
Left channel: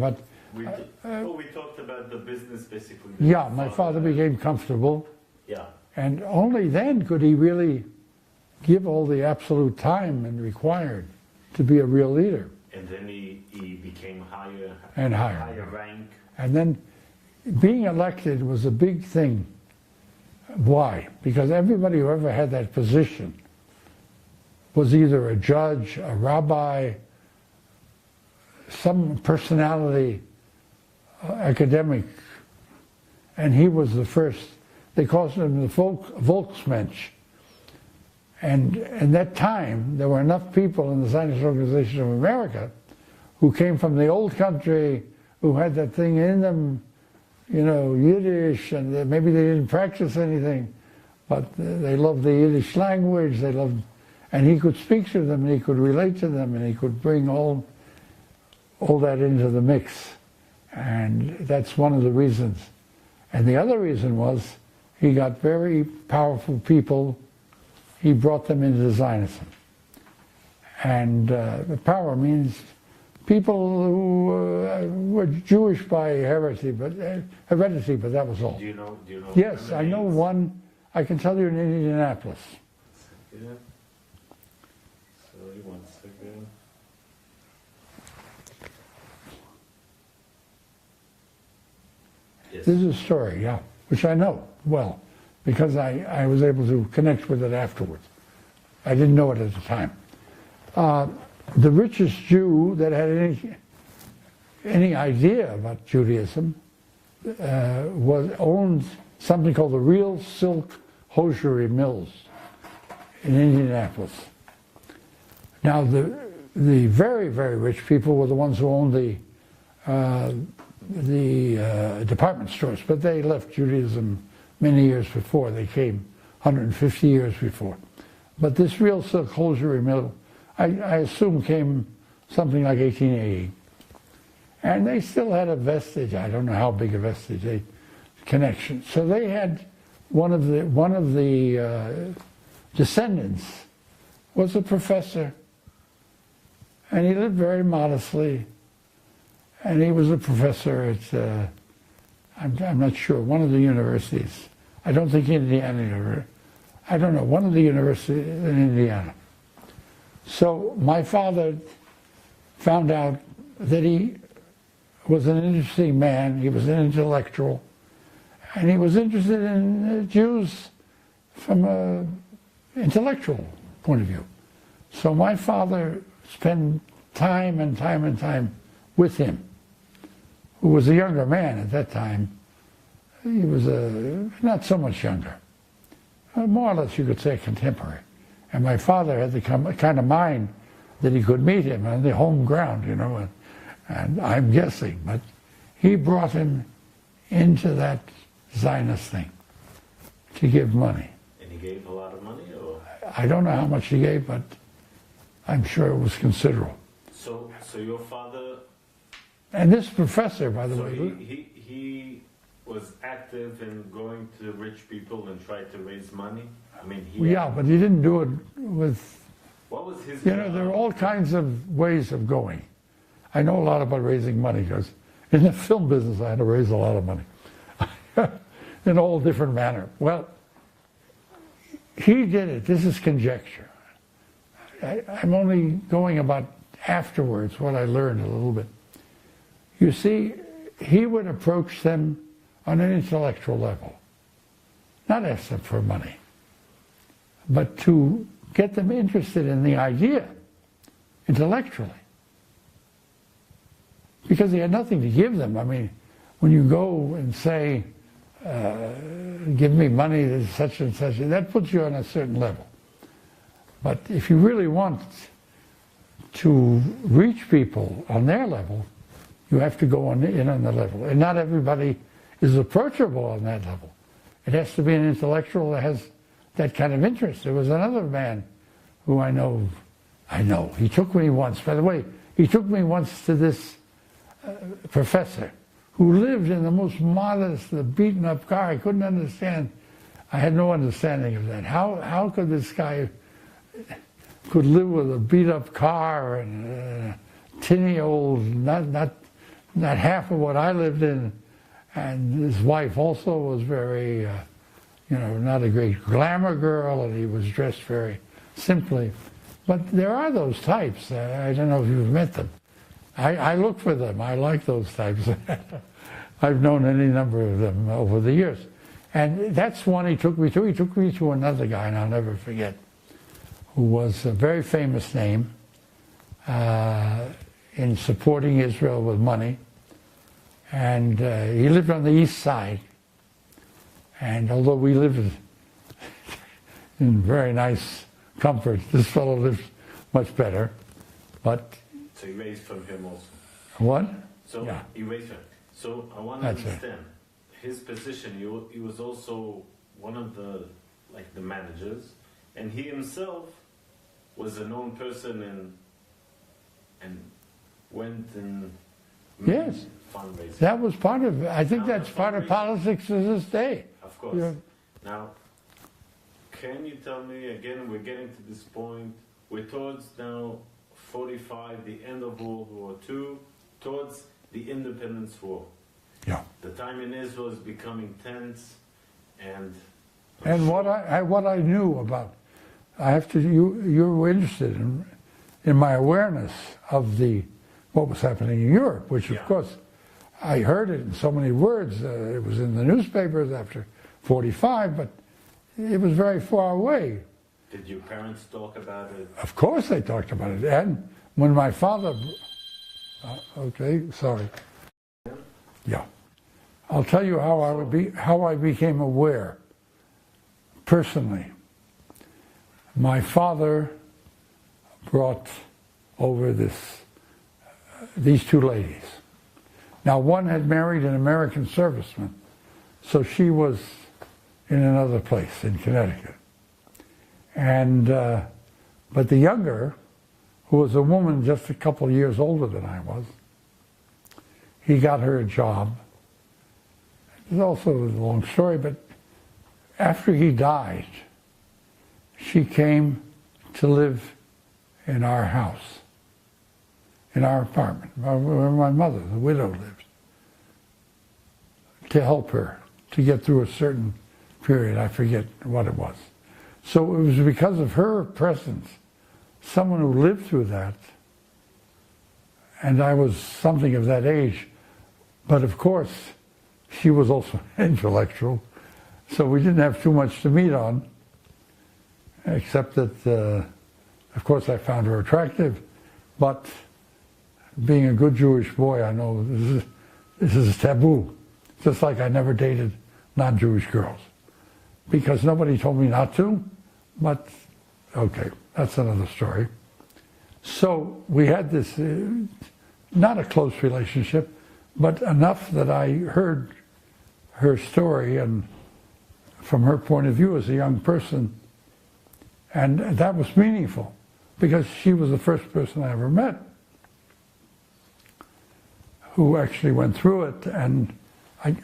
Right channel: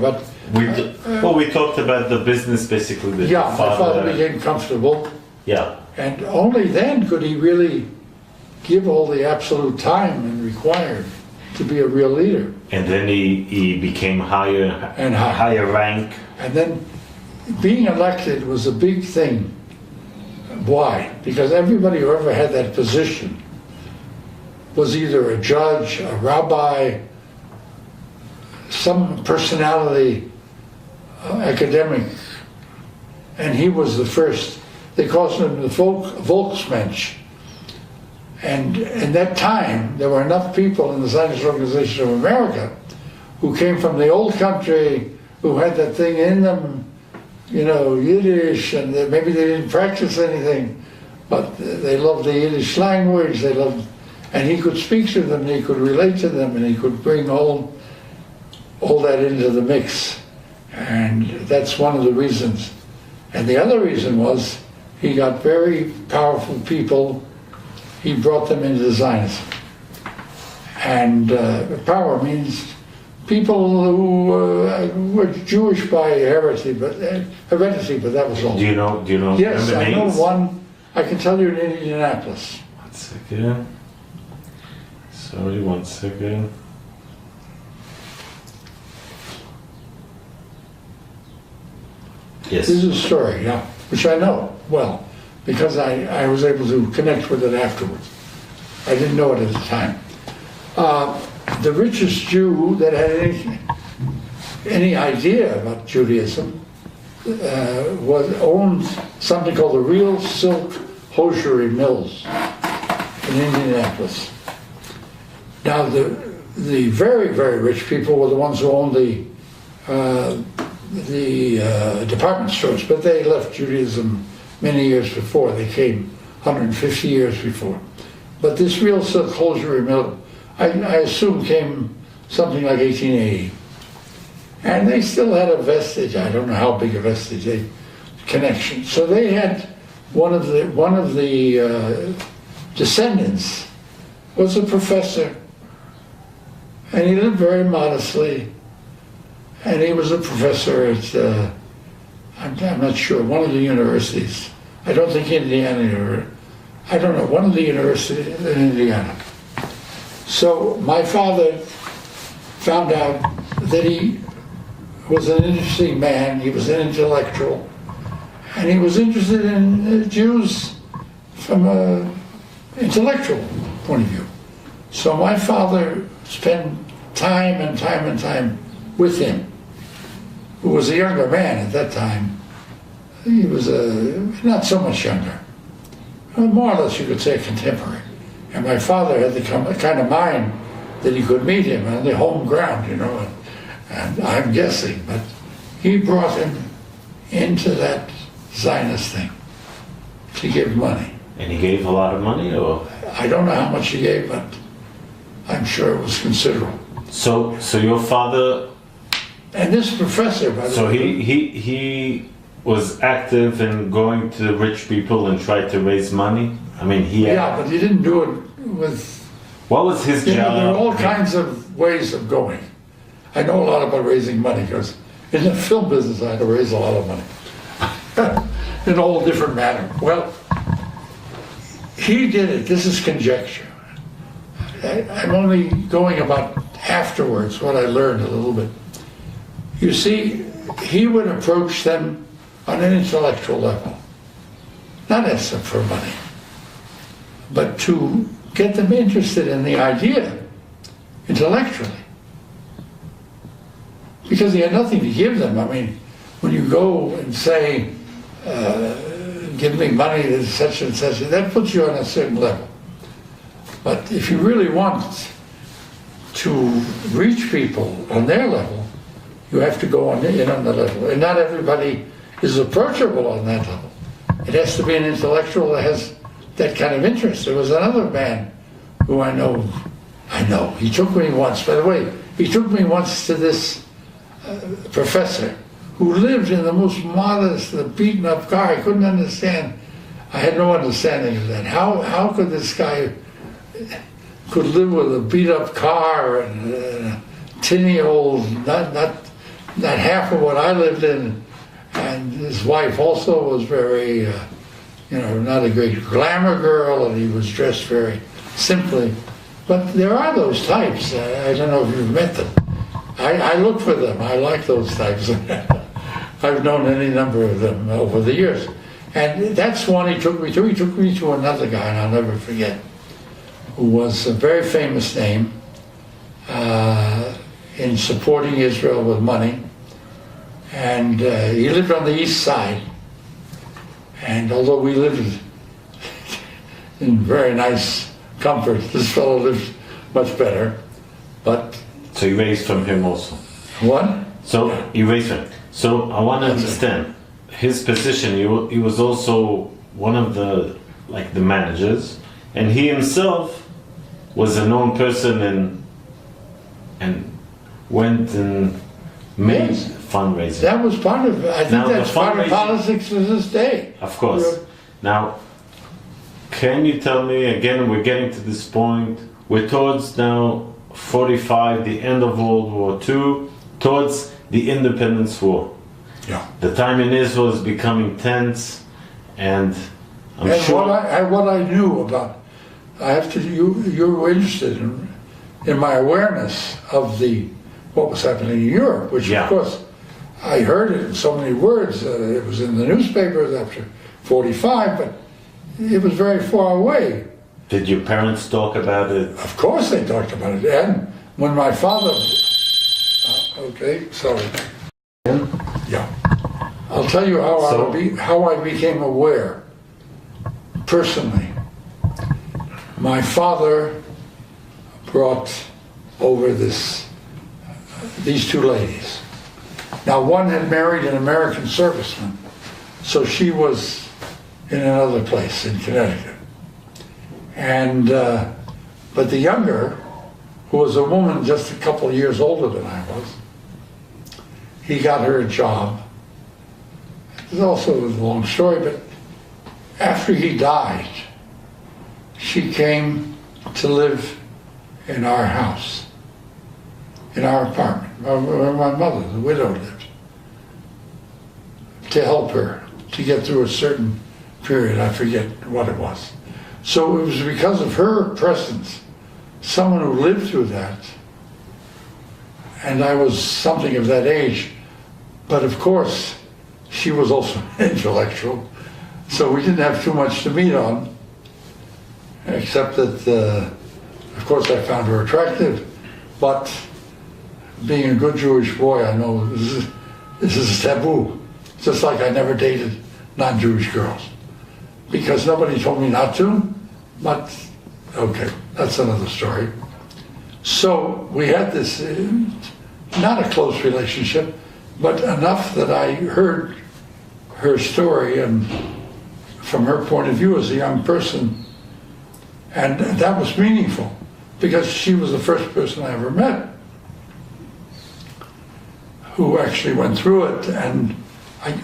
But, we talked about the business basically. That yeah, my father became comfortable. Yeah. And only then could he really give all the absolute time required to be a real leader. And then he became higher rank. And then being elected was a big thing. Why? Because everybody who ever had that position was either a judge, a rabbi, some personality, academic, and he was the first. They called him the Volksmensch. And at that time, there were enough people in the Zionist Organization of America who came from the old country, who had that thing in them, you know, Yiddish, and maybe they didn't practice anything, but they loved the Yiddish language, and he could speak to them, and he could relate to them, and he could bring all that into the mix. And that's one of the reasons. And the other reason was he got very powerful people. He brought them into Zionism. And power means people who were Jewish by heredity, but that was all. Do you know? Yes, I know one. I can tell you in Indianapolis. 1 second. Sorry, 1 second. Yes. This is a story, yeah, which I know well, because I was able to connect with it afterwards. I didn't know it at the time. The richest Jew that had any idea about Judaism owned something called the Real Silk Hosiery Mills in Indianapolis. Now, the very, very rich people were the ones who owned the department stores, but they left Judaism many years before. They came 150 years before. But this Real Silk Hosiery Mill, I assume, came something like 1880. And they still had a vestige, I don't know how big a vestige, connection. So they had one of the descendants was a professor, and he lived very modestly. And he was a professor at, I'm not sure, one of the universities. I don't think Indiana, or I don't know, one of the universities in Indiana. So my father found out that he was an interesting man, he was an intellectual, and he was interested in Jews from an intellectual point of view. So my father spent time and time and time with him, who was a younger man at that time. He was not so much younger, more or less you could say contemporary. And my father had the kind of mind that he could meet him on the home ground, you know, and I'm guessing, but he brought him into that Zionist thing to give money. And he gave a lot of money, or? I don't know how much he gave, but I'm sure it was considerable. So your father... And this professor, by the way... So he was active in going to rich people and tried to raise money? I mean, Yeah, but he didn't do it with... What was his job? There are all kinds of ways of going. I know a lot about raising money because in the film business I had to raise a lot of money in all different manner. Well, He did it. This is conjecture. I'm only going about afterwards what I learned a little bit. You see, he would approach them on an intellectual level, not ask them for money, but to get them interested in the idea intellectually. Because he had nothing to give them. I mean, when you go and say, give me money to such and such, that puts you on a certain level. But if you really want to reach people on their level, you have to go in on the level. And not everybody is approachable on that level. It has to be an intellectual that has that kind of interest. There was another man who I know, he took me once, by the way, he took me once to this professor who lived in the most modest, the beaten up car. I couldn't understand. I had no understanding of that. How could this guy could live with a beat up car and a tinny old, not half of what I lived in. And his wife also was very, not a great glamour girl, and he was dressed very simply. But there are those types. I don't know if you've met them. I look for them. I like those types. I've known any number of them over the years. And that's one he took me to. He took me to another guy, and I'll never forget, who was a very famous name in supporting Israel with money. And he lived on the east side. And although we lived in very nice comfort, this fellow lived much better. But so you raised from him also? What? So you raised from him. So I want to understand his position. He was also one of the managers, and he himself was a known person and went and made fundraising. That was part of it. I think that's part of politics to this day. Of course. Now, can you tell me, again, we're getting to this point, we're towards now 45, the end of World War II, towards the Independence War. Yeah. The time in Israel is becoming tense, and I'm sure... what I knew about, you were interested in my awareness of what was happening in Europe, which of course I heard it in so many words. It was in the newspapers after 45, but it was very far away. Did your parents talk about it? Of course they talked about it. And when my father... okay, sorry. Yeah. I'll tell you how I became aware, personally. My father brought over these two ladies. Now, one had married an American serviceman, so she was in another place in Connecticut. And but the younger, who was a woman just a couple of years older than I was, he got her a job. It's also a long story, but after he died, she came to live in our house, in our apartment, where my mother, the widow, lived, to help her to get through a certain period. I forget what it was. So it was because of her presence, someone who lived through that, and I was something of that age, but of course, she was also intellectual, so we didn't have too much to meet on, except that, of course, I found her attractive, but being a good Jewish boy, I know this is taboo. Just like I never dated non-Jewish girls, because nobody told me not to, but okay, that's another story. So we had this, not a close relationship, but enough that I heard her story, and from her point of view as a young person, and that was meaningful, because she was the first person I ever met who actually went through it, and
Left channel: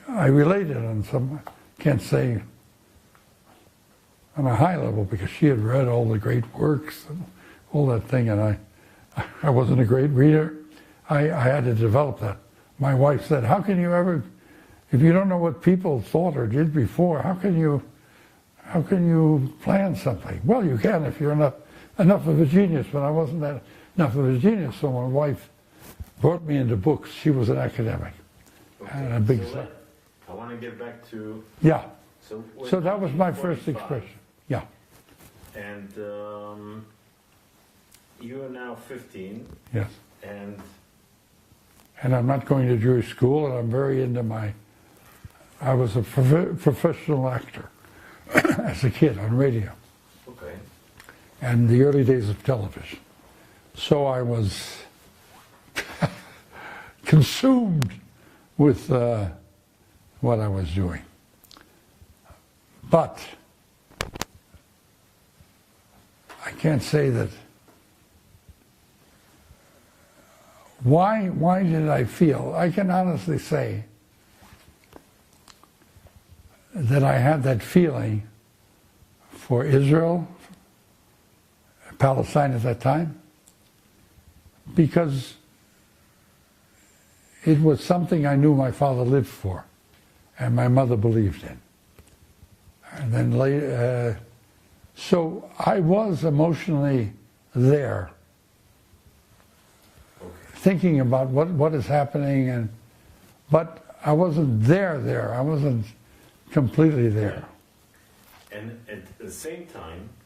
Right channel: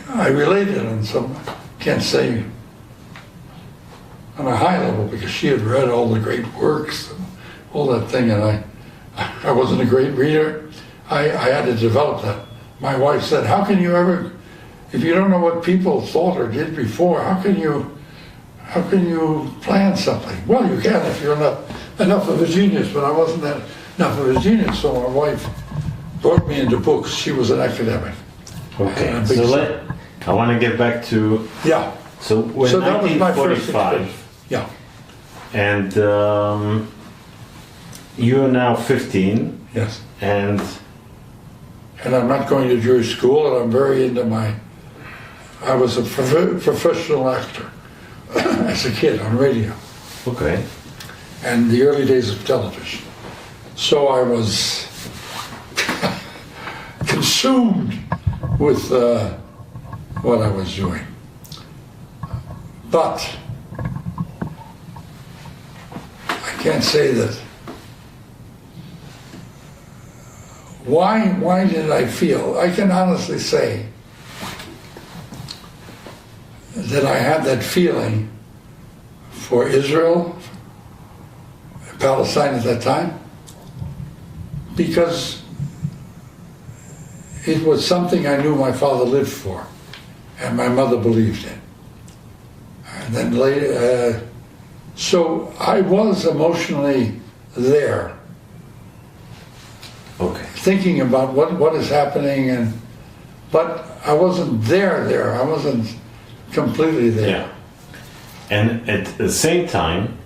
I related on some, can't say on a high level, because she had read all the great works and all that thing, and I wasn't a great reader. I had to develop that. My wife said, how can you ever, if you don't know what people thought or did before, how can how can you plan something? Well, you can if you're enough of a genius, but I wasn't enough of a genius, so my wife brought me into books. She was an academic. Okay, so I want to get back to... Yeah. So when that was my first 1945, experience. Yeah. and you are now 15, Yes. and I'm not going to Jewish school, and I'm very into I was a professional actor as a kid on radio. okay, And the early days of television. So I was consumed with what I was doing. But I can't say that. Why did I feel? I can honestly say that I had that feeling for Israel, Palestine at that time, because it was something I knew my father lived for and my mother believed in. And then later, so I was emotionally there, okay. thinking about what is happening, but I wasn't there. I wasn't completely there. Yeah. And at the same time,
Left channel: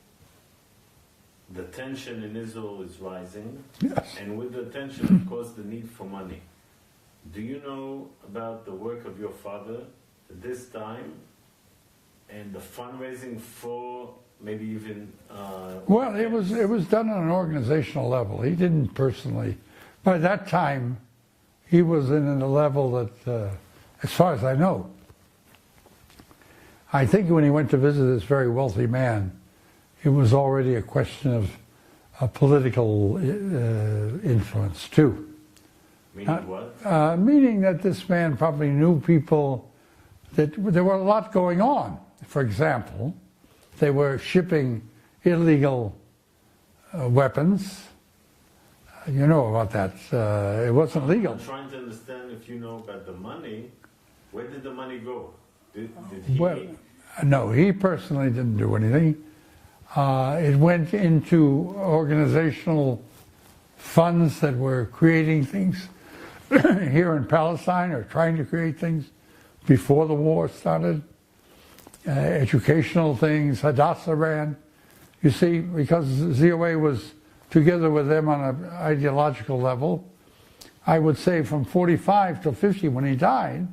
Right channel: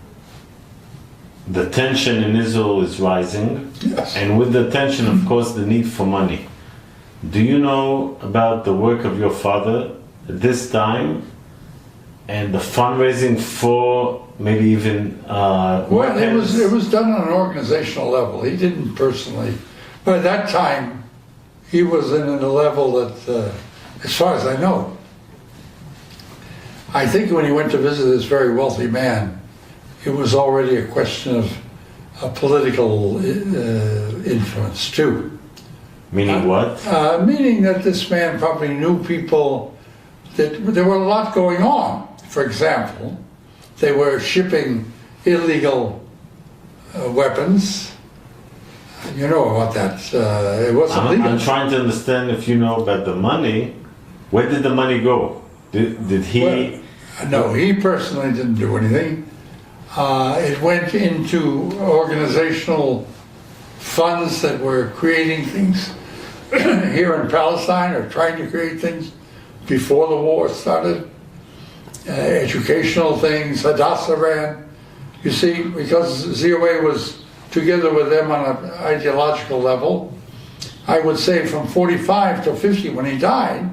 the tension in Israel is rising. Yes. And with the tension, of course, the need for money. Do you know about the work of your father at this time and the fundraising for maybe even Well, it was done on an organizational level. He didn't personally. By that time, he was in a level that, as far as I know, I think when he went to visit this very wealthy man, it was already a question of political influence too. Meaning what? Meaning that this man probably knew people, that there were a lot going on. For example, they were shipping illegal weapons. You know about that. It wasn't legal. I'm trying to understand if you know about the money. Where did the money go? Did he... Well, no, he personally didn't do anything. It went into organizational funds that were creating things here in Palestine, or trying to create things before the war started. Educational things, Hadassah ran. You see, because ZOA was together with them on an ideological level, I would say from 45 to 50 when he died,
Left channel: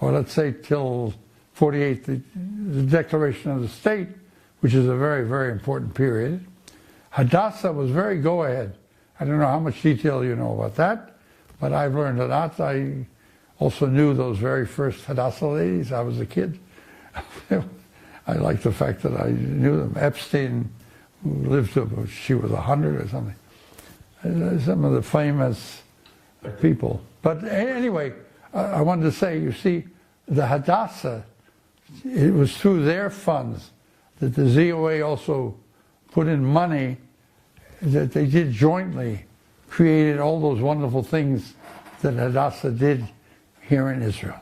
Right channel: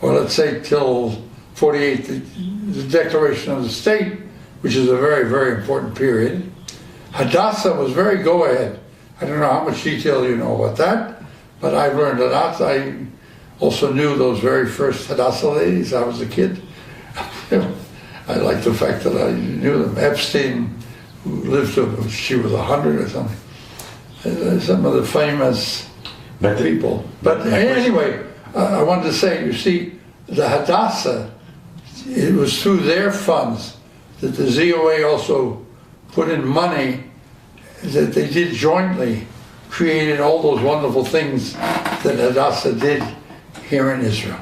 or let's say till 48, the Declaration of the State, which is a very, very important period. Hadassah was very go-ahead. I don't know how much detail you know about that, but I've learned a lot. I also knew those very first Hadassah ladies. I was a kid. I like the fact that I knew them. Epstein, who lived to, she was 100 or something. Some of the famous people. But anyway, I wanted to say, you see, the Hadassah, it was through their funds that the ZOA also put in money that they did jointly, created all those wonderful things that Hadassah did here in Israel.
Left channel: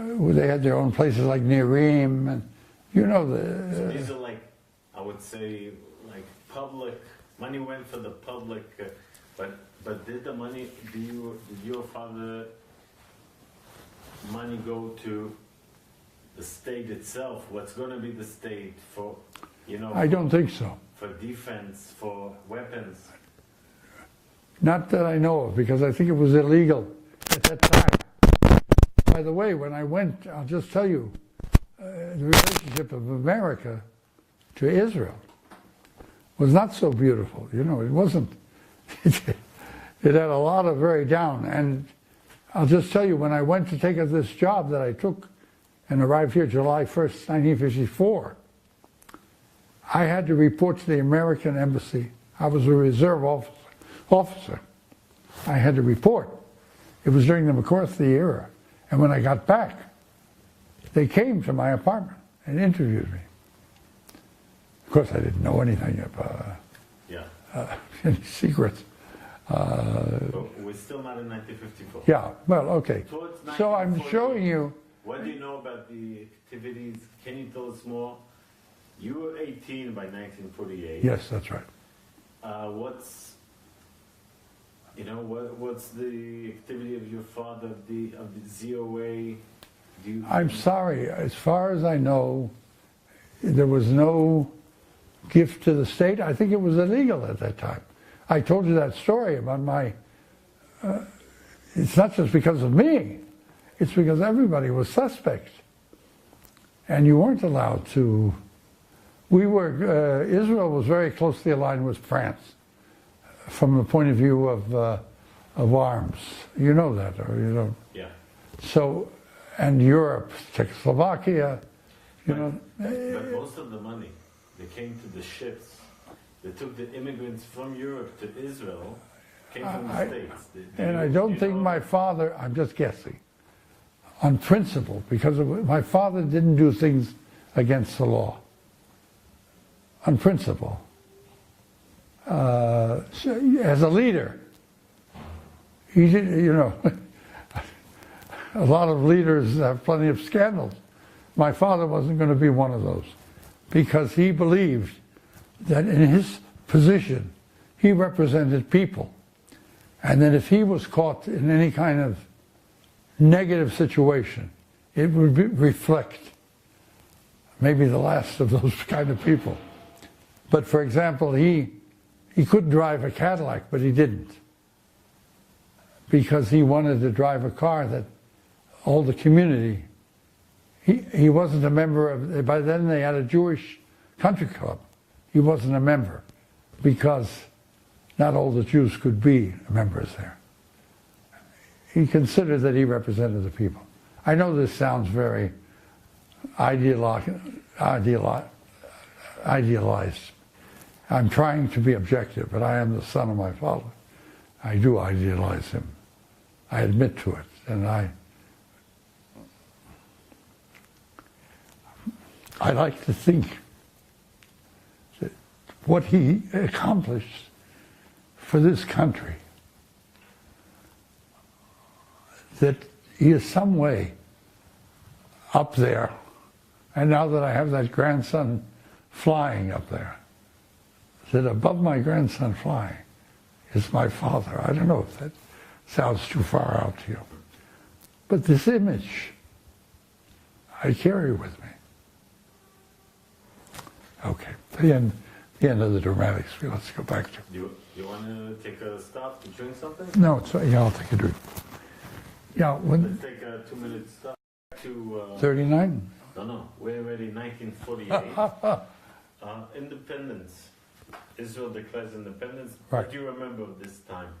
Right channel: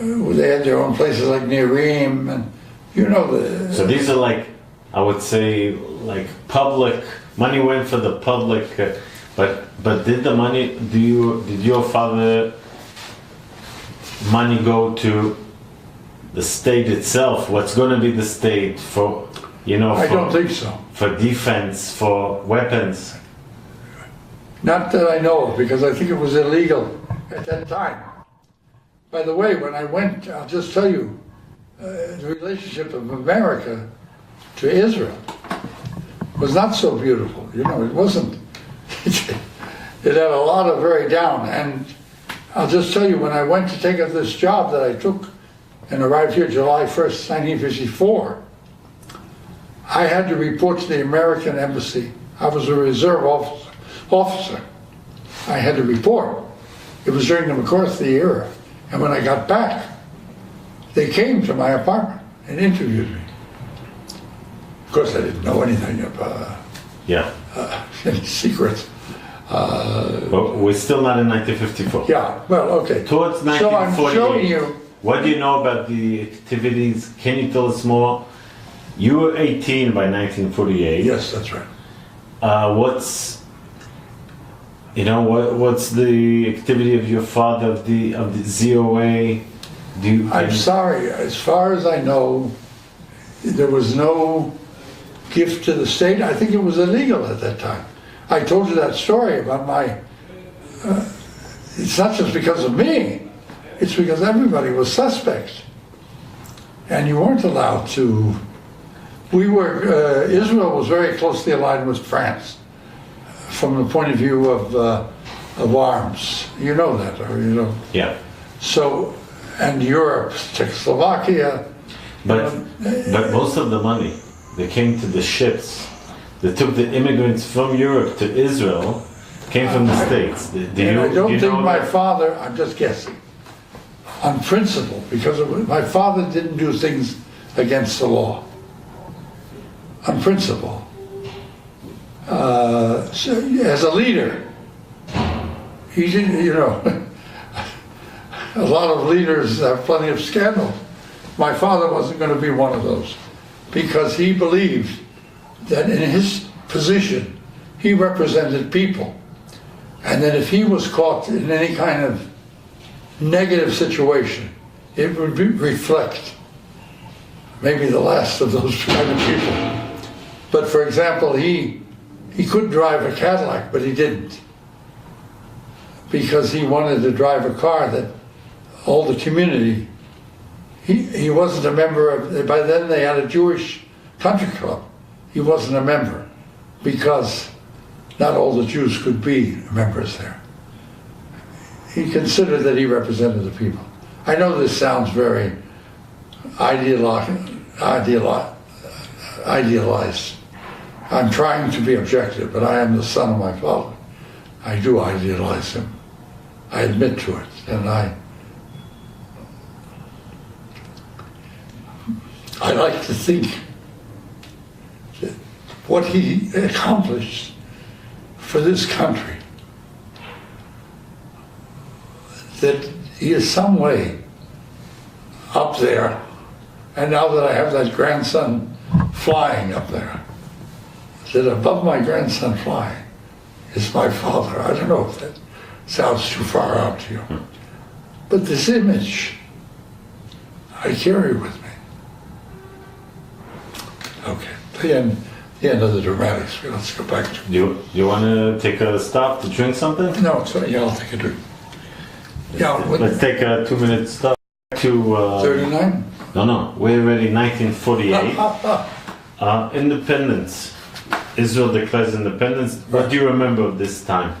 They had their own places like Nerim, and you know the... So these are like, I would say, like public, money went for the public, but did the money, did your father money go to the state itself? What's going to be the state for, you know? I don't think so. For defense, for weapons? Not that I know of, because I think it was illegal at that time. By the way, when I went, I'll just tell you, the relationship of America to Israel was not so beautiful. You know, it wasn't. It had a lot of very down. And I'll just tell you, when I went to take up this job that I took and arrived here July 1st, 1954, I had to report to the American embassy. I was a reserve officer. I had to report. It was during the McCarthy era. And when I got back, they came to my apartment and interviewed me. Of course, I didn't know anything about secrets. But we're still not in 1954. Yeah, well, okay. Towards So I'm 1948. showing you What do you know about the activities? Can you tell us more? You were 18 by 1948. Yes, that's right. What's the activity of your father of the ZOA? I'm sorry. As far as I know, there was no gift to the state. I think it was illegal at that time. I told you that story about my. It's not just because of me. It's because everybody was suspect, and you weren't allowed to. Israel was very closely aligned with France from the point of view of arms. You know that, or you know. Yeah. So, and Europe, Czechoslovakia. But most of the money that came to the ships that took the immigrants from Europe to Israel came from the States. I don't think my father, I'm just guessing, on principle, because my father didn't do things against the law. On principle. As a leader, he didn't, a lot of leaders have plenty of scandals. My father wasn't going to be one of those, because he believed that in his position, he represented people. And that if he was caught in any kind of negative situation, it would reflect maybe the last of those kind of people. But for example, he could drive a Cadillac, but he didn't. Because he wanted to drive a car that all the community, he wasn't a member of, by then they had a Jewish country club. He wasn't a member because not all the Jews could be members there. He considered that he represented the people. I know this sounds very idealized. I'm trying to be objective, but I am the son of my father. I do idealize him. I admit to it, and I like to think that what he accomplished for this country, that he is some way up there, and now that I have that grandson flying up there, that above my grandson flying is my father. I don't know if that sounds too far out to you, but this image I carry with me. Okay, the end of the dramatics. Let's go back to. You want to take a stop to drink something? No, sorry, yeah, I'll take a drink. Yeah, let's take a 2-minute stop to. 39? No, we're already 1948. Independence. Israel declares independence. What do you remember of this time?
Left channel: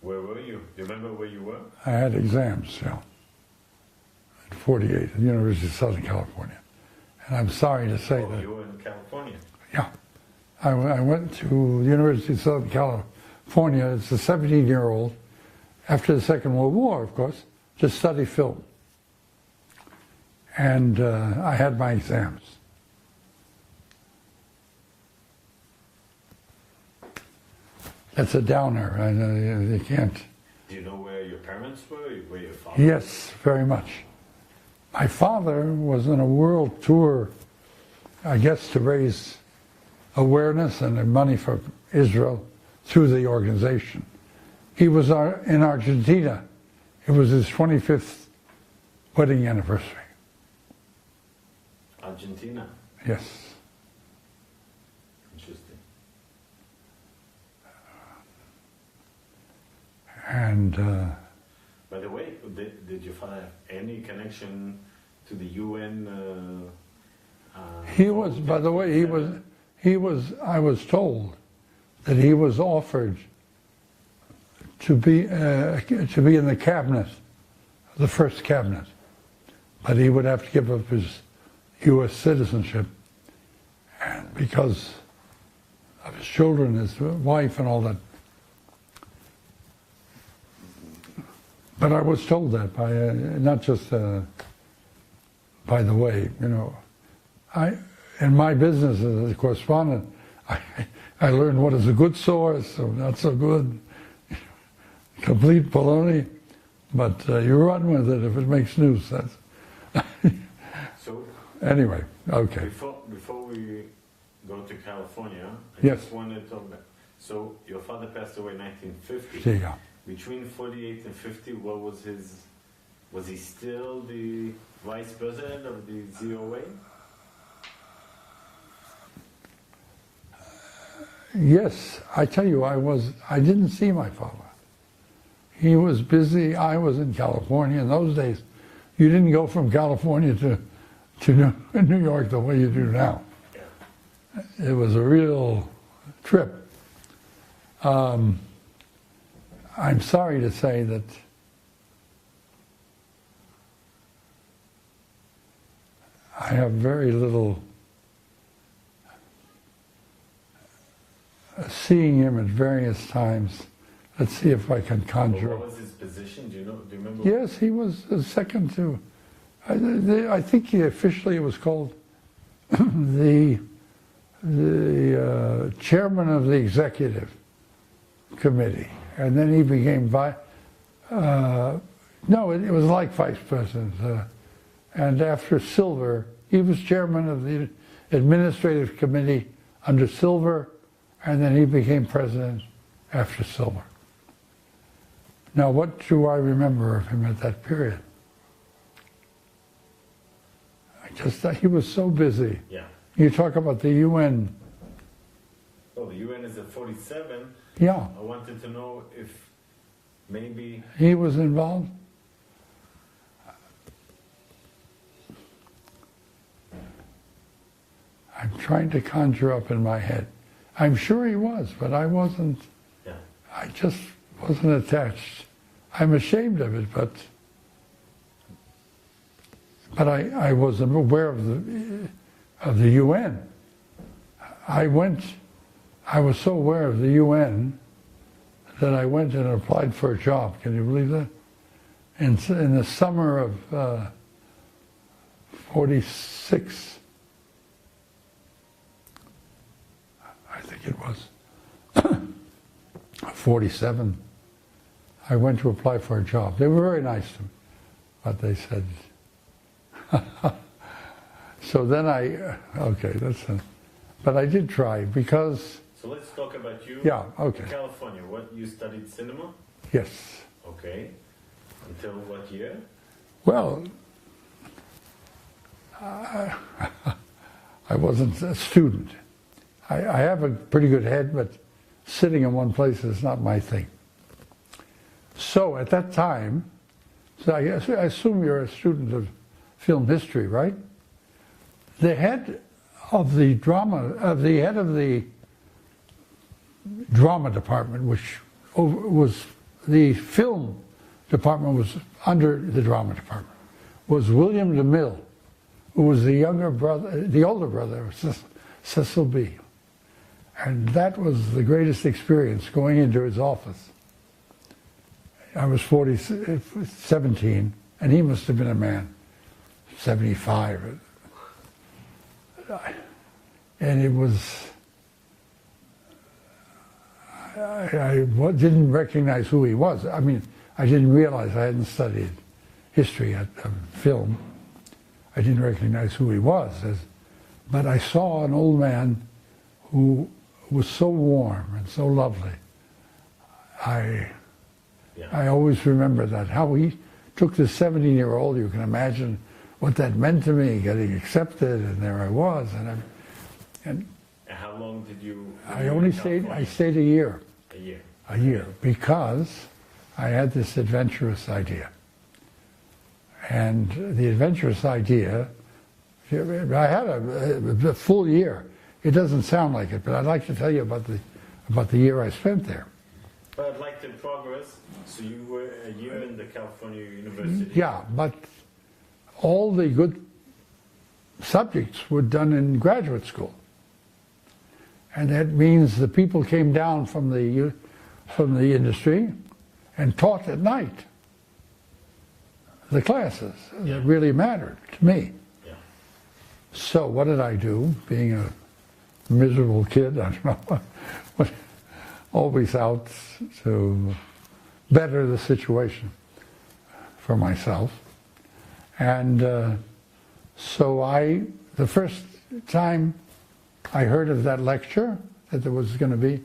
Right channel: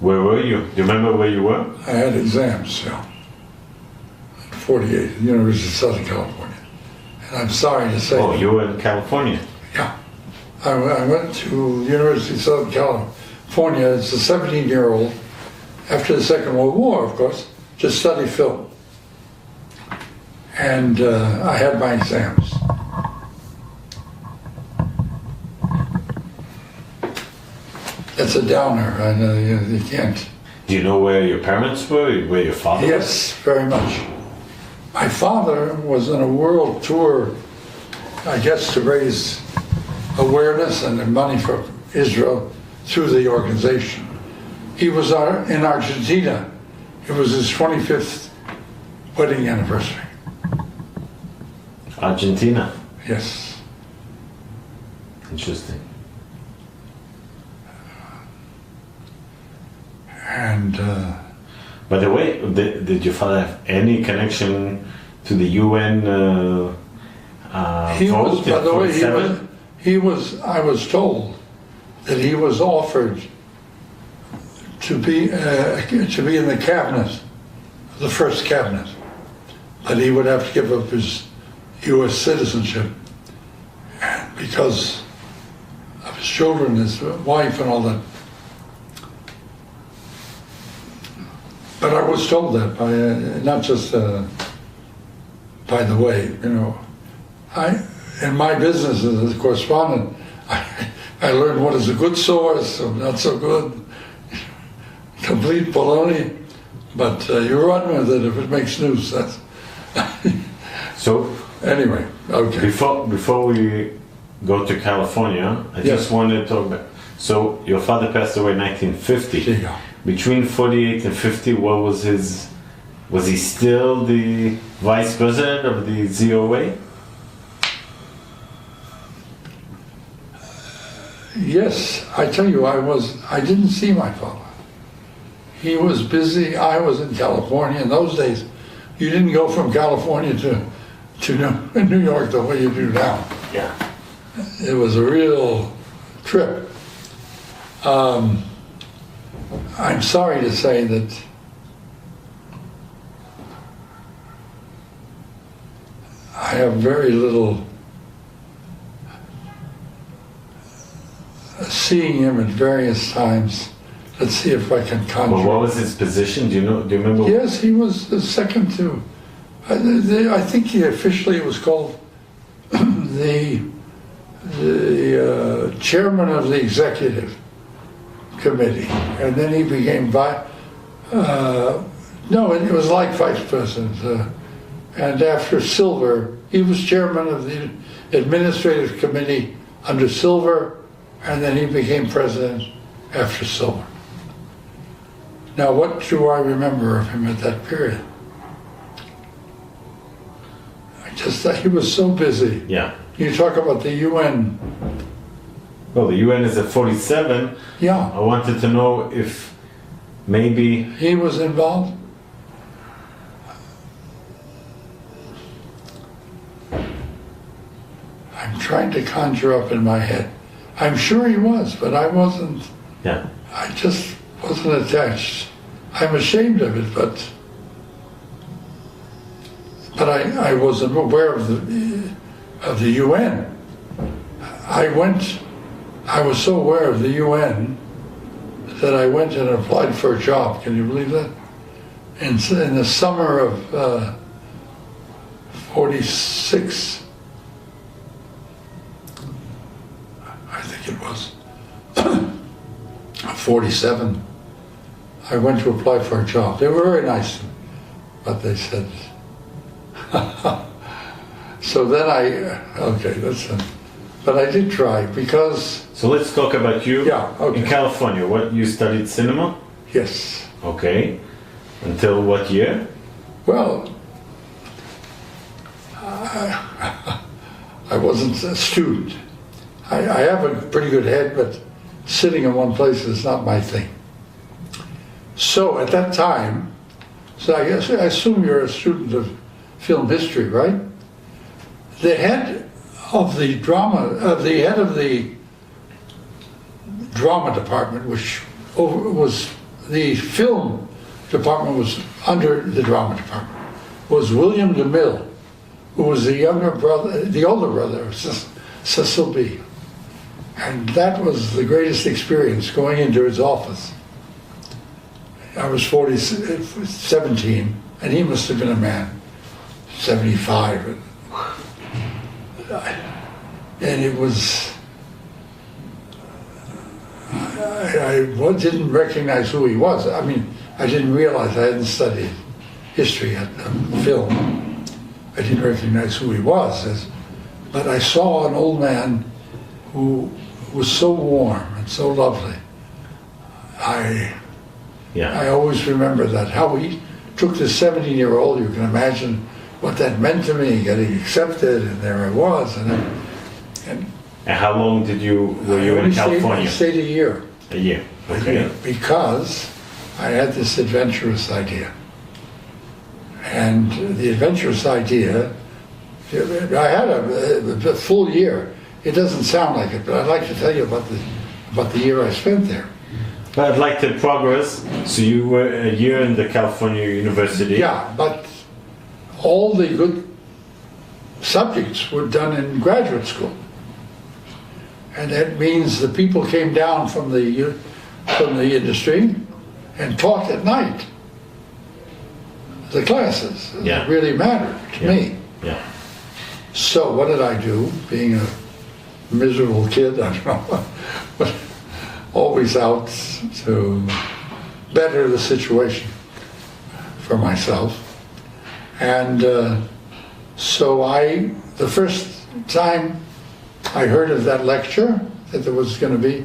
Where were you? Do you remember where you were? I had exams, yeah. 48 at the University of Southern California. And I'm sorry to say. Oh, you were in California? Yeah. I went to the University of Southern California as a 17-year-old, after the Second World War, of course, to study film. And I had my exams. That's a downer, and you can't. Do you know where your parents were, where your father was? Yes, very much. My father was on a world tour, I guess, to raise awareness and money for Israel through the organization. He was in Argentina. It was his 25th wedding anniversary. Argentina? Yes. Interesting. And by the way, did your father have any connection to the UN he vote? Was, by the way, I was told that he was offered to be in the cabinet, the first cabinet, but he would have to give up his U.S. citizenship, and because of his children, his wife, and all that. But I was told that by not just by the way, in my business as a correspondent, I learned what is a good source, or not so good, complete baloney, but you run with it if it makes news. That's So anyway, okay. before we go to California, I Yes. just wanted to talk about. So your father passed away in 1950. Yeah. Between 48 and 50, what was his? Was he still the vice president of the ZOA? Yes, I tell you, I didn't see my father. He was busy. I was in California. In those days, you didn't go from California to New York the way you do now. Yeah. It was a real trip. I'm sorry to say that I have very little seeing him at various times. Let's see if I can conjure. Well, what was his position? Do you know? Do you remember? Yes, he was the second to. I think he officially was called the chairman of the executive committee, and then he became no, it was like vice president. And after Silver, he was chairman of the administrative committee under Silver, and then he became president after Silver. Now, what do I remember of him at that period? I just thought he was so busy. Yeah. You talk about the UN. Well, the UN is at 47. Yeah. I wanted to know if maybe. He was involved? I'm trying to conjure up in my head. I'm sure he was, but I wasn't. Yeah. I just wasn't attached. I'm ashamed of it, but I wasn't aware of the UN. I was so aware of the UN that I went and applied for a job. Can you believe that? In the summer of 46, I think it was, 47, I went to apply for a job. They were very nice, but they said, so then okay, listen. But I did try because... So let's talk about you. Yeah, okay. In California. What, you studied cinema? Yes. Okay. Until what year? Well, I wasn't a student. I have a pretty good head, but sitting in one place is not my thing. So at that time, so I assume you're a student of film history, right? The head of the drama department, which was the film department was under the drama department, was William DeMille, who was the older brother of Cecil B. And that was the greatest experience, going into his office. I was 17, and he must have been a man, 75. And it was, I didn't recognize who he was. I mean, I didn't realize I hadn't studied history at film. I didn't recognize who he was, but I saw an old man who was so warm and so lovely. I always remember that, how he took this 17-year-old, you can imagine what that meant to me, getting accepted, and there I was. And how long were you in California? I stayed a year. A year. Okay. A year, because I had this adventurous idea. And the adventurous idea, I had a full year. It doesn't sound like it, but I'd like to tell you about the year I spent there. But I'd like to progress. So you were a year in the California University. Yeah, but all the good subjects were done in graduate school. And that means the people came down from the industry and taught at night. The classes that really mattered to me. Yeah. So what did I do, being a miserable kid, I don't know, but always out to better the situation for myself. And so the first time I heard of that lecture that there was going to be,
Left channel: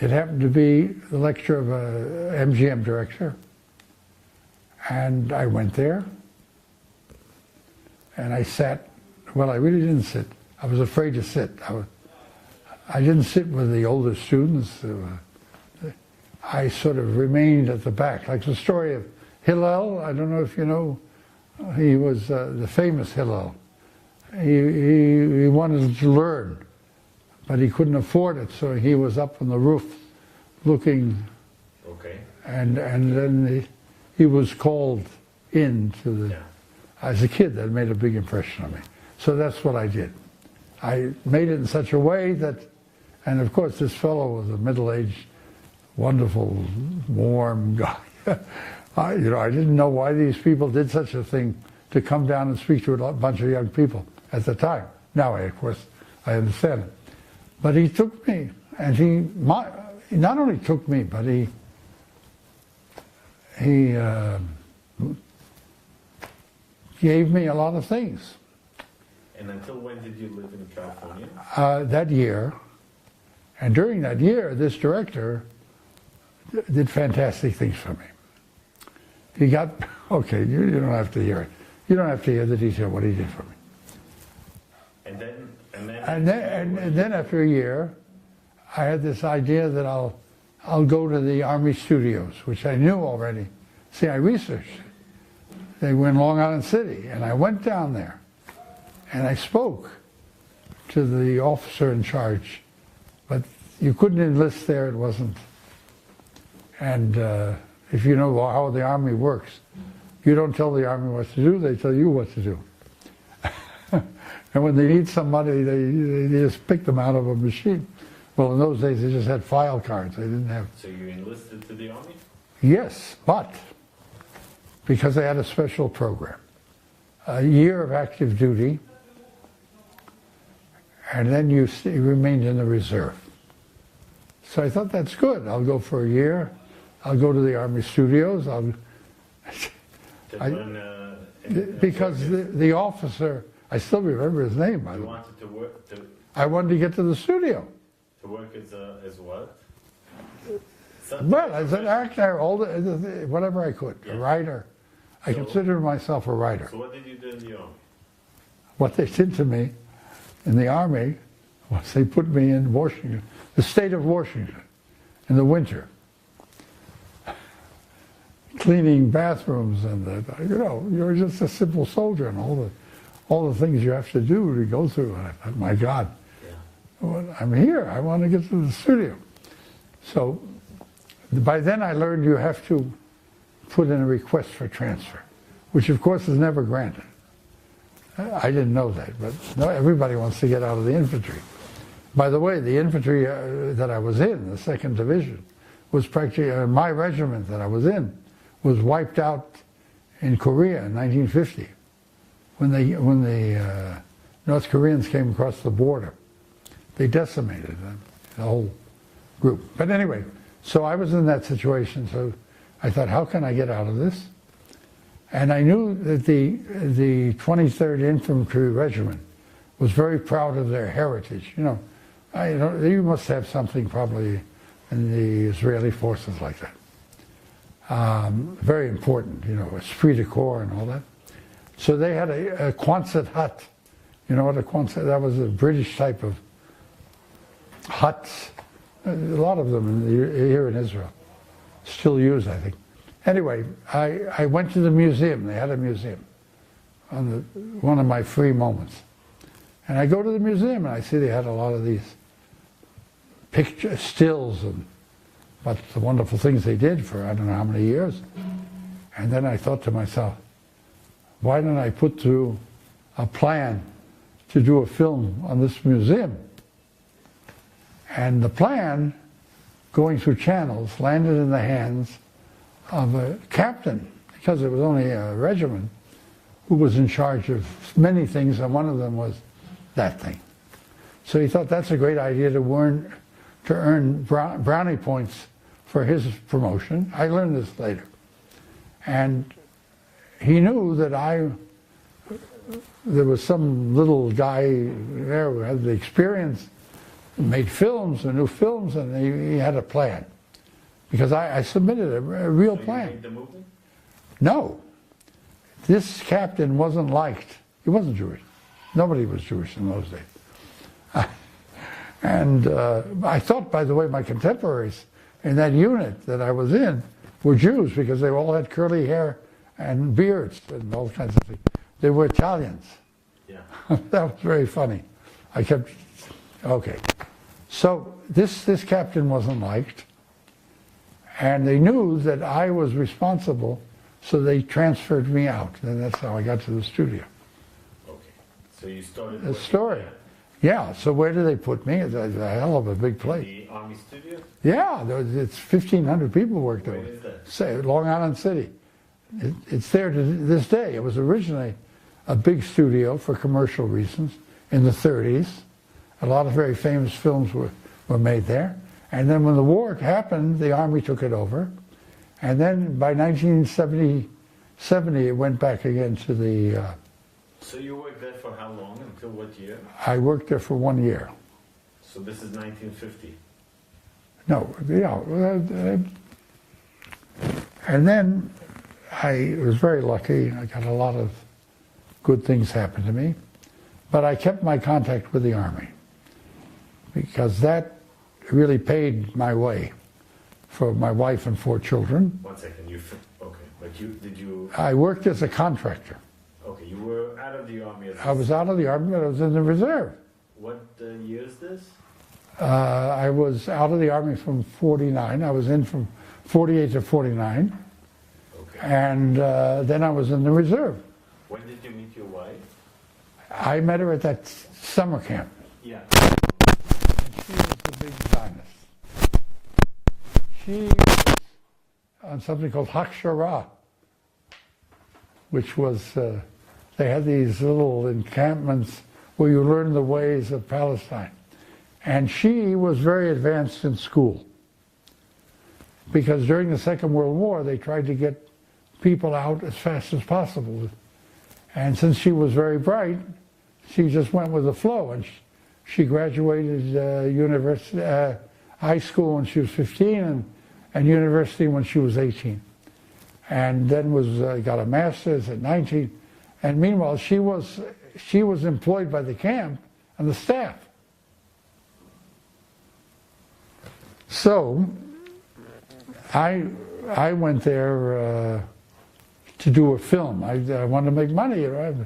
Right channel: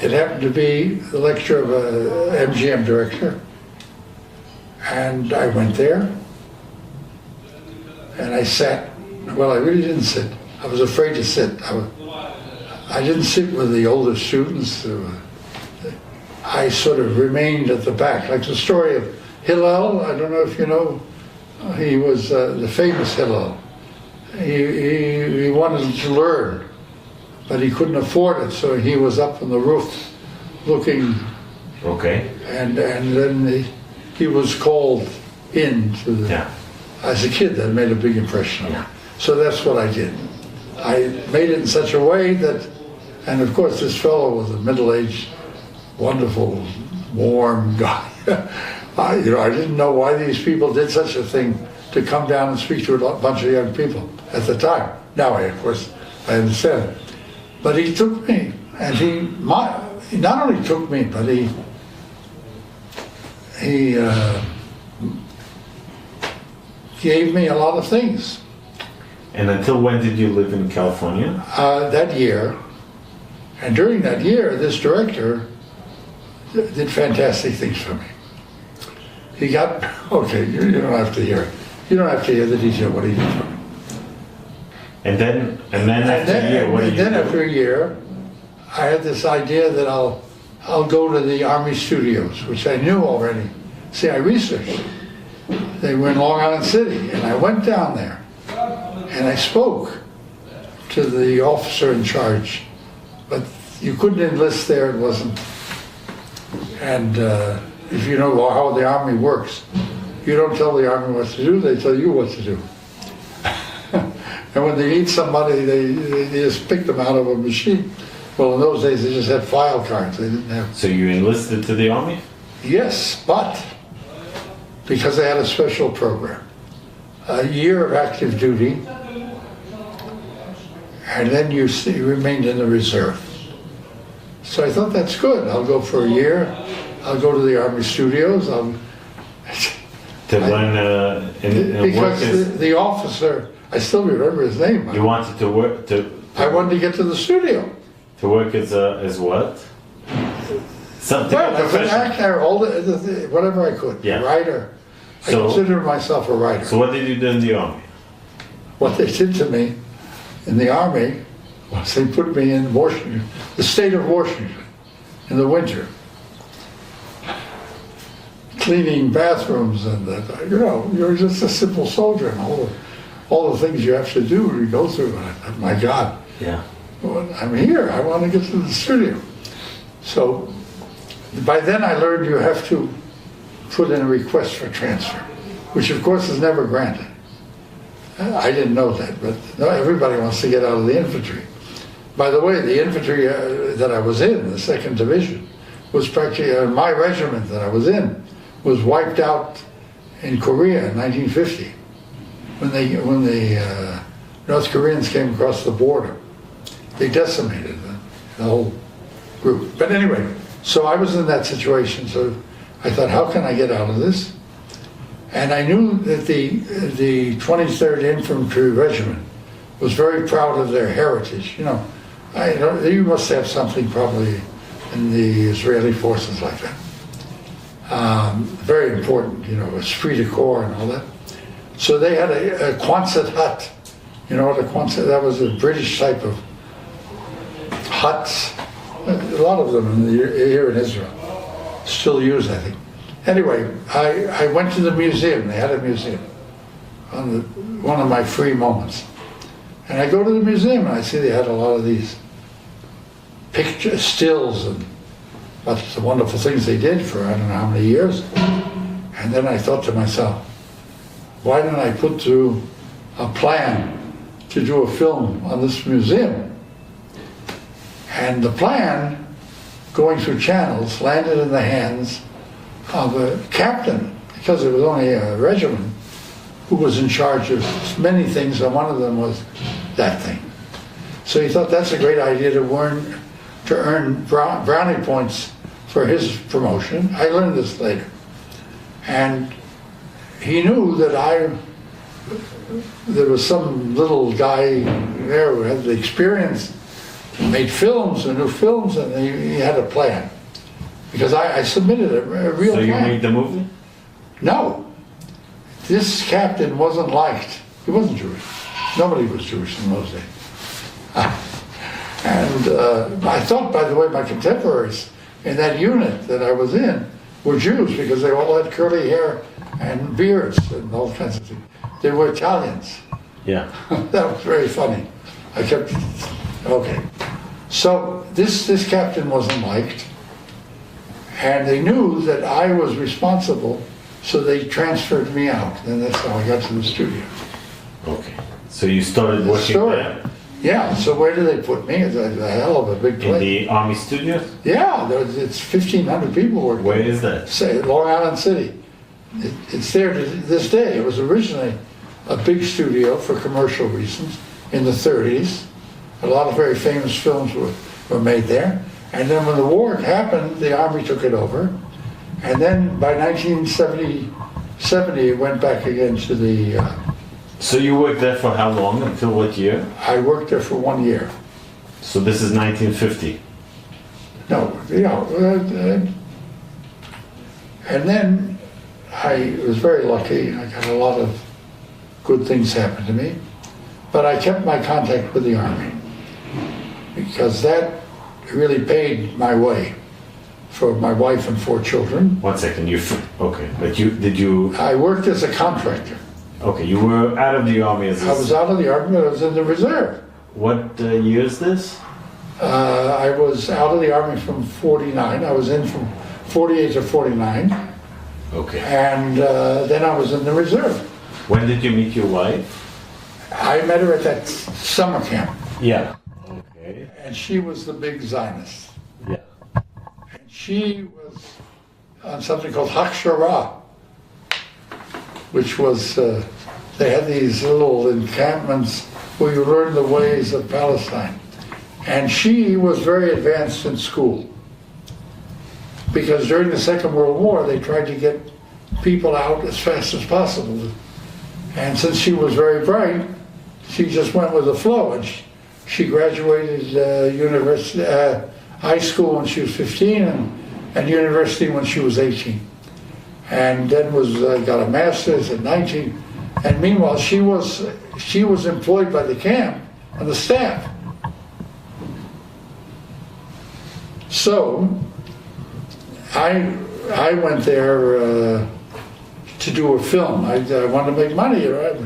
it happened to be the lecture of a MGM director. And I went there, and I sat. Well, I really didn't sit. I was afraid to sit. I didn't sit with the older students. I sort of remained at the back, like the story of Hillel. I don't know if you know. He was the famous Hillel. He wanted to learn, but he couldn't afford it, so he was up on the roof looking. Okay. And then he was called in to the. Yeah. As a kid, that made a big impression on me. Yeah. So that's what I did. I made it in such a way that, and of course this fellow was a middle-aged, wonderful, warm guy. I didn't know why these people did such a thing to come down and speak to a bunch of young people at the time. Now, of course, I understand. But he took me, and he not only took me, but he gave me a lot of things. And until when did you live in California? That year. And during that year, this director did fantastic things for me. He got, okay, you don't have to hear it. You don't have to hear the detail what he did for me. And then after a year, what did you do? After a year, I had this idea that I'll go to the Army studios, which I knew already. See, I researched. They were in Long Island City, and I went down there, and I spoke to the officer in charge, but you couldn't enlist there, it wasn't. And if you know how the Army works, you don't tell the Army what to do, they tell you what to do. And when they need somebody, they just pick them out of a machine. Well, in those days, they just had file cards. They didn't have. So you enlisted to the Army? Yes, but because they had a special program. A year of active duty, and then you remained in the reserve. So I thought, that's good. I'll go for a year. I'll go to the Army studios. To learn because the officer, I still remember his name. You wanted to work I wanted to get to the studio. To work as what? Something. Well, as an actor, whatever I could. Yeah. A writer. I consider myself a writer. So what did you do in the Army? What they did to me in the Army was they put me in Washington, the state of Washington, in the winter, cleaning bathrooms and you're just a simple soldier and all the things you have to do to go through. And my God, yeah, well, I'm here. I want to get to the studio. So by then I learned you have to put in a request for transfer, which of course is never granted. I didn't know that, but no, everybody wants to get out of the infantry. By the way, the infantry that I was in, the 2nd Division, was practically, my regiment that I was in, was wiped out in Korea in 1950 when the North Koreans came across the border. They decimated the whole group. But anyway, so I was in that situation, so I thought, how can I get out of this? And I knew that the 23rd Infantry Regiment was very proud of their heritage. You must have something probably in the Israeli forces like that. Very important, esprit de corps and all that. So they had a Quonset hut. You know what a Quonset? That was a British type of huts. A lot of them here in Israel still used, I think. Anyway, I went to the museum. They had a museum on one of my free moments. And I go to the museum and I see they had a lot of these picture stills and what the wonderful things they did for I don't know how many years. And then I thought to myself, why don't I put through a plan to do a film on this museum? And the plan, going through channels, landed in the hands of a captain, because it was only a regiment, who was in charge of many things, and one of them was that thing. So he thought that's a great idea to earn brownie points for his promotion. I learned this later. And he knew that there was some little guy there who had the experience, made films and new films, and he had a plan. Because I submitted a real plan. So you made the movie? No. This captain wasn't liked. He wasn't Jewish. Nobody was Jewish in those days. And I thought, by the way, my contemporaries in that unit that I was in were Jews because they all had curly hair and beards and all kinds of things. They were Italians. Yeah. That was very funny. I kept, okay. So this captain wasn't liked, and they knew that I was responsible, so they transferred me out, and that's how I got to the studio. Okay. So you started working there? Yeah, so where did they put me? It's a hell of a big place. In the Army studios? Yeah, it's 1,500 people working. Where is that? Long Island City. It's there to this day. It was originally a big studio for commercial reasons in the 30s. A lot of very famous films were made there. And then when the war happened, the Army took it over. And then by 1970, it went back again to the... So you worked there for how long? Until what year? I worked there for 1 year. So this is 1950? No, and then I was very lucky. I got a lot of good things happen to me. But I kept my contact with the Army because that really paid my way for my wife and 4 children. 1 second, okay, but did you... I worked as a contractor. Okay, you were out of the Army as I was out of the Army, but I was in the reserve. What year is this? I was out of the Army from 49. I was in from 48 to 49. Okay. And then I was in the reserve. When did you meet your wife? I met her at that summer camp. Yeah. And she was the big Zionist. Yeah. She was on something called Hakshara, which was, they had these little encampments where you learn the ways of Palestine. And she was very advanced in school. Because during the Second World War, they tried to get people out as fast as possible. And since she was very bright, she just went with the flow. And she graduated high school when she was 15 and university when she was 18. And then got a master's at 19. And meanwhile, she was employed by the camp on the staff. So I went there to do a film. I wanted to make money, right?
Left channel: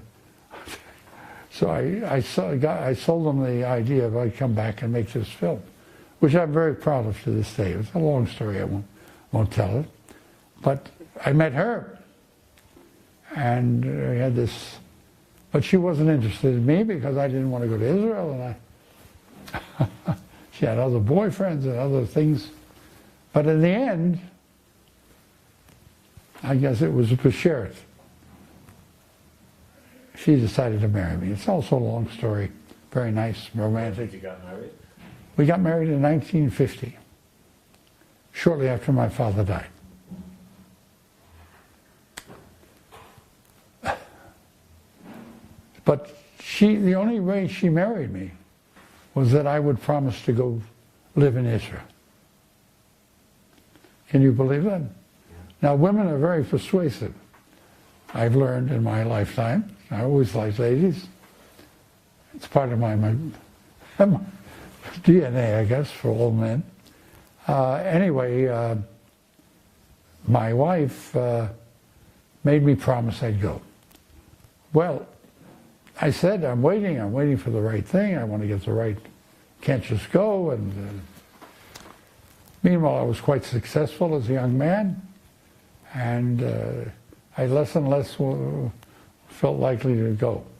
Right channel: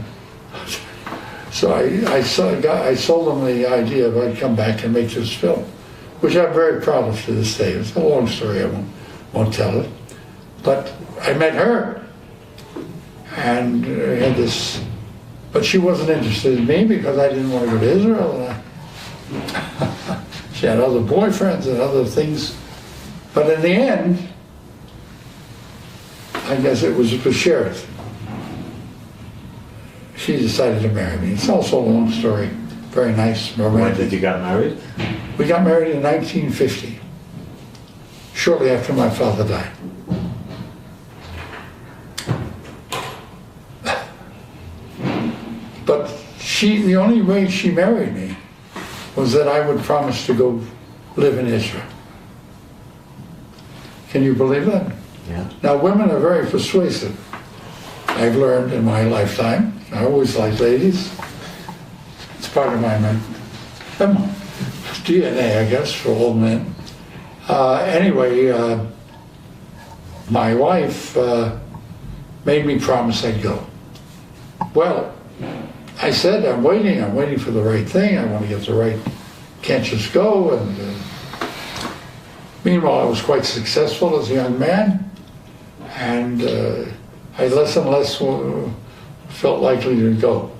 So I sold them the idea of I'd come back and make this film, which I'm very proud of to this day. It's a long story, I won't tell it. But I met her, and had this, but she wasn't interested in me because I didn't want to go to Israel. And she had other boyfriends and other things. But in the end, I guess it was a sheriff. She decided to marry me. It's also a long story, very nice, romantic. When did you get married? We got married in 1950, shortly after my father died. But the only way she married me was that I would promise to go live in Israel. Can you believe that? Yeah. Now, women are very persuasive. I've learned in my lifetime. I always like ladies. It's part of my DNA, I guess, for all men. Anyway, my wife made me promise I'd go. Well, I said, I'm waiting for the right thing. I want to get the right, can't just go. And meanwhile, I was quite successful as a young man, and I less and less felt likely to go.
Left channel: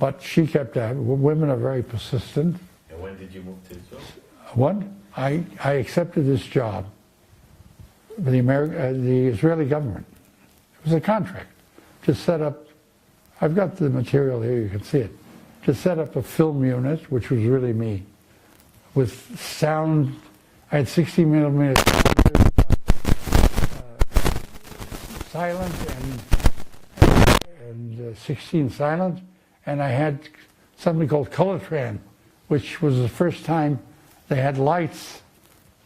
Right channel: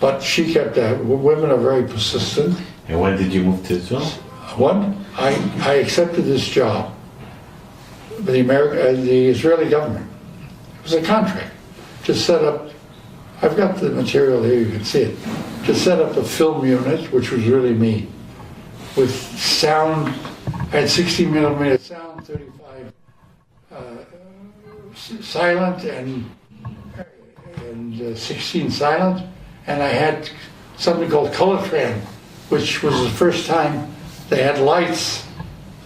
But she kept that. Women are very persistent. And when did you move to Israel? What? I accepted this job with the Israeli government. It was a contract to set up. I've got the material here, you can see it. To set up a film unit, which was really me, with sound. I had 60 millimeter sound silent and 16 silent, and I had something called color tran, which was the first time they had lights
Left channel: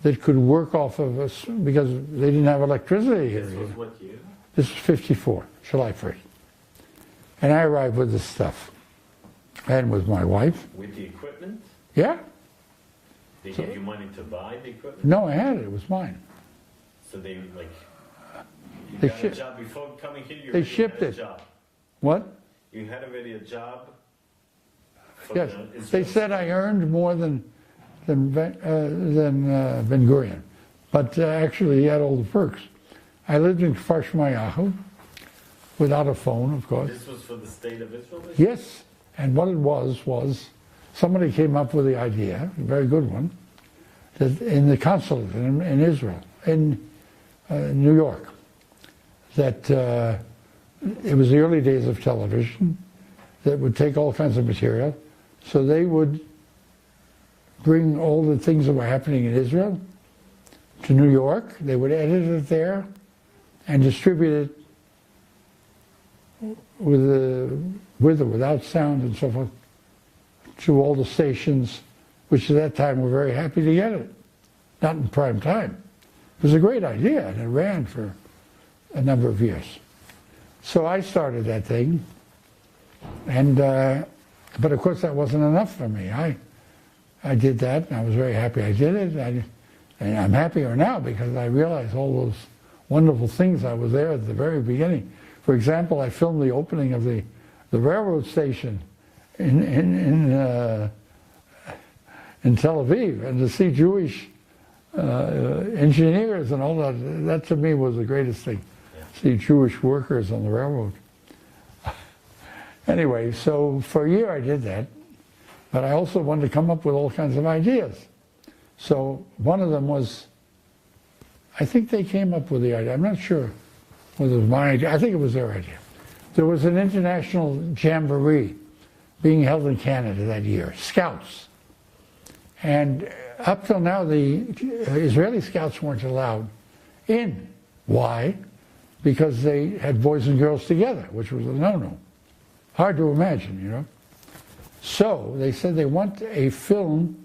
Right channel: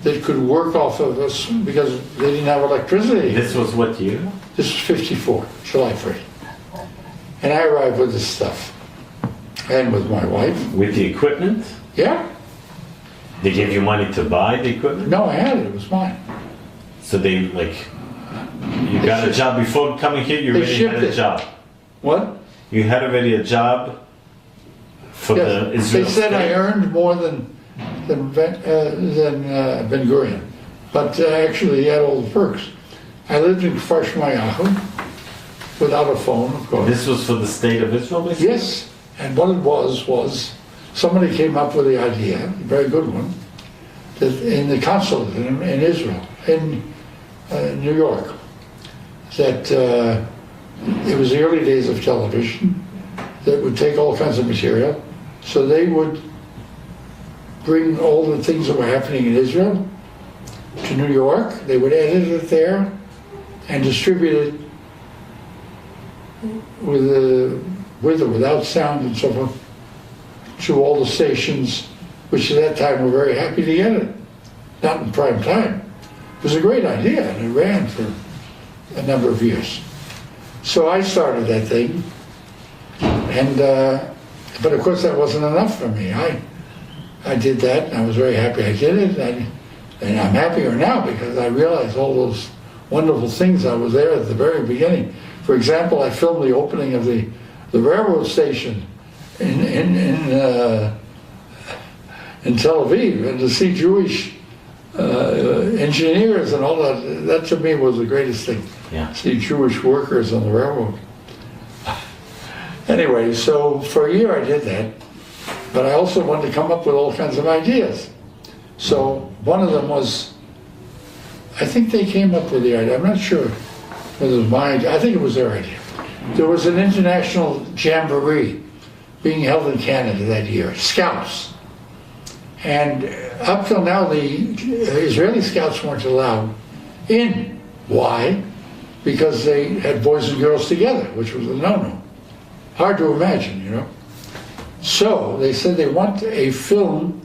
that could work off of us because they didn't have electricity. This was what year? This was 54, July 1st. And I arrived with this stuff. And with my wife. With the equipment? Yeah. They gave you money to buy the equipment? No, I had it. It was mine. So they, like, you got a job before coming here, you already had a job? What? You had already a job for the Israel They said state? I earned more than Ben Gurion. But actually, he had all the perks. I lived in Frisch without a phone, of course. This was for the state of Israel, basically? Yes. And what it was somebody came up with the idea, a very good one, that in the consulate in Israel, in New York, that it was the early days of television that would take all kinds of material. So they would bring all the things that were happening in Israel to New York. They would edit it there and distribute it with or without sound and so forth to all the stations, which at that time were very happy to get it. Not in prime time. It was a great idea, and it ran for a number of years. So I started that thing, and but of course that wasn't enough for me. I did that, and I was very happy I did it, and I'm happier now because I realized all those wonderful things. I was there at the very beginning. For example, I filmed the opening of the railroad station in Tel Aviv, and to see Jewish engineers and all that to me was the greatest thing. Yeah. See Jewish workers on the railroad. Anyway, so for a year I did that, but I also wanted to come up with all kinds of ideas. So one of them was, I think they came up with the idea, I'm not sure whether it was my idea, I think it was their idea. There was an international jamboree being held in Canada that year, Scouts. And up till now, the Israeli Scouts weren't allowed in. Why? Because they had boys and girls together, which was a no-no. Hard to imagine, you know. So they said they want a film,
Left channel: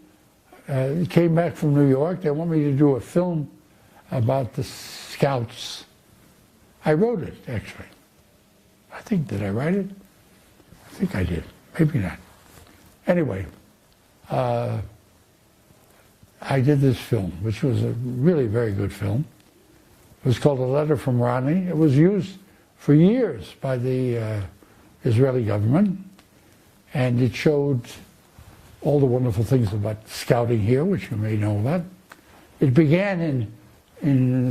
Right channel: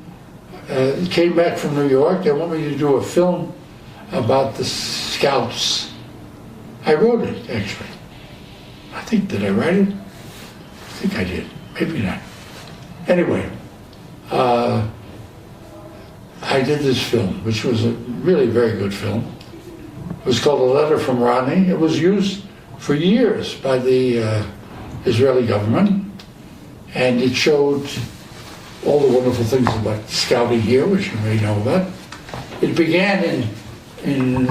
came back from New York, they want me to do a film about the Scouts. I wrote it, actually. I think, did I write it? I think I did, maybe not. Anyway, I did this film, which was a really very good film. It was called A Letter from Rodney. It was used for years by the Israeli government, and it showed all the wonderful things about scouting here, which you may know about. It began in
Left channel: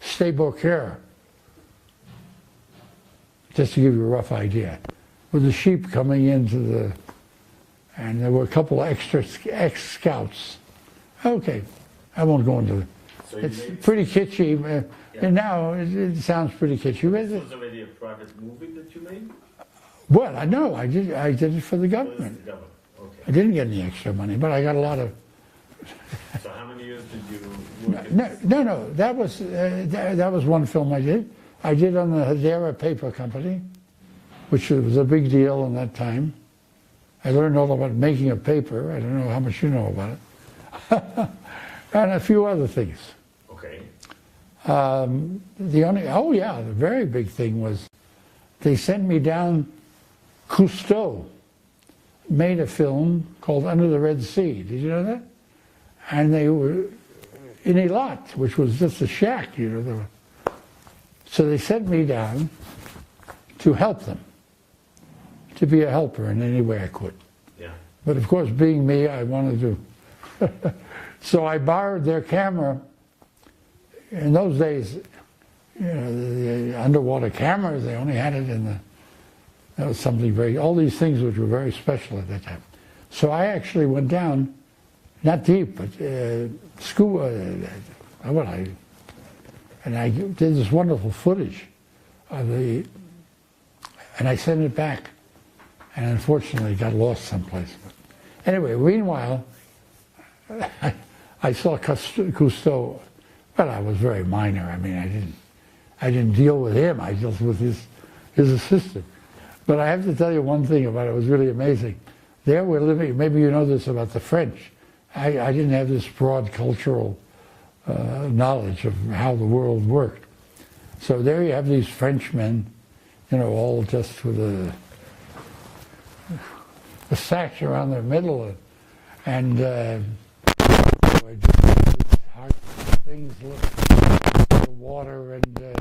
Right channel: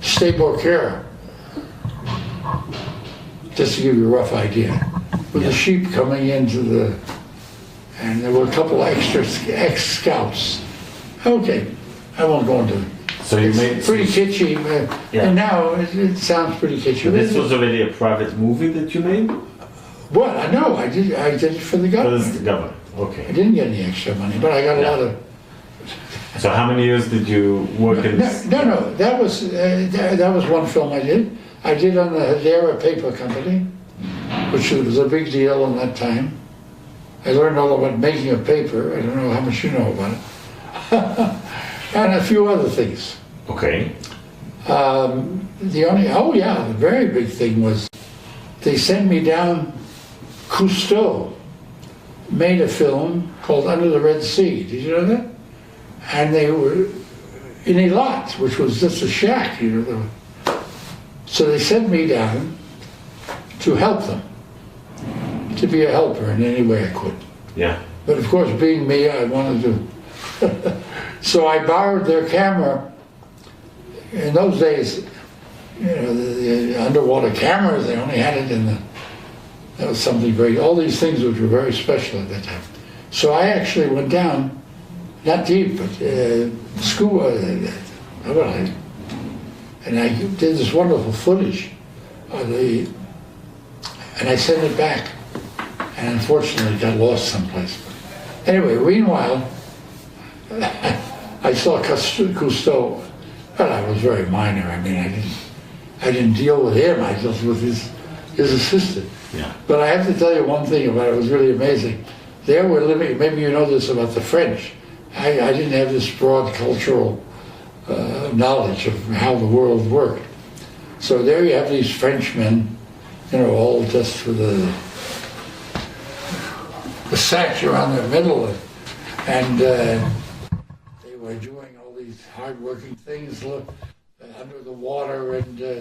Sde-Boker, just to give you a rough idea, with the sheep coming into and there were a couple of extra ex-scouts. Okay, I won't go into it. So you made pretty kitschy, and now it sounds pretty kitschy. So this was already a private movie that you made? Well, I know, I did it for the government. For the government, okay. I didn't get any extra money, but I got a lot of... So how many years did you work in this? No, that was one film I did. I did on the Hadera Paper Company, which was a big deal in that time. I learned all about making a paper. I don't know how much you know about it. And a few other things. Okay. The very big thing was they sent me down. Cousteau made a film called Under the Red Sea. Did you know that? And they were in Eilat, which was just a shack, you know. So they sent me down to help them, to be a helper in any way I could. Yeah. But of course, being me, I wanted to. So I borrowed their camera. In those days, you know, the underwater cameras, they only had it in the, that was something all these things which were very special at that time. So I actually went down, not deep, but scuba, and I did this wonderful footage of and I sent it back, and unfortunately it got lost someplace. Anyway, meanwhile, I saw Cousteau, but I was very minor. I mean, I didn't deal with him, I dealt with his assistant. Yeah. But I have to tell you one thing about it, it was really amazing. There we're living, maybe you know this about the French. I didn't have this broad cultural knowledge of how the world worked. So there you have these Frenchmen, you know, all just with the sash around their middle, and we're doing these hard-working things, look, under the water, and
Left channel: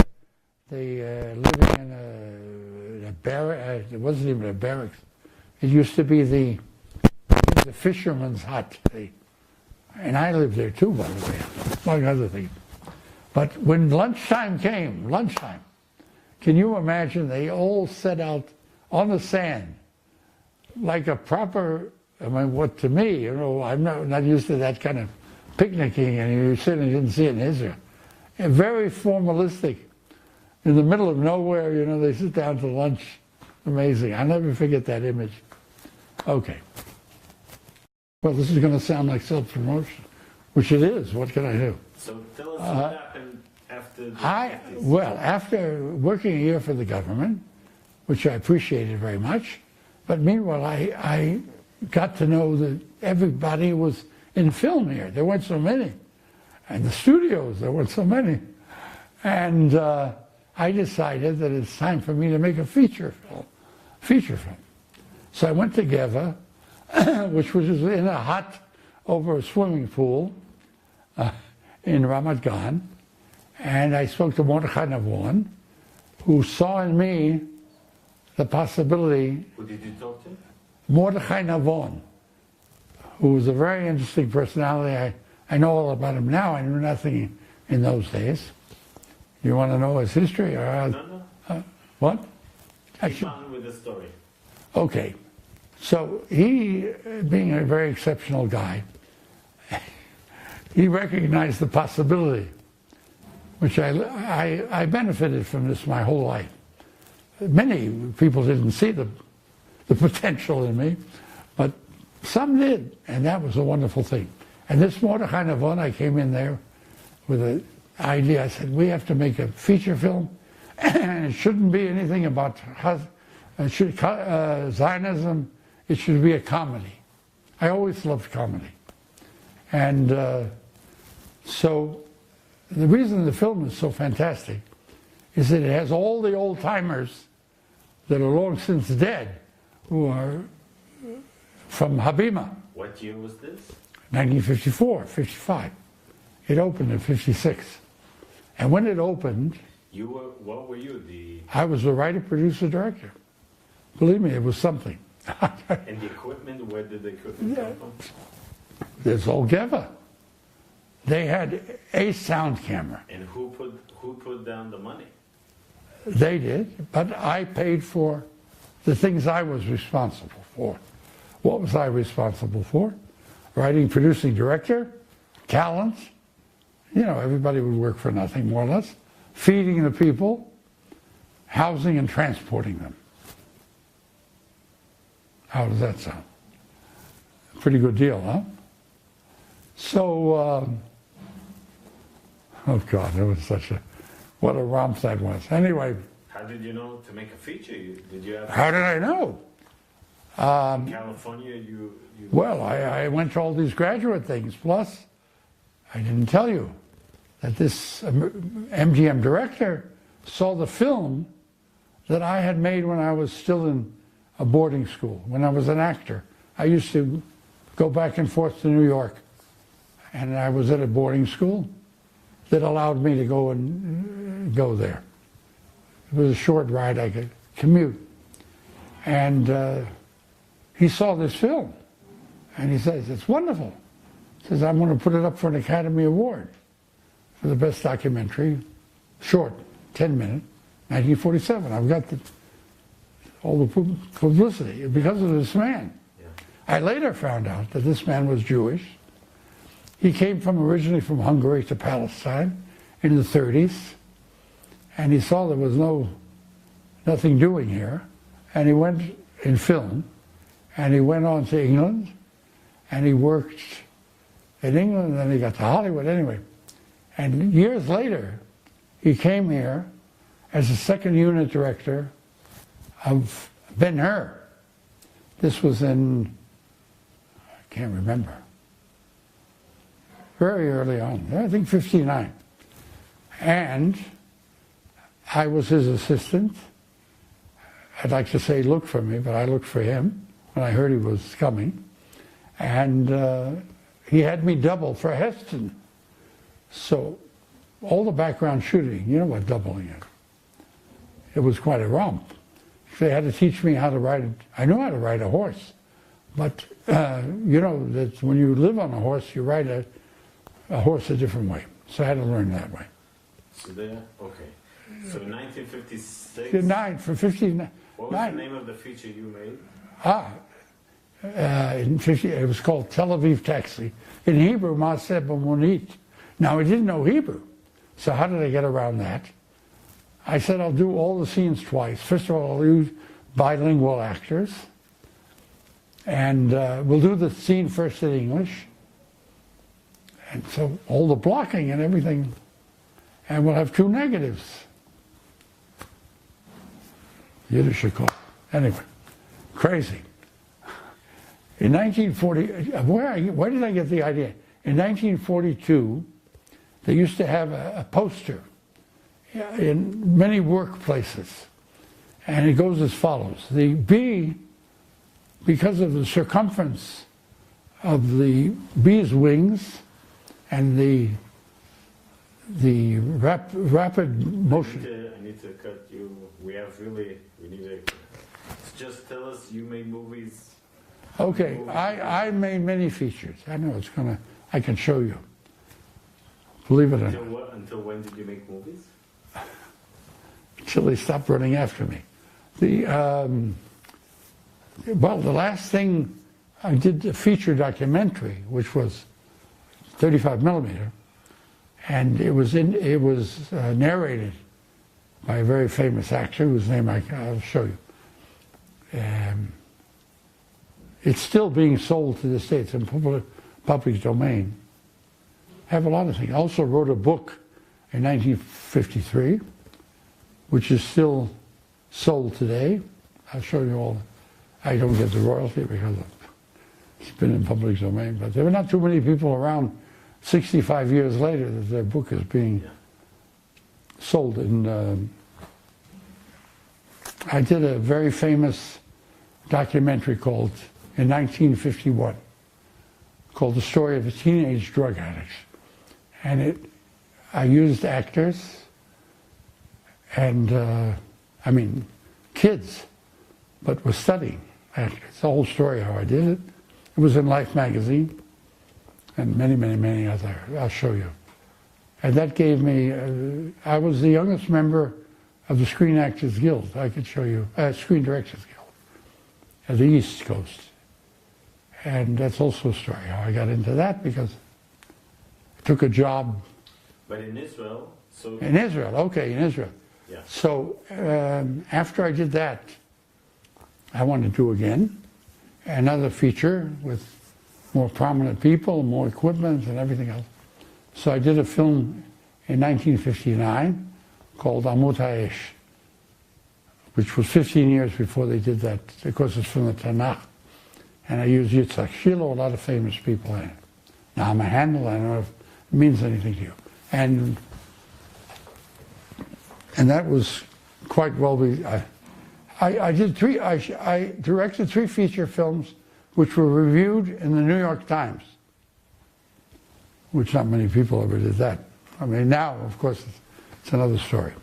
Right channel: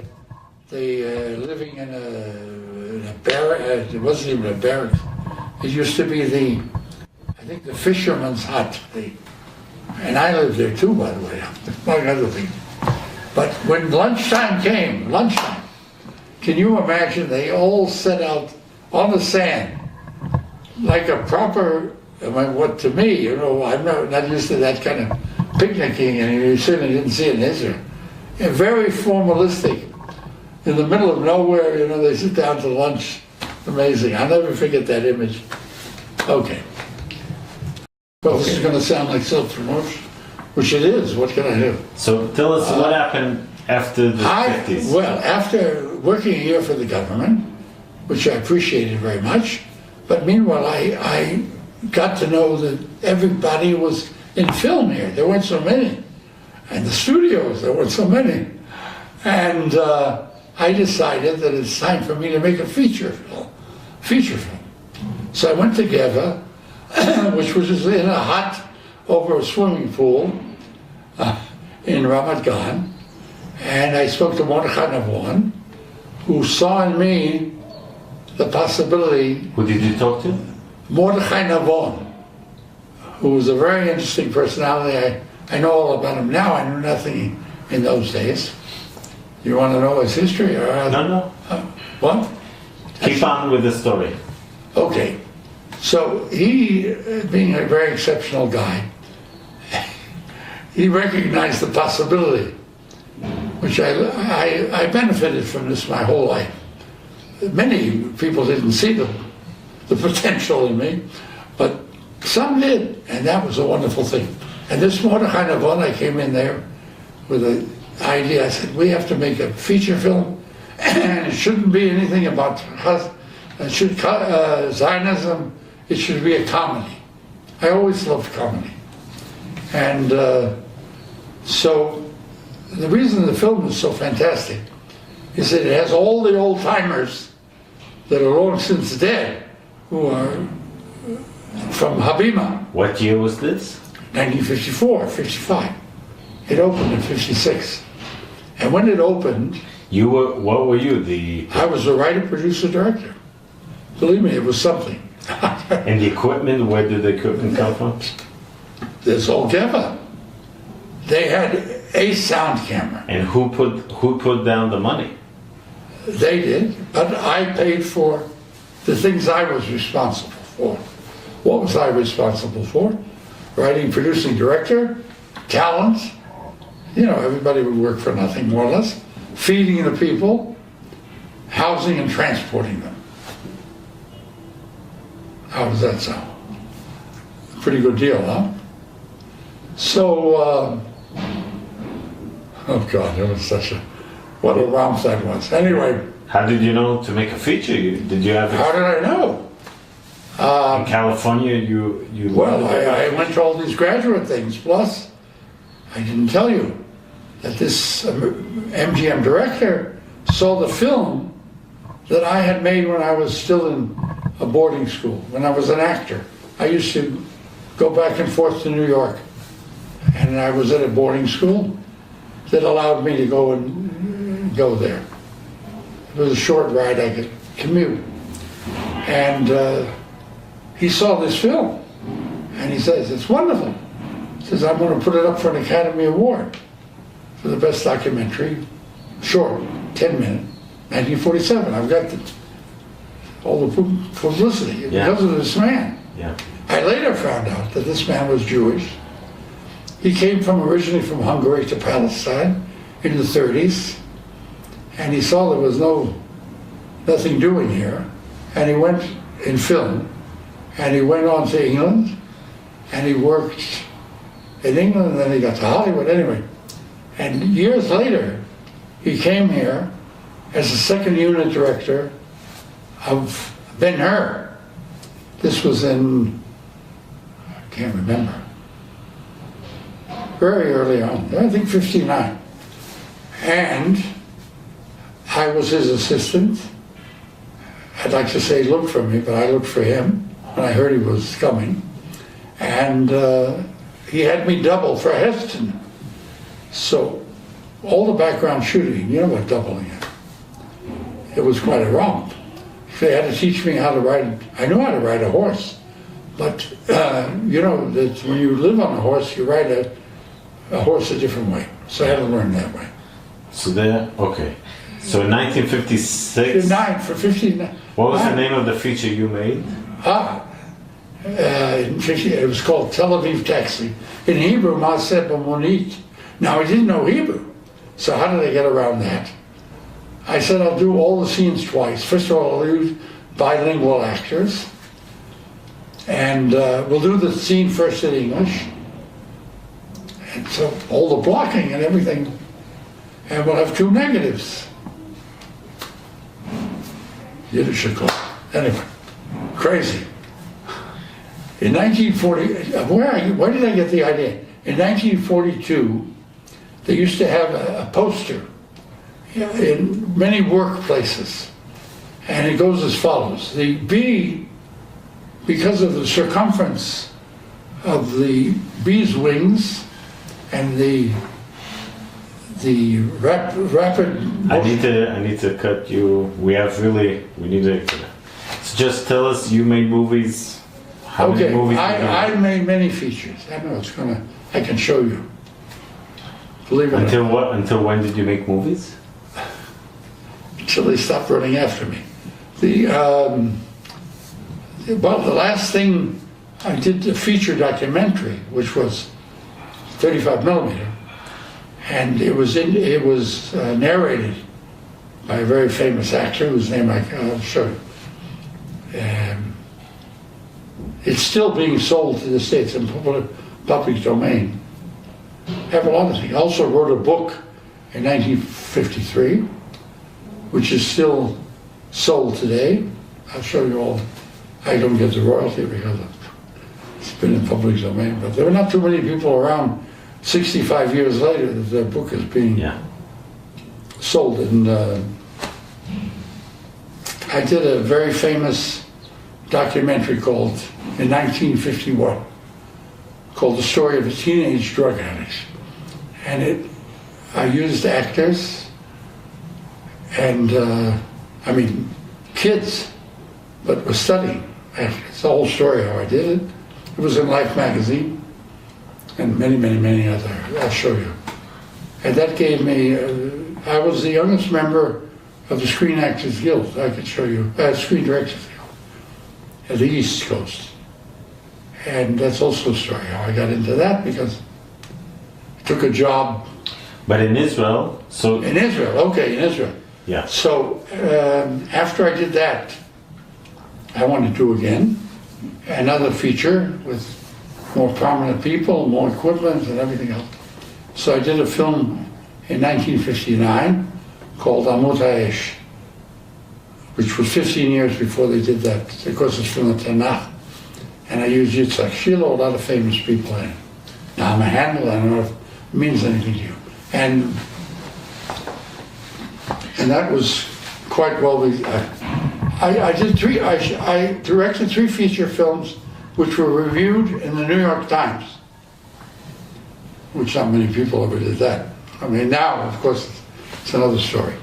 they living in a barrack. It wasn't even a barrack. It used to be the fisherman's hut. And I lived there too, by the way, among other things. But when lunchtime came, can you imagine they all set out on the sand like a proper, I mean, what to me, you know, I'm not used to that kind of picnicking, and you certainly didn't see it in Israel. And very formalistic. In the middle of nowhere, you know, they sit down to lunch. Amazing. I'll never forget that image. Okay. Well, this is going to sound like self-promotion, which it is. What can I do? So tell us what happened after the 50s. Well, after working a year for the government, which I appreciated very much, but meanwhile I got to know that everybody was in film here. There weren't so many. And the studios, there weren't so many. And I decided that it's time for me to make a feature film. So I went to Geva, which was in a hut over a swimming pool in Ramat Gan, and I spoke to Mordechai Navon, who saw in me the possibility. Who did you talk to? Mordechai Navon, who was a very interesting personality. I know all about him now. I knew nothing in those days. You want to know his history? Or No. What? Keep on with the story. Okay. So he, being a very exceptional guy, he recognized the possibility, which I benefited from this my whole life. Many people didn't see the potential in me, but some did, and that was a wonderful thing. And this Mordechai Navon, I came in there with an idea. I said, we have to make a feature film, and it shouldn't be anything about Zionism. It should be a comedy. I always loved comedy. And so the reason the film is so fantastic is that it has all the old timers that are long since dead, who are from Habima. What year was this? 1954, 55. It opened in 56. And when it opened... What were you? I was a writer, producer, director. Believe me, it was something. And the equipment, where did the equipment come from? There's all Geva. They had a sound camera. And who put down the money? They did, but I paid for the things I was responsible for. What was I responsible for? Writing, producing, director, talent. You know, everybody would work for nothing, more or less. Feeding the people, housing and transporting them. How does that sound? Pretty good deal, huh? So, oh God, it was what a romp that was. Anyway. How did you know to make a feature? Did you have? How did I know? In California, you. Well, I went to all these graduate things. Plus, I didn't tell you that this MGM director saw the film that I had made when I was still in a boarding school, when I was an actor. I used to go back and forth to New York, and I was at a boarding school that allowed me to go there. It was a short ride, I could commute. And he saw this film, and he says, it's wonderful. He says, I'm going to put it up for an Academy Award for the best documentary, short, 10-minute, 1947. I've got all the publicity because of this man. Yeah. I later found out that this man was Jewish. He came originally from Hungary to Palestine in the 30s, and he saw there was nothing doing here, and he went in film, and he went on to England, and he worked in England, and then he got to Hollywood anyway. And years later, he came here as the second unit director of Ben-Hur. This was in, I can't remember, very early on, I think 59. And I was his assistant. I'd like to say look for me, but I looked for him when I heard he was coming. And he had me double for Heston. So all the background shooting, you know what doubling is. It was quite a romp. They had to teach me how to ride. I knew how to ride a horse, but you know that when you live on a horse, you ride a horse a different way. So I had to learn that way. So there, okay. So in 1956. 59 for 59. What was the name of the feature you made? It was called Tel Aviv Taxi. In Hebrew, Maaseh B'monit. Now I didn't know Hebrew, so how did I get around that? I said I'll do all the scenes twice. First of all, I'll use bilingual actors, and we'll do the scene first in English, and so all the blocking and everything, and we'll have two negatives. Yiddish. Anyway, crazy. In 1940, where did I get the idea? In 1942, they used to have a poster in many workplaces, and it goes as follows. The bee, because of the circumference of the bee's wings and the rapid I need to cut you. We need to. So just tell us, you made movies. How many movies? I made many features. I know I can show you. Believe it or not. Until what? Until when did you make movies? Until they stopped running after me. The last thing I did, the feature documentary, which was 35 millimeter, and it was narrated by a very famous actor whose name I'll show you. It's still being sold to the States in public domain. I have a lot of things. I also wrote a book in 1953, which is still sold today. I'll show you all. I don't get the royalty because it's been in public domain, but there are not too many people around 65 years later that their book is being sold. And I did a very famous documentary called, in 1951, called The Story of a Teenage Drug Addict. And I used actors and, kids, but was studying actors. It's the whole story how I did it. It was in Life magazine and many, many, many other. I'll show you. And that gave me, I was the youngest member of the Screen Actors Guild. I could show you, Screen Directors Guild at the East Coast. And that's also a story how I got into that, because I took a job. But in Israel, so... In Israel, okay, in Israel. Yeah. So after I did that, I wanted to do again another feature with more prominent people, more equipment and everything else. So I did a film in 1959 called Amadeus, which was 15 years before they did that. Of course, it's from the Tanakh. And I used Yitzhak Shilo, a lot of famous people in it. Now I'm a handle, I don't know if it means anything to you. And that was quite well. I directed 3 feature films which were reviewed in the New York Times, which not many people ever did that. I mean, now, of course, it's another story.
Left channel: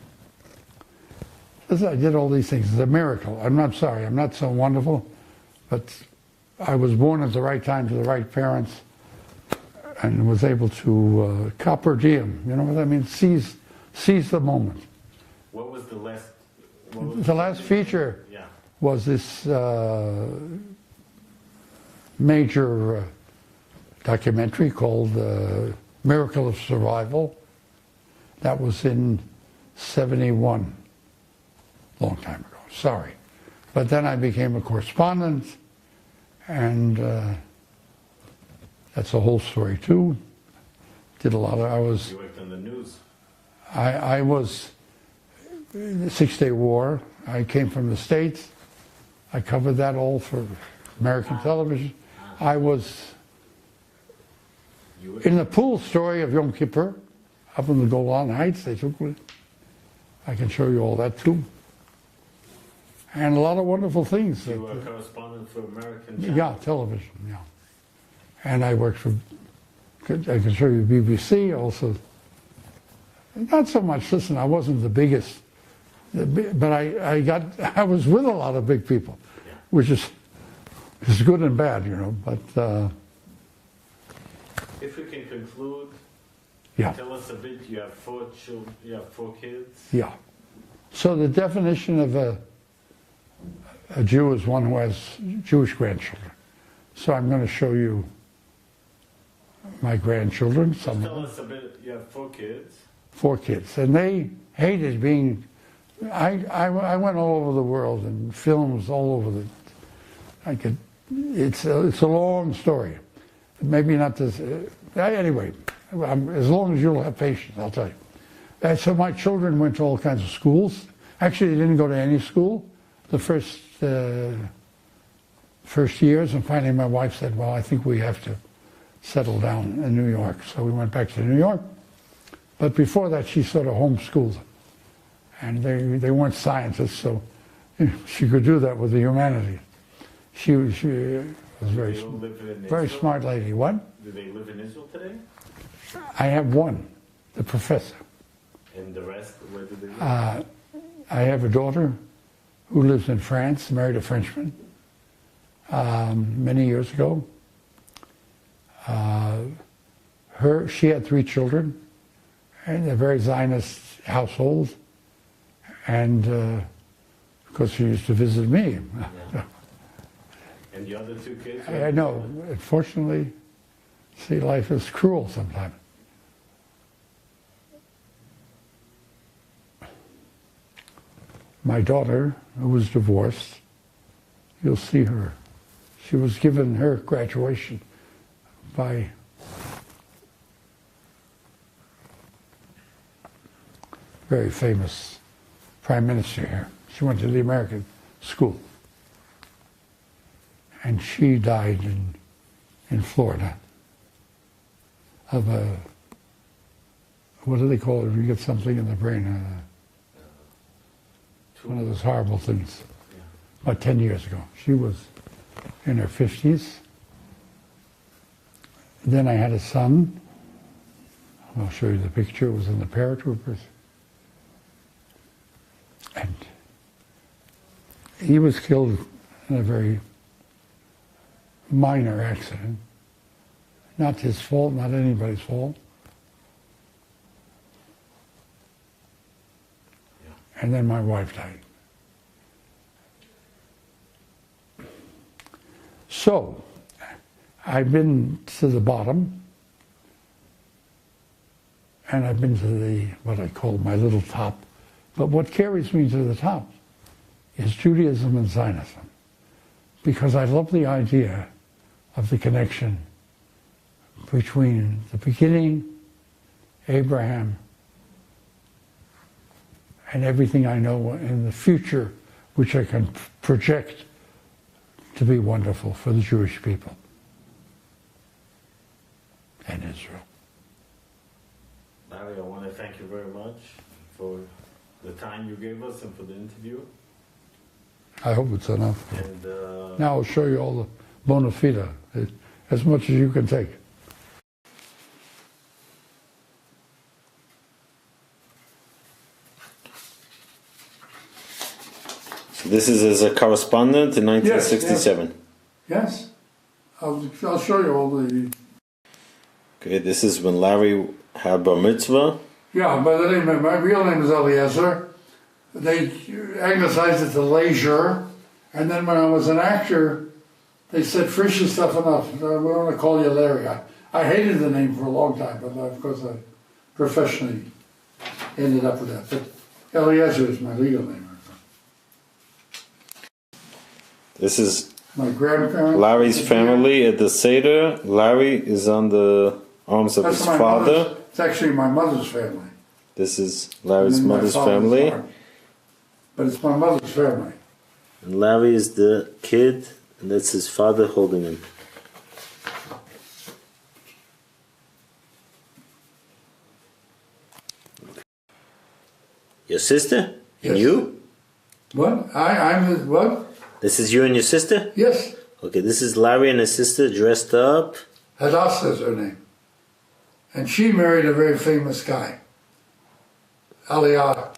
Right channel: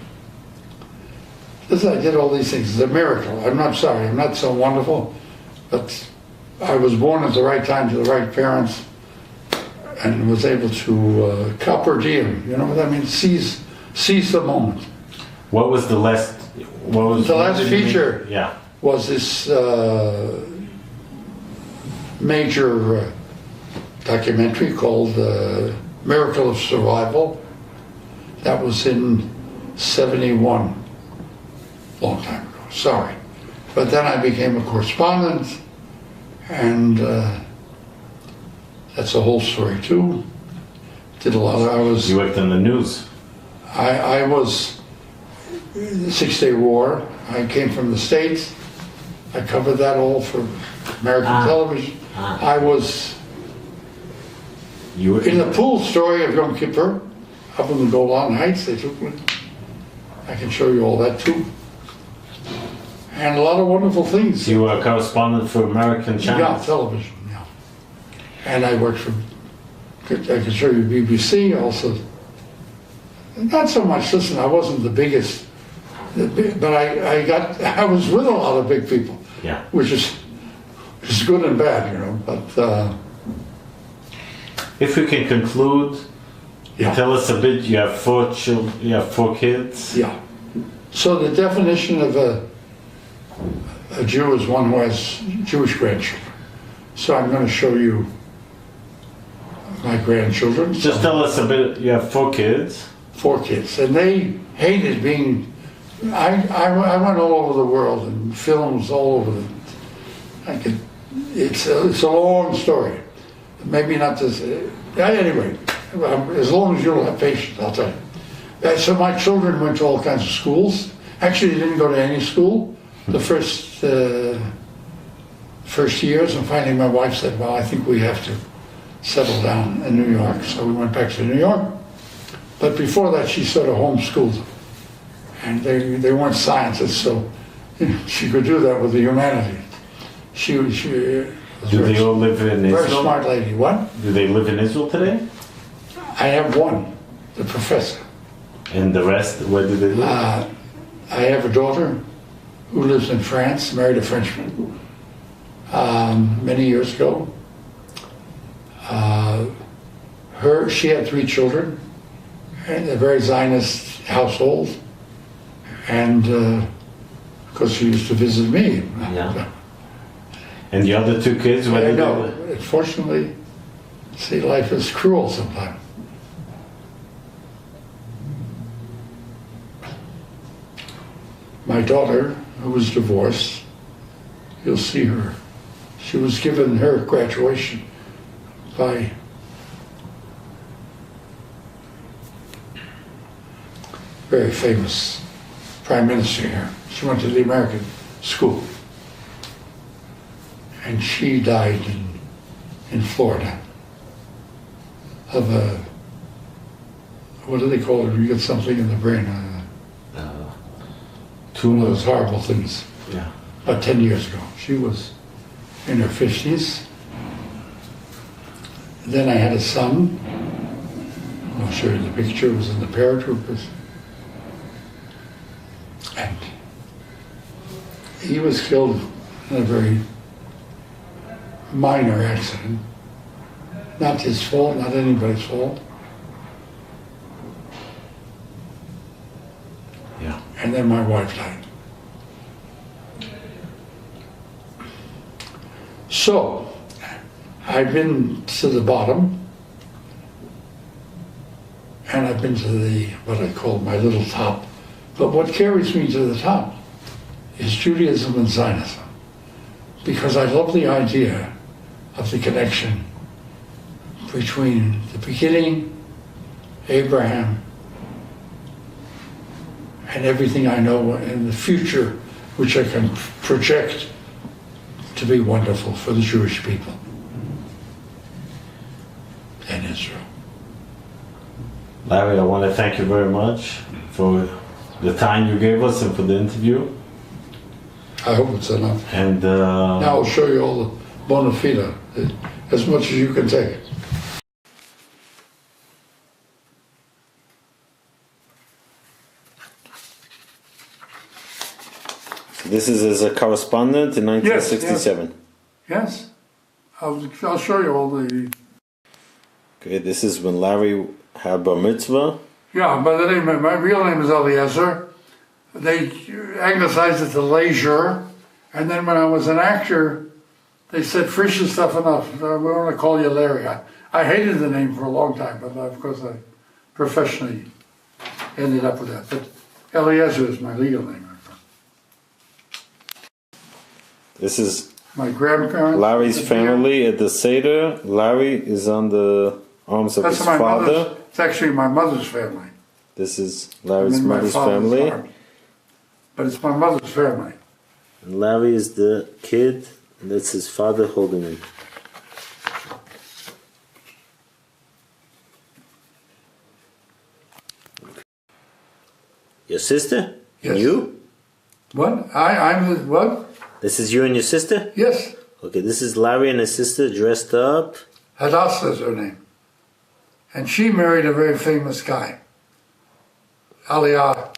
Listen, I did all these things. It's a miracle. I'm not sorry. I'm not so wonderful, but I was born at the right time to the right parents and was able to copper diem. You know what I mean? Seize the moment. What was the last? The last feature was this major documentary called Miracle of Survival. That was in 71, long time ago, sorry. But then I became a correspondent, and that's a whole story too. Did a lot of, You worked in the news. I was the Six-Day War. I came from the States. I covered that all for American television. I was in the pool story of Yom Kippur, up in the Golan Heights. They took me. I can show you all that too. And a lot of wonderful things. You were a correspondent for American channels? Yeah, television, yeah. And I worked for, I can show you BBC also. Not so much, listen, I wasn't the biggest, but I was with a lot of big people. Yeah. Which is good and bad, you know, but... if we can conclude, yeah. Tell us a bit, you have 4 children, you have 4 kids? Yeah. So the definition of a Jew is one who has Jewish grandchildren. So I'm going to show you my grandchildren. Just tell us a bit, you have 4 kids? 4 kids. And they hated being, I went all over the world and films all over it's a long story. Maybe not this, anyway, as long as you'll have patience, I'll tell you. So my children went to all kinds of schools. Actually, they didn't go to any school the first years, and finally my wife said, well, I think we have to settle down in New York. So we went back to New York. But before that, she sort of homeschooled them. And they weren't scientists, so you know, she could do that with the humanities. She was Do they all live in Israel? very smart lady. What? Do they live in Israel today? I have one, the professor. And the rest, where do they live? I have a daughter who lives in France, married a Frenchman many years ago. She had 3 children, and a very Zionist household, and because she used to visit me. Yeah. And the other 2 kids, where I do they know. live? Unfortunately, see, life is cruel sometimes. My daughter, who was divorced, you'll see her. She was given her graduation by very famous prime minister here. She went to the American school. And she died in Florida of a, what do they call it when you get something in the brain? One of those horrible things. Yeah. About 10 years ago. She was in her 50s. Then I had a son. I'll show you the picture. It was in the paratroopers. And he was killed in a very minor accident. Not his fault, not anybody's fault. Yeah. And then my wife died. So, I've been to the bottom, and I've been to the, what I call my little top. But what carries me to the top is Judaism and Zionism. Because I love the idea of the connection between the beginning, Abraham, and everything I know in the future, which I can project to be wonderful for the Jewish people and Israel. Larry, I want to thank you very much for the time you gave us and for the interview. I hope it's enough. And now I'll show you all the bona fide, as much as you can take. this is as a correspondent in 1967. Yes. I'll show you all the... Okay, this is when Larry had bar mitzvah. Yeah, by the name, my real name is Eliezer. They anglicized it to Leisure, and then when I was an actor, they said Frisch is tough enough. We want to call you Larry. I hated the name for a long time, but of course I professionally ended up with that. But Eliezer is my legal name. This is my grandparents. Larry's family at the Seder. Larry is on the arms of his father. It's actually my mother's family. This is Larry's mother's family. but it's my mother's family. And Larry is the kid, and that's his father holding him. Your sister? Yes. And you? What? I'm the, what? This is you and your sister? Yes. Okay, this is Larry and his sister dressed up. Hadassah is her name. And she married a very famous guy. Aliyah.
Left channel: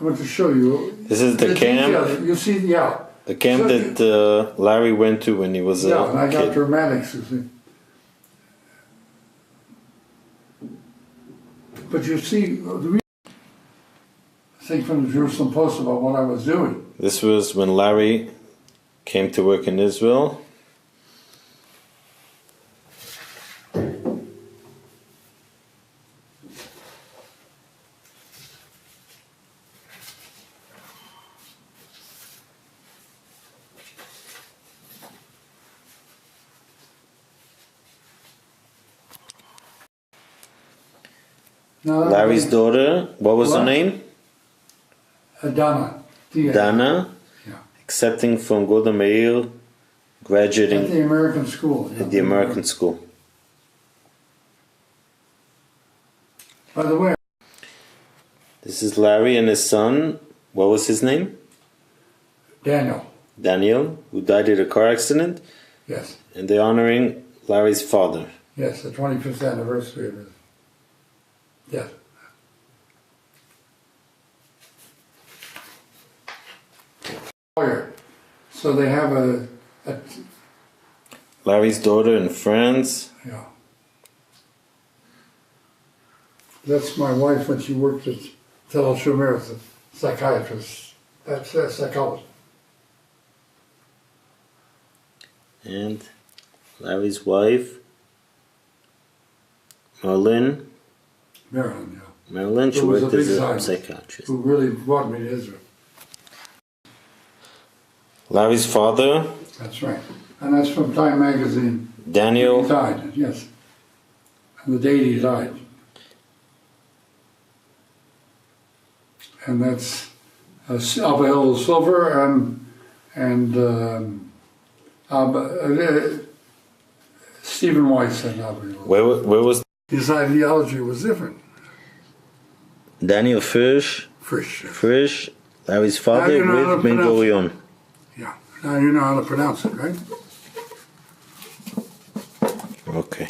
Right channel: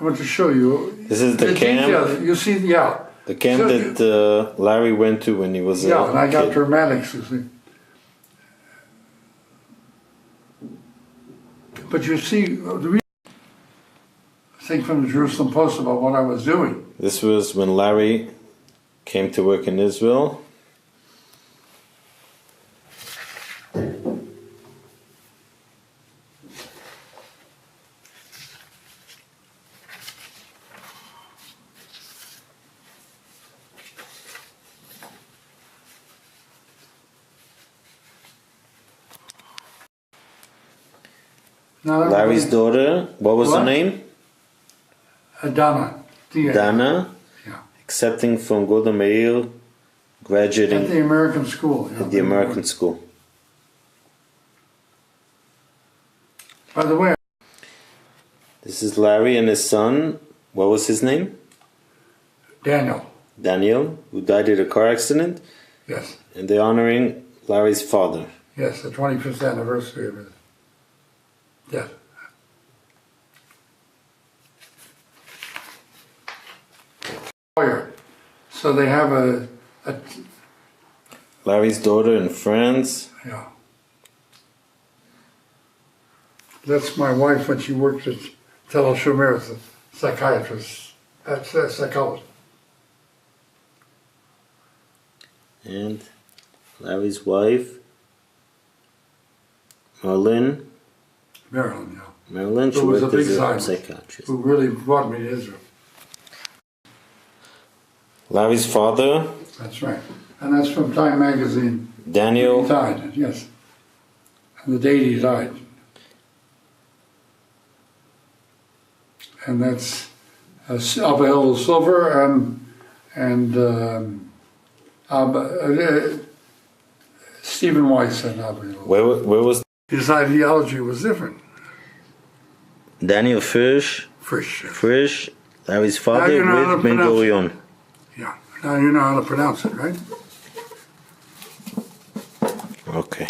I want to show you. This is the camp. Detail. You see, yeah. The camp that Larry went to when he was a and I got kid. dramatics, you see. But you see, the thing from the Jerusalem Post about what I was doing. This was when Larry came to work in Israel. Larry's daughter, what was her name? Dana. Dana, Yeah. accepting from Golda Meir, graduating At the American school. at the American school. By the way, This is Larry and his son. What was his name? Daniel. Daniel, who died in a car accident. Yes. And they're honoring Larry's father. Yes, the 25th anniversary of his death. So they have a Larry's daughter in France. yeah. That's my wife when she worked at Tel Aviv as a psychiatrist, that's a psychologist. And Larry's wife, Marilyn, Marilyn, yeah. Marilyn, she Who was a worked as big a Zionist, psychiatrist. who really brought me to Israel. Larry's father, That's right. And that's from Time magazine. Daniel, He died, yes. And the date he died. And that's Abel Silver and Stephen Weiss and Abel. where was His ideology was different. Daniel Frisch, Frisch. Larry's father you know how with to Ben pronounce it. Gurion. Yeah. Now you know how to pronounce it, right? Okay.